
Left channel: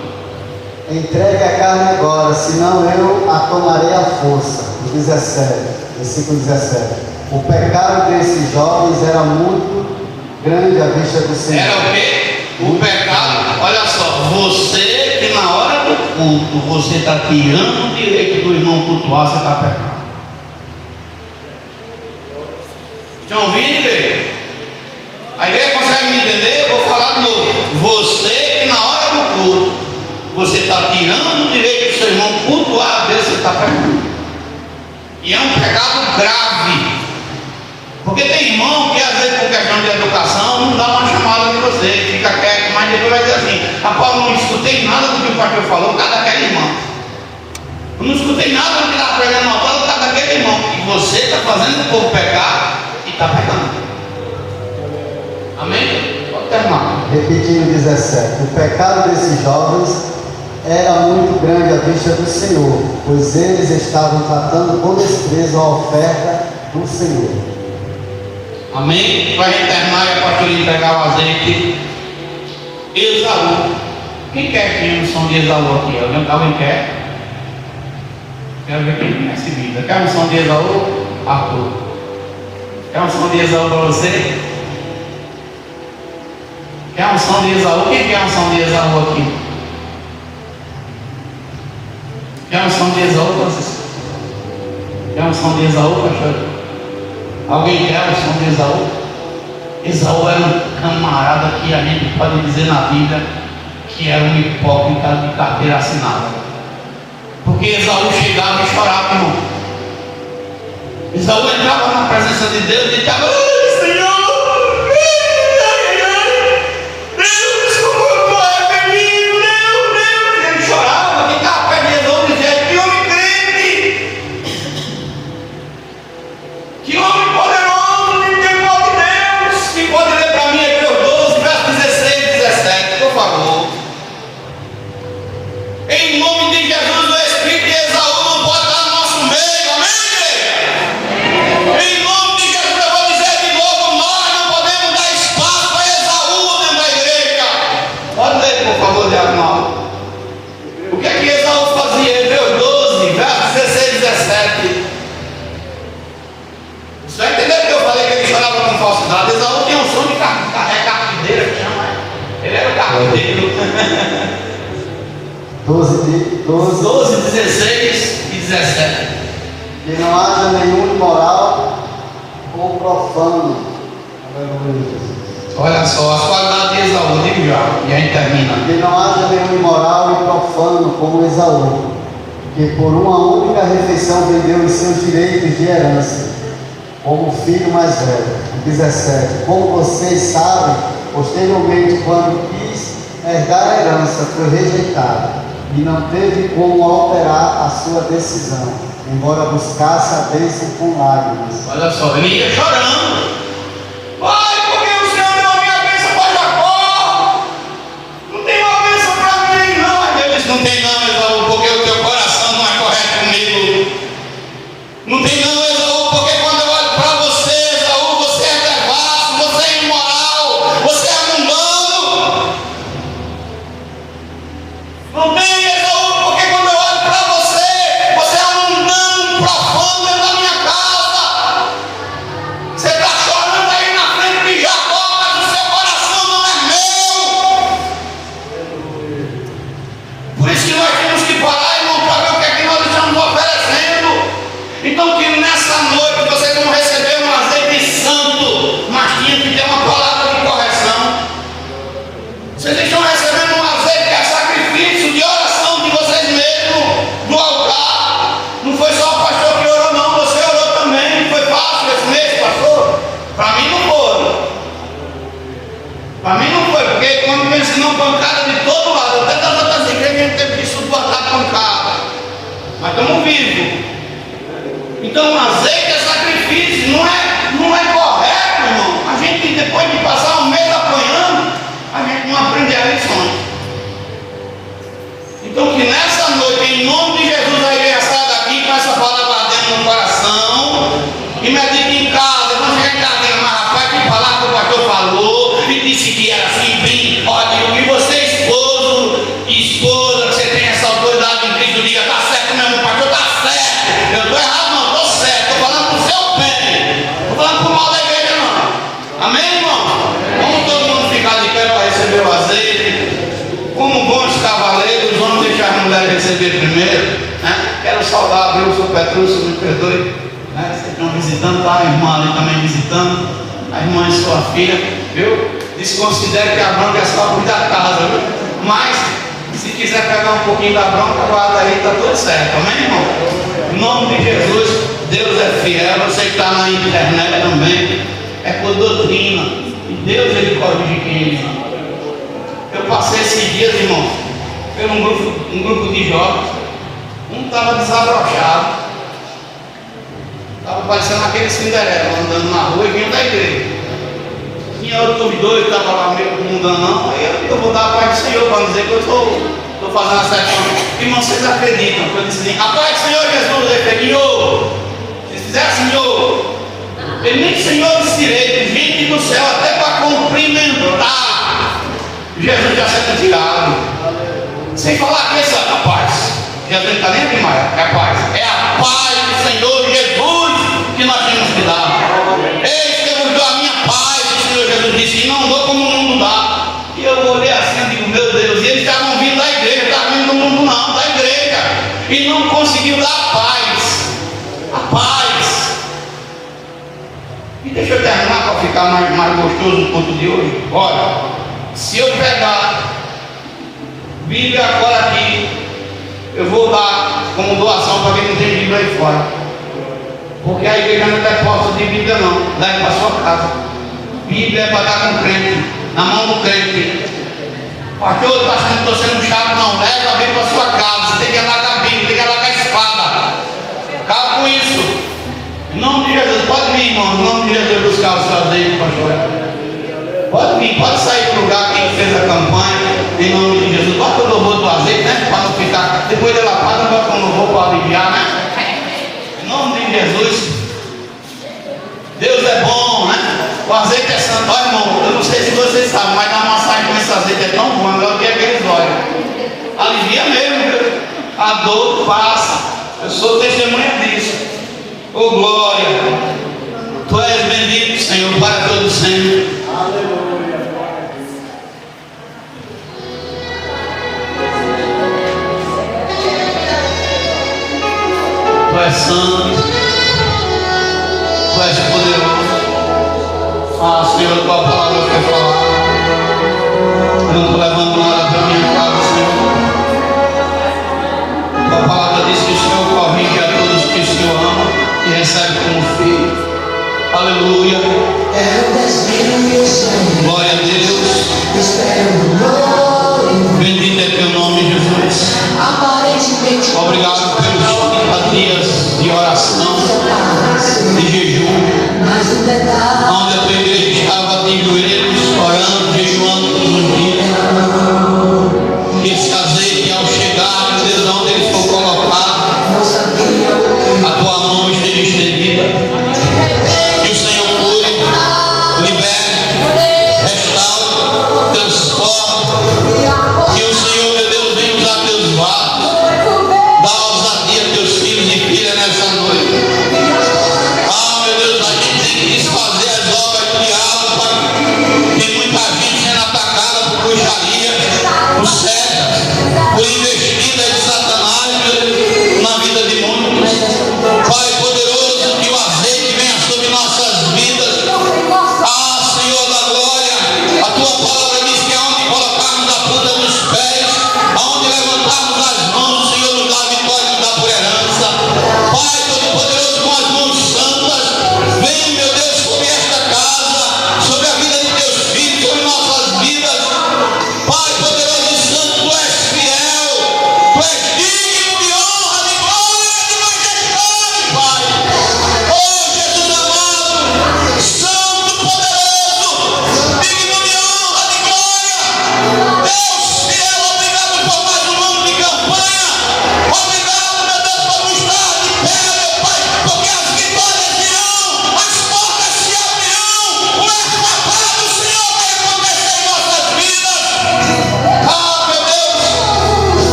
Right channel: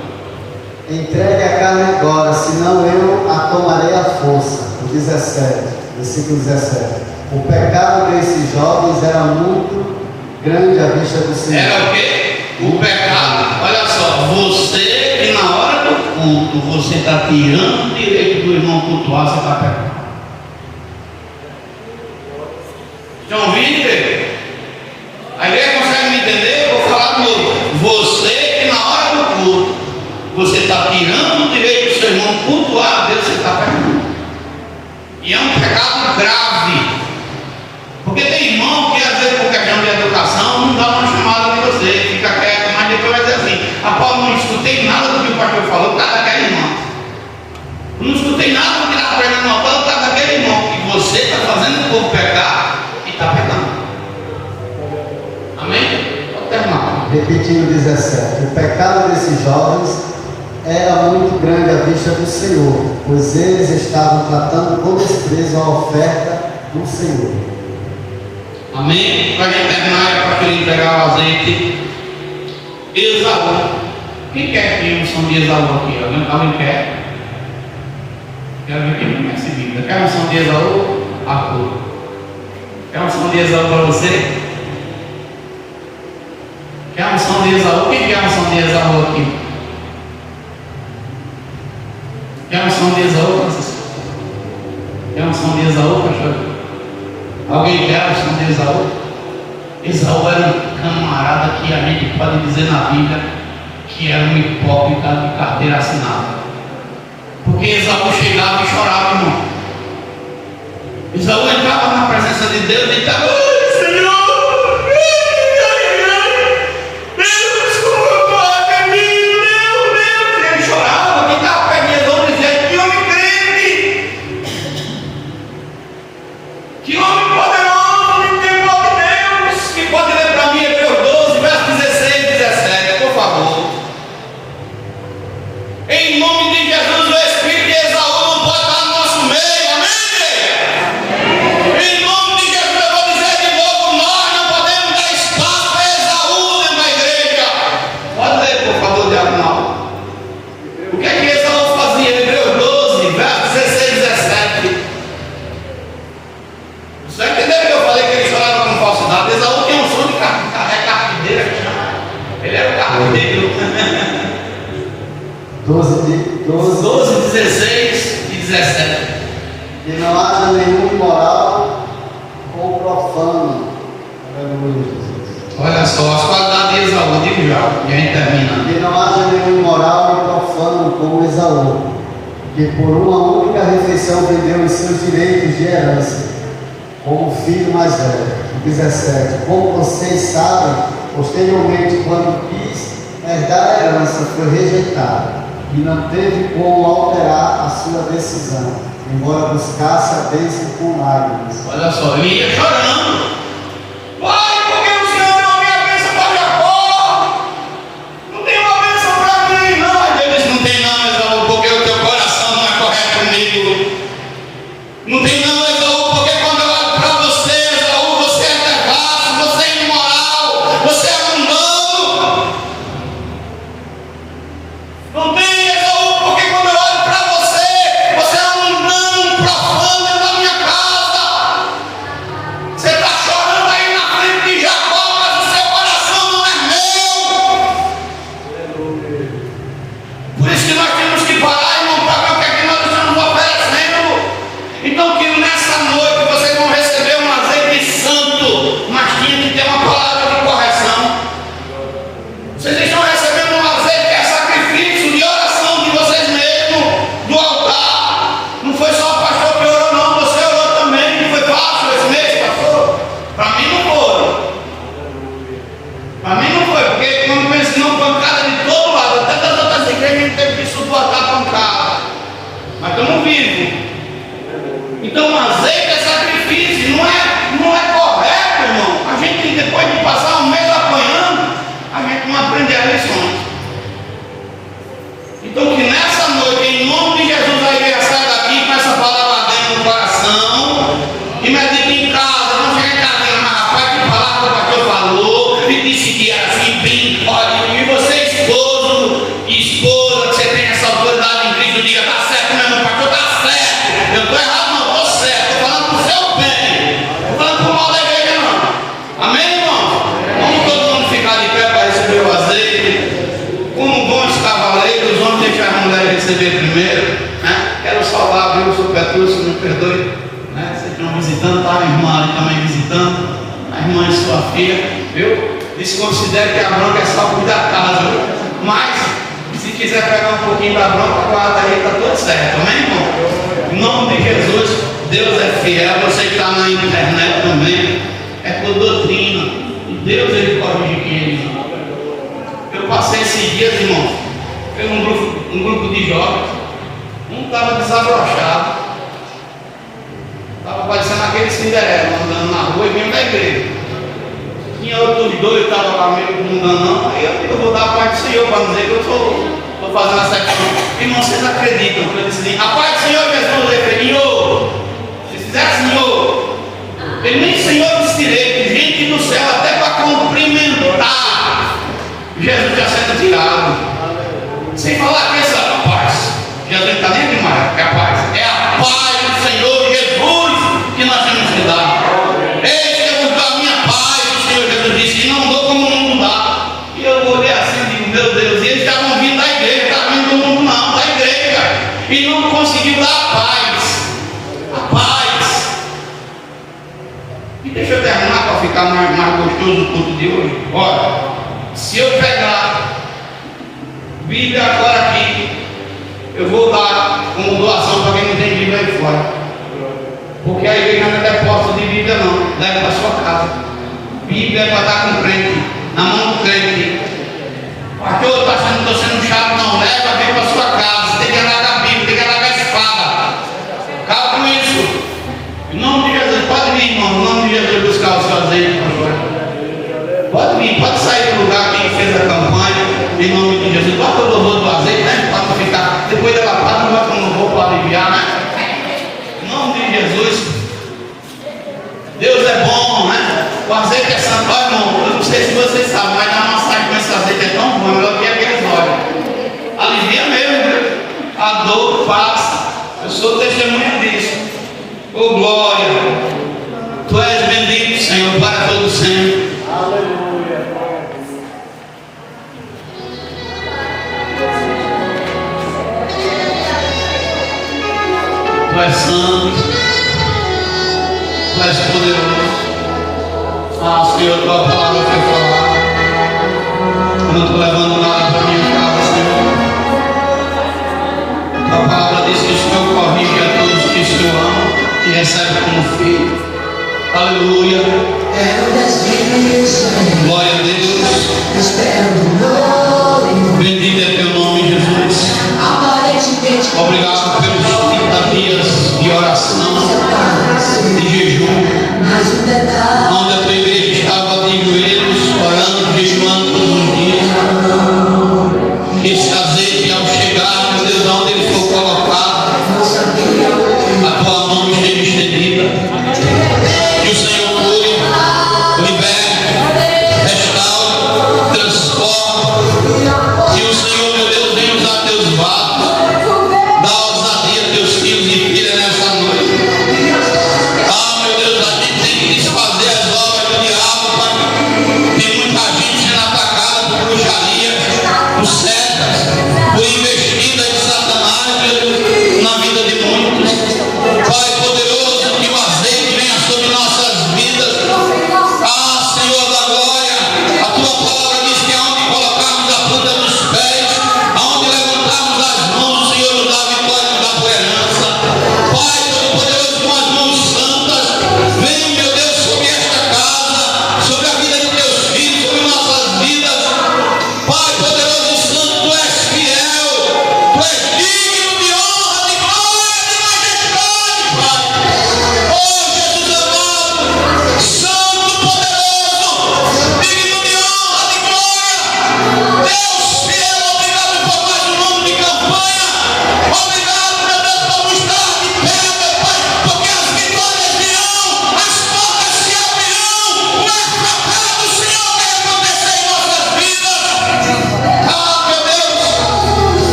Entregue a carne agora, senão eu a tomarei à força. 17, versículo 17. O pecado desses jovens era muito grande à vista do Senhor. Era o quê? O pecado. Olha só, você que na hora do culto você está tirando o direito do irmão cultuar, você está pecando. Estão ouvindo, igreja? A igreja consegue me entender? Vou falar de novo. Você que na hora do culto você está tirando o direito do seu irmão cultuar a Deus, você está pecando. E é um pecado grave. Porque tem irmão que às vezes por questão de educação não dá uma chamada de você, fica quieto, mas depois vai dizer assim: Apolo, não escutei nada do que o pastor falou, tá daquele irmão. Eu não escutei nada do que está falando, não, Apolo, tá daquele irmão. E você está fazendo o povo pecar e está pecando. Amém? Pode terminar. Repetindo 17. O pecado desses jovens era muito grande à vista do Senhor, pois eles estavam tratando com desprezo a oferta do Senhor. Amém? Para a gente terminar, para pastor entregar o azeite. Esaú. Quem quer que a unção de Esaú aqui? Alguém quer? Quero ver quem conhece vida. Quer a unção de Esaú? Arthur. Quer a unção de Esaú para você? Quer a unção de Esaú? Quem quer a unção de Esaú aqui? Quer a unção de Esaú, Francisco? Quer a unção de Esaú, pastor? Alguém quer a unção de Esaú? Esaú era um camarada que a gente pode dizer na Bíblia que era um hipócrita de carteira assinada. Porque Esaú chegava e chorava, irmão. Esaú entrava na presença de Deus e estava: Senhor, ele chorava, que estava perto de Esaú, dizia: que homem grande, que homem poderoso, em temor de Deus. Quem pode ler para mim Hebreus 12, verso 16 e 17, por favor. Em nome de Jesus, o Espírito de Esaú não pode estar no nosso meio, amém, igreja? Em nome de Jesus, eu vou dizer de novo: nós não podemos dar espaço para Esaú dentro da igreja. Pode ler, por favor, Diagonal. O que é que Esaú fazia? Hebreus 12, verso 16 e 17. Você vai entender que eu falei que ele chorava com falsidade? Esaú tem um som de carregadeira, que chama. Ele era o carregadeiro. 12, 16 e 17. Que não haja nenhum imoral ou profano. Aleluia, Jesus. Olha só, as qualidades de Esaú, digo já, e aí termina. Que não haja nenhum imoral e profano como Esaú, que por uma única refeição vendeu os seus direitos de herança, como filho mais velho. 17. Como vocês sabem, posteriormente, quando quis herdar a herança, foi rejeitado. e não teve como alterar a sua decisão, embora buscasse a bênção com lágrimas. Olha só, ele ia chorando. Pai, por que o Senhor deu a minha bênção para Jacó? Não tem uma bênção para mim, não. Ele disse, não tem não, Esaú, porque o teu coração não é correto comigo. Não tem não, Esaú, porque quando eu olho para você, Esaú, você é devasso, você é imoral, você é mundano. Não tem, Esaú, porque quando eu olho para você, você é um mundano, um profano dentro da minha casa. Você está chorando aí na frente de Jacó, mas o seu coração não é meu. Por isso que nós temos que parar, irmão, para ver o que é que nós estamos oferecendo. Então que nessa noite vocês vão receber um azeite santo, mas tinha que ter uma palavra de correção. Vocês estão recebendo um azeite que é sacrifício de oração de vocês mesmos, do altar. Não foi só o pastor que orou, não, você orou também. Não foi fácil esse mês, pastor? Para mim não foi. Para mim não foi, porque quando pensa não, pancada de todo lado, até das outras igrejas a gente teve que suportar pancada. Mas estamos vivos. Então o azeite é sacrifício, não é correto, irmão. A gente, depois de passar um mês apanhando, a gente não aprende as lições. Então que nessa noite, em nome de Jesus, a igreja sai daqui com essa palavra dentro no coração e medita em casa. Não chega em casa e diga, mas rapaz, que palavra que o pastor falou e disse que era assim, bem, olha, e você esposa, que você tem essa autoridade em Cristo, diga, tá certo mesmo, pastor, tá certo. Eu estou errado, não, estou certo, estou falando pro seu bem, estou falando pro mal da igreja, não. Amém, irmão? Vamos todo mundo ficar de pé para receber o azeite. Como bons cavaleiros, vamos deixar as mulheres receber primeiro, né? Quero saudar, viu, o seu Petrúcio, me perdoe, né? Vocês estão visitando, tá? A irmã ali também visitando, a irmã e sua filha, viu? Desconsidere que a bronca é só cuidar da casa, viu? Mas, se quiser pegar um pouquinho da bronca, guarda aí, tá tudo certo, amém, irmão? Em nome de Jesus, Deus é fiel, você que está na internet também, é por doutrina, e Deus ele corrige quem ele ama. Eu passei esses dias, irmão, por um grupo de jovens, um estava desabrochado, estava parecendo aquele Cinderela, andando na rua e vindo da igreja. Tinha outros dois que estavam lá meio mundanão, aí eu vou dar a paz do Senhor para dizer que eu estou fazendo uma sessão. Irmão, vocês acreditam? Eu disse, a paz do Senhor Jesus, ele Senhor, se fizer Senhor, ele nem Senhor disse direito, gente do céu, até para cumprimentar. Jesus já sendo tirado, sem falar que essa é a paz. Jesus não está nem aqui mais, é a paz. É a paz do Senhor Jesus que nós temos que dar. Eis que eu vos dou a minha paz, o Senhor Jesus disse, e não dou como o mundo dá. E eu olhei assim e digo, meu Deus, e eles estavam vindo da igreja, não estavam vindo do mundo não, da igreja, e não conseguiu dar a paz. A paz. E deixa eu terminar para ficar mais gostoso o culto de hoje. Olha, se eu pegar Bíblia agora aqui, eu vou dar como doação para quem não tem Bíblia aí fora, porque a igreja não tem posse de Bíblia não, leve para sua casa. Bíblia é para dar com o crente, na mão do crente. Pastor, estou sendo chato, não, leva a Bíblia para sua casa. Você tem que andar com a Bíblia, tem que andar com a espada. Calma com isso. Em nome de Jesus, pode vir, irmão, em nome de Jesus, buscar o seu azeite, pastor. Pode vir, pode sair do lugar quem fez a campanha, em nome de Jesus. Bota o louvor do azeite, né? Pode ficar. Depois da lapada, não bota um louvor para aliviar, né? Em nome de Jesus. Deus é bom, né? O azeite é santo. Olha, irmão, eu não sei se vocês sabem, mas a massagem com esse azeite é tão bom, é melhor que aqueles óleos. Alivia mesmo, viu? A dor passa. Eu sou testemunha disso. Oh, glória. Tu és bendito, Senhor, para todo sempre. Aleluia. Tu és santo, Tu és poderoso. Ah, Senhor, tua palavra eu quero falar. Eu não estou levando nada para minha casa, Senhor. Tua palavra diz que o Senhor corrige a todos que o Senhor ama e recebe como filho. Aleluia. Glória a Deus. Bendito é teu nome, Jesus. por cegas, por investimentos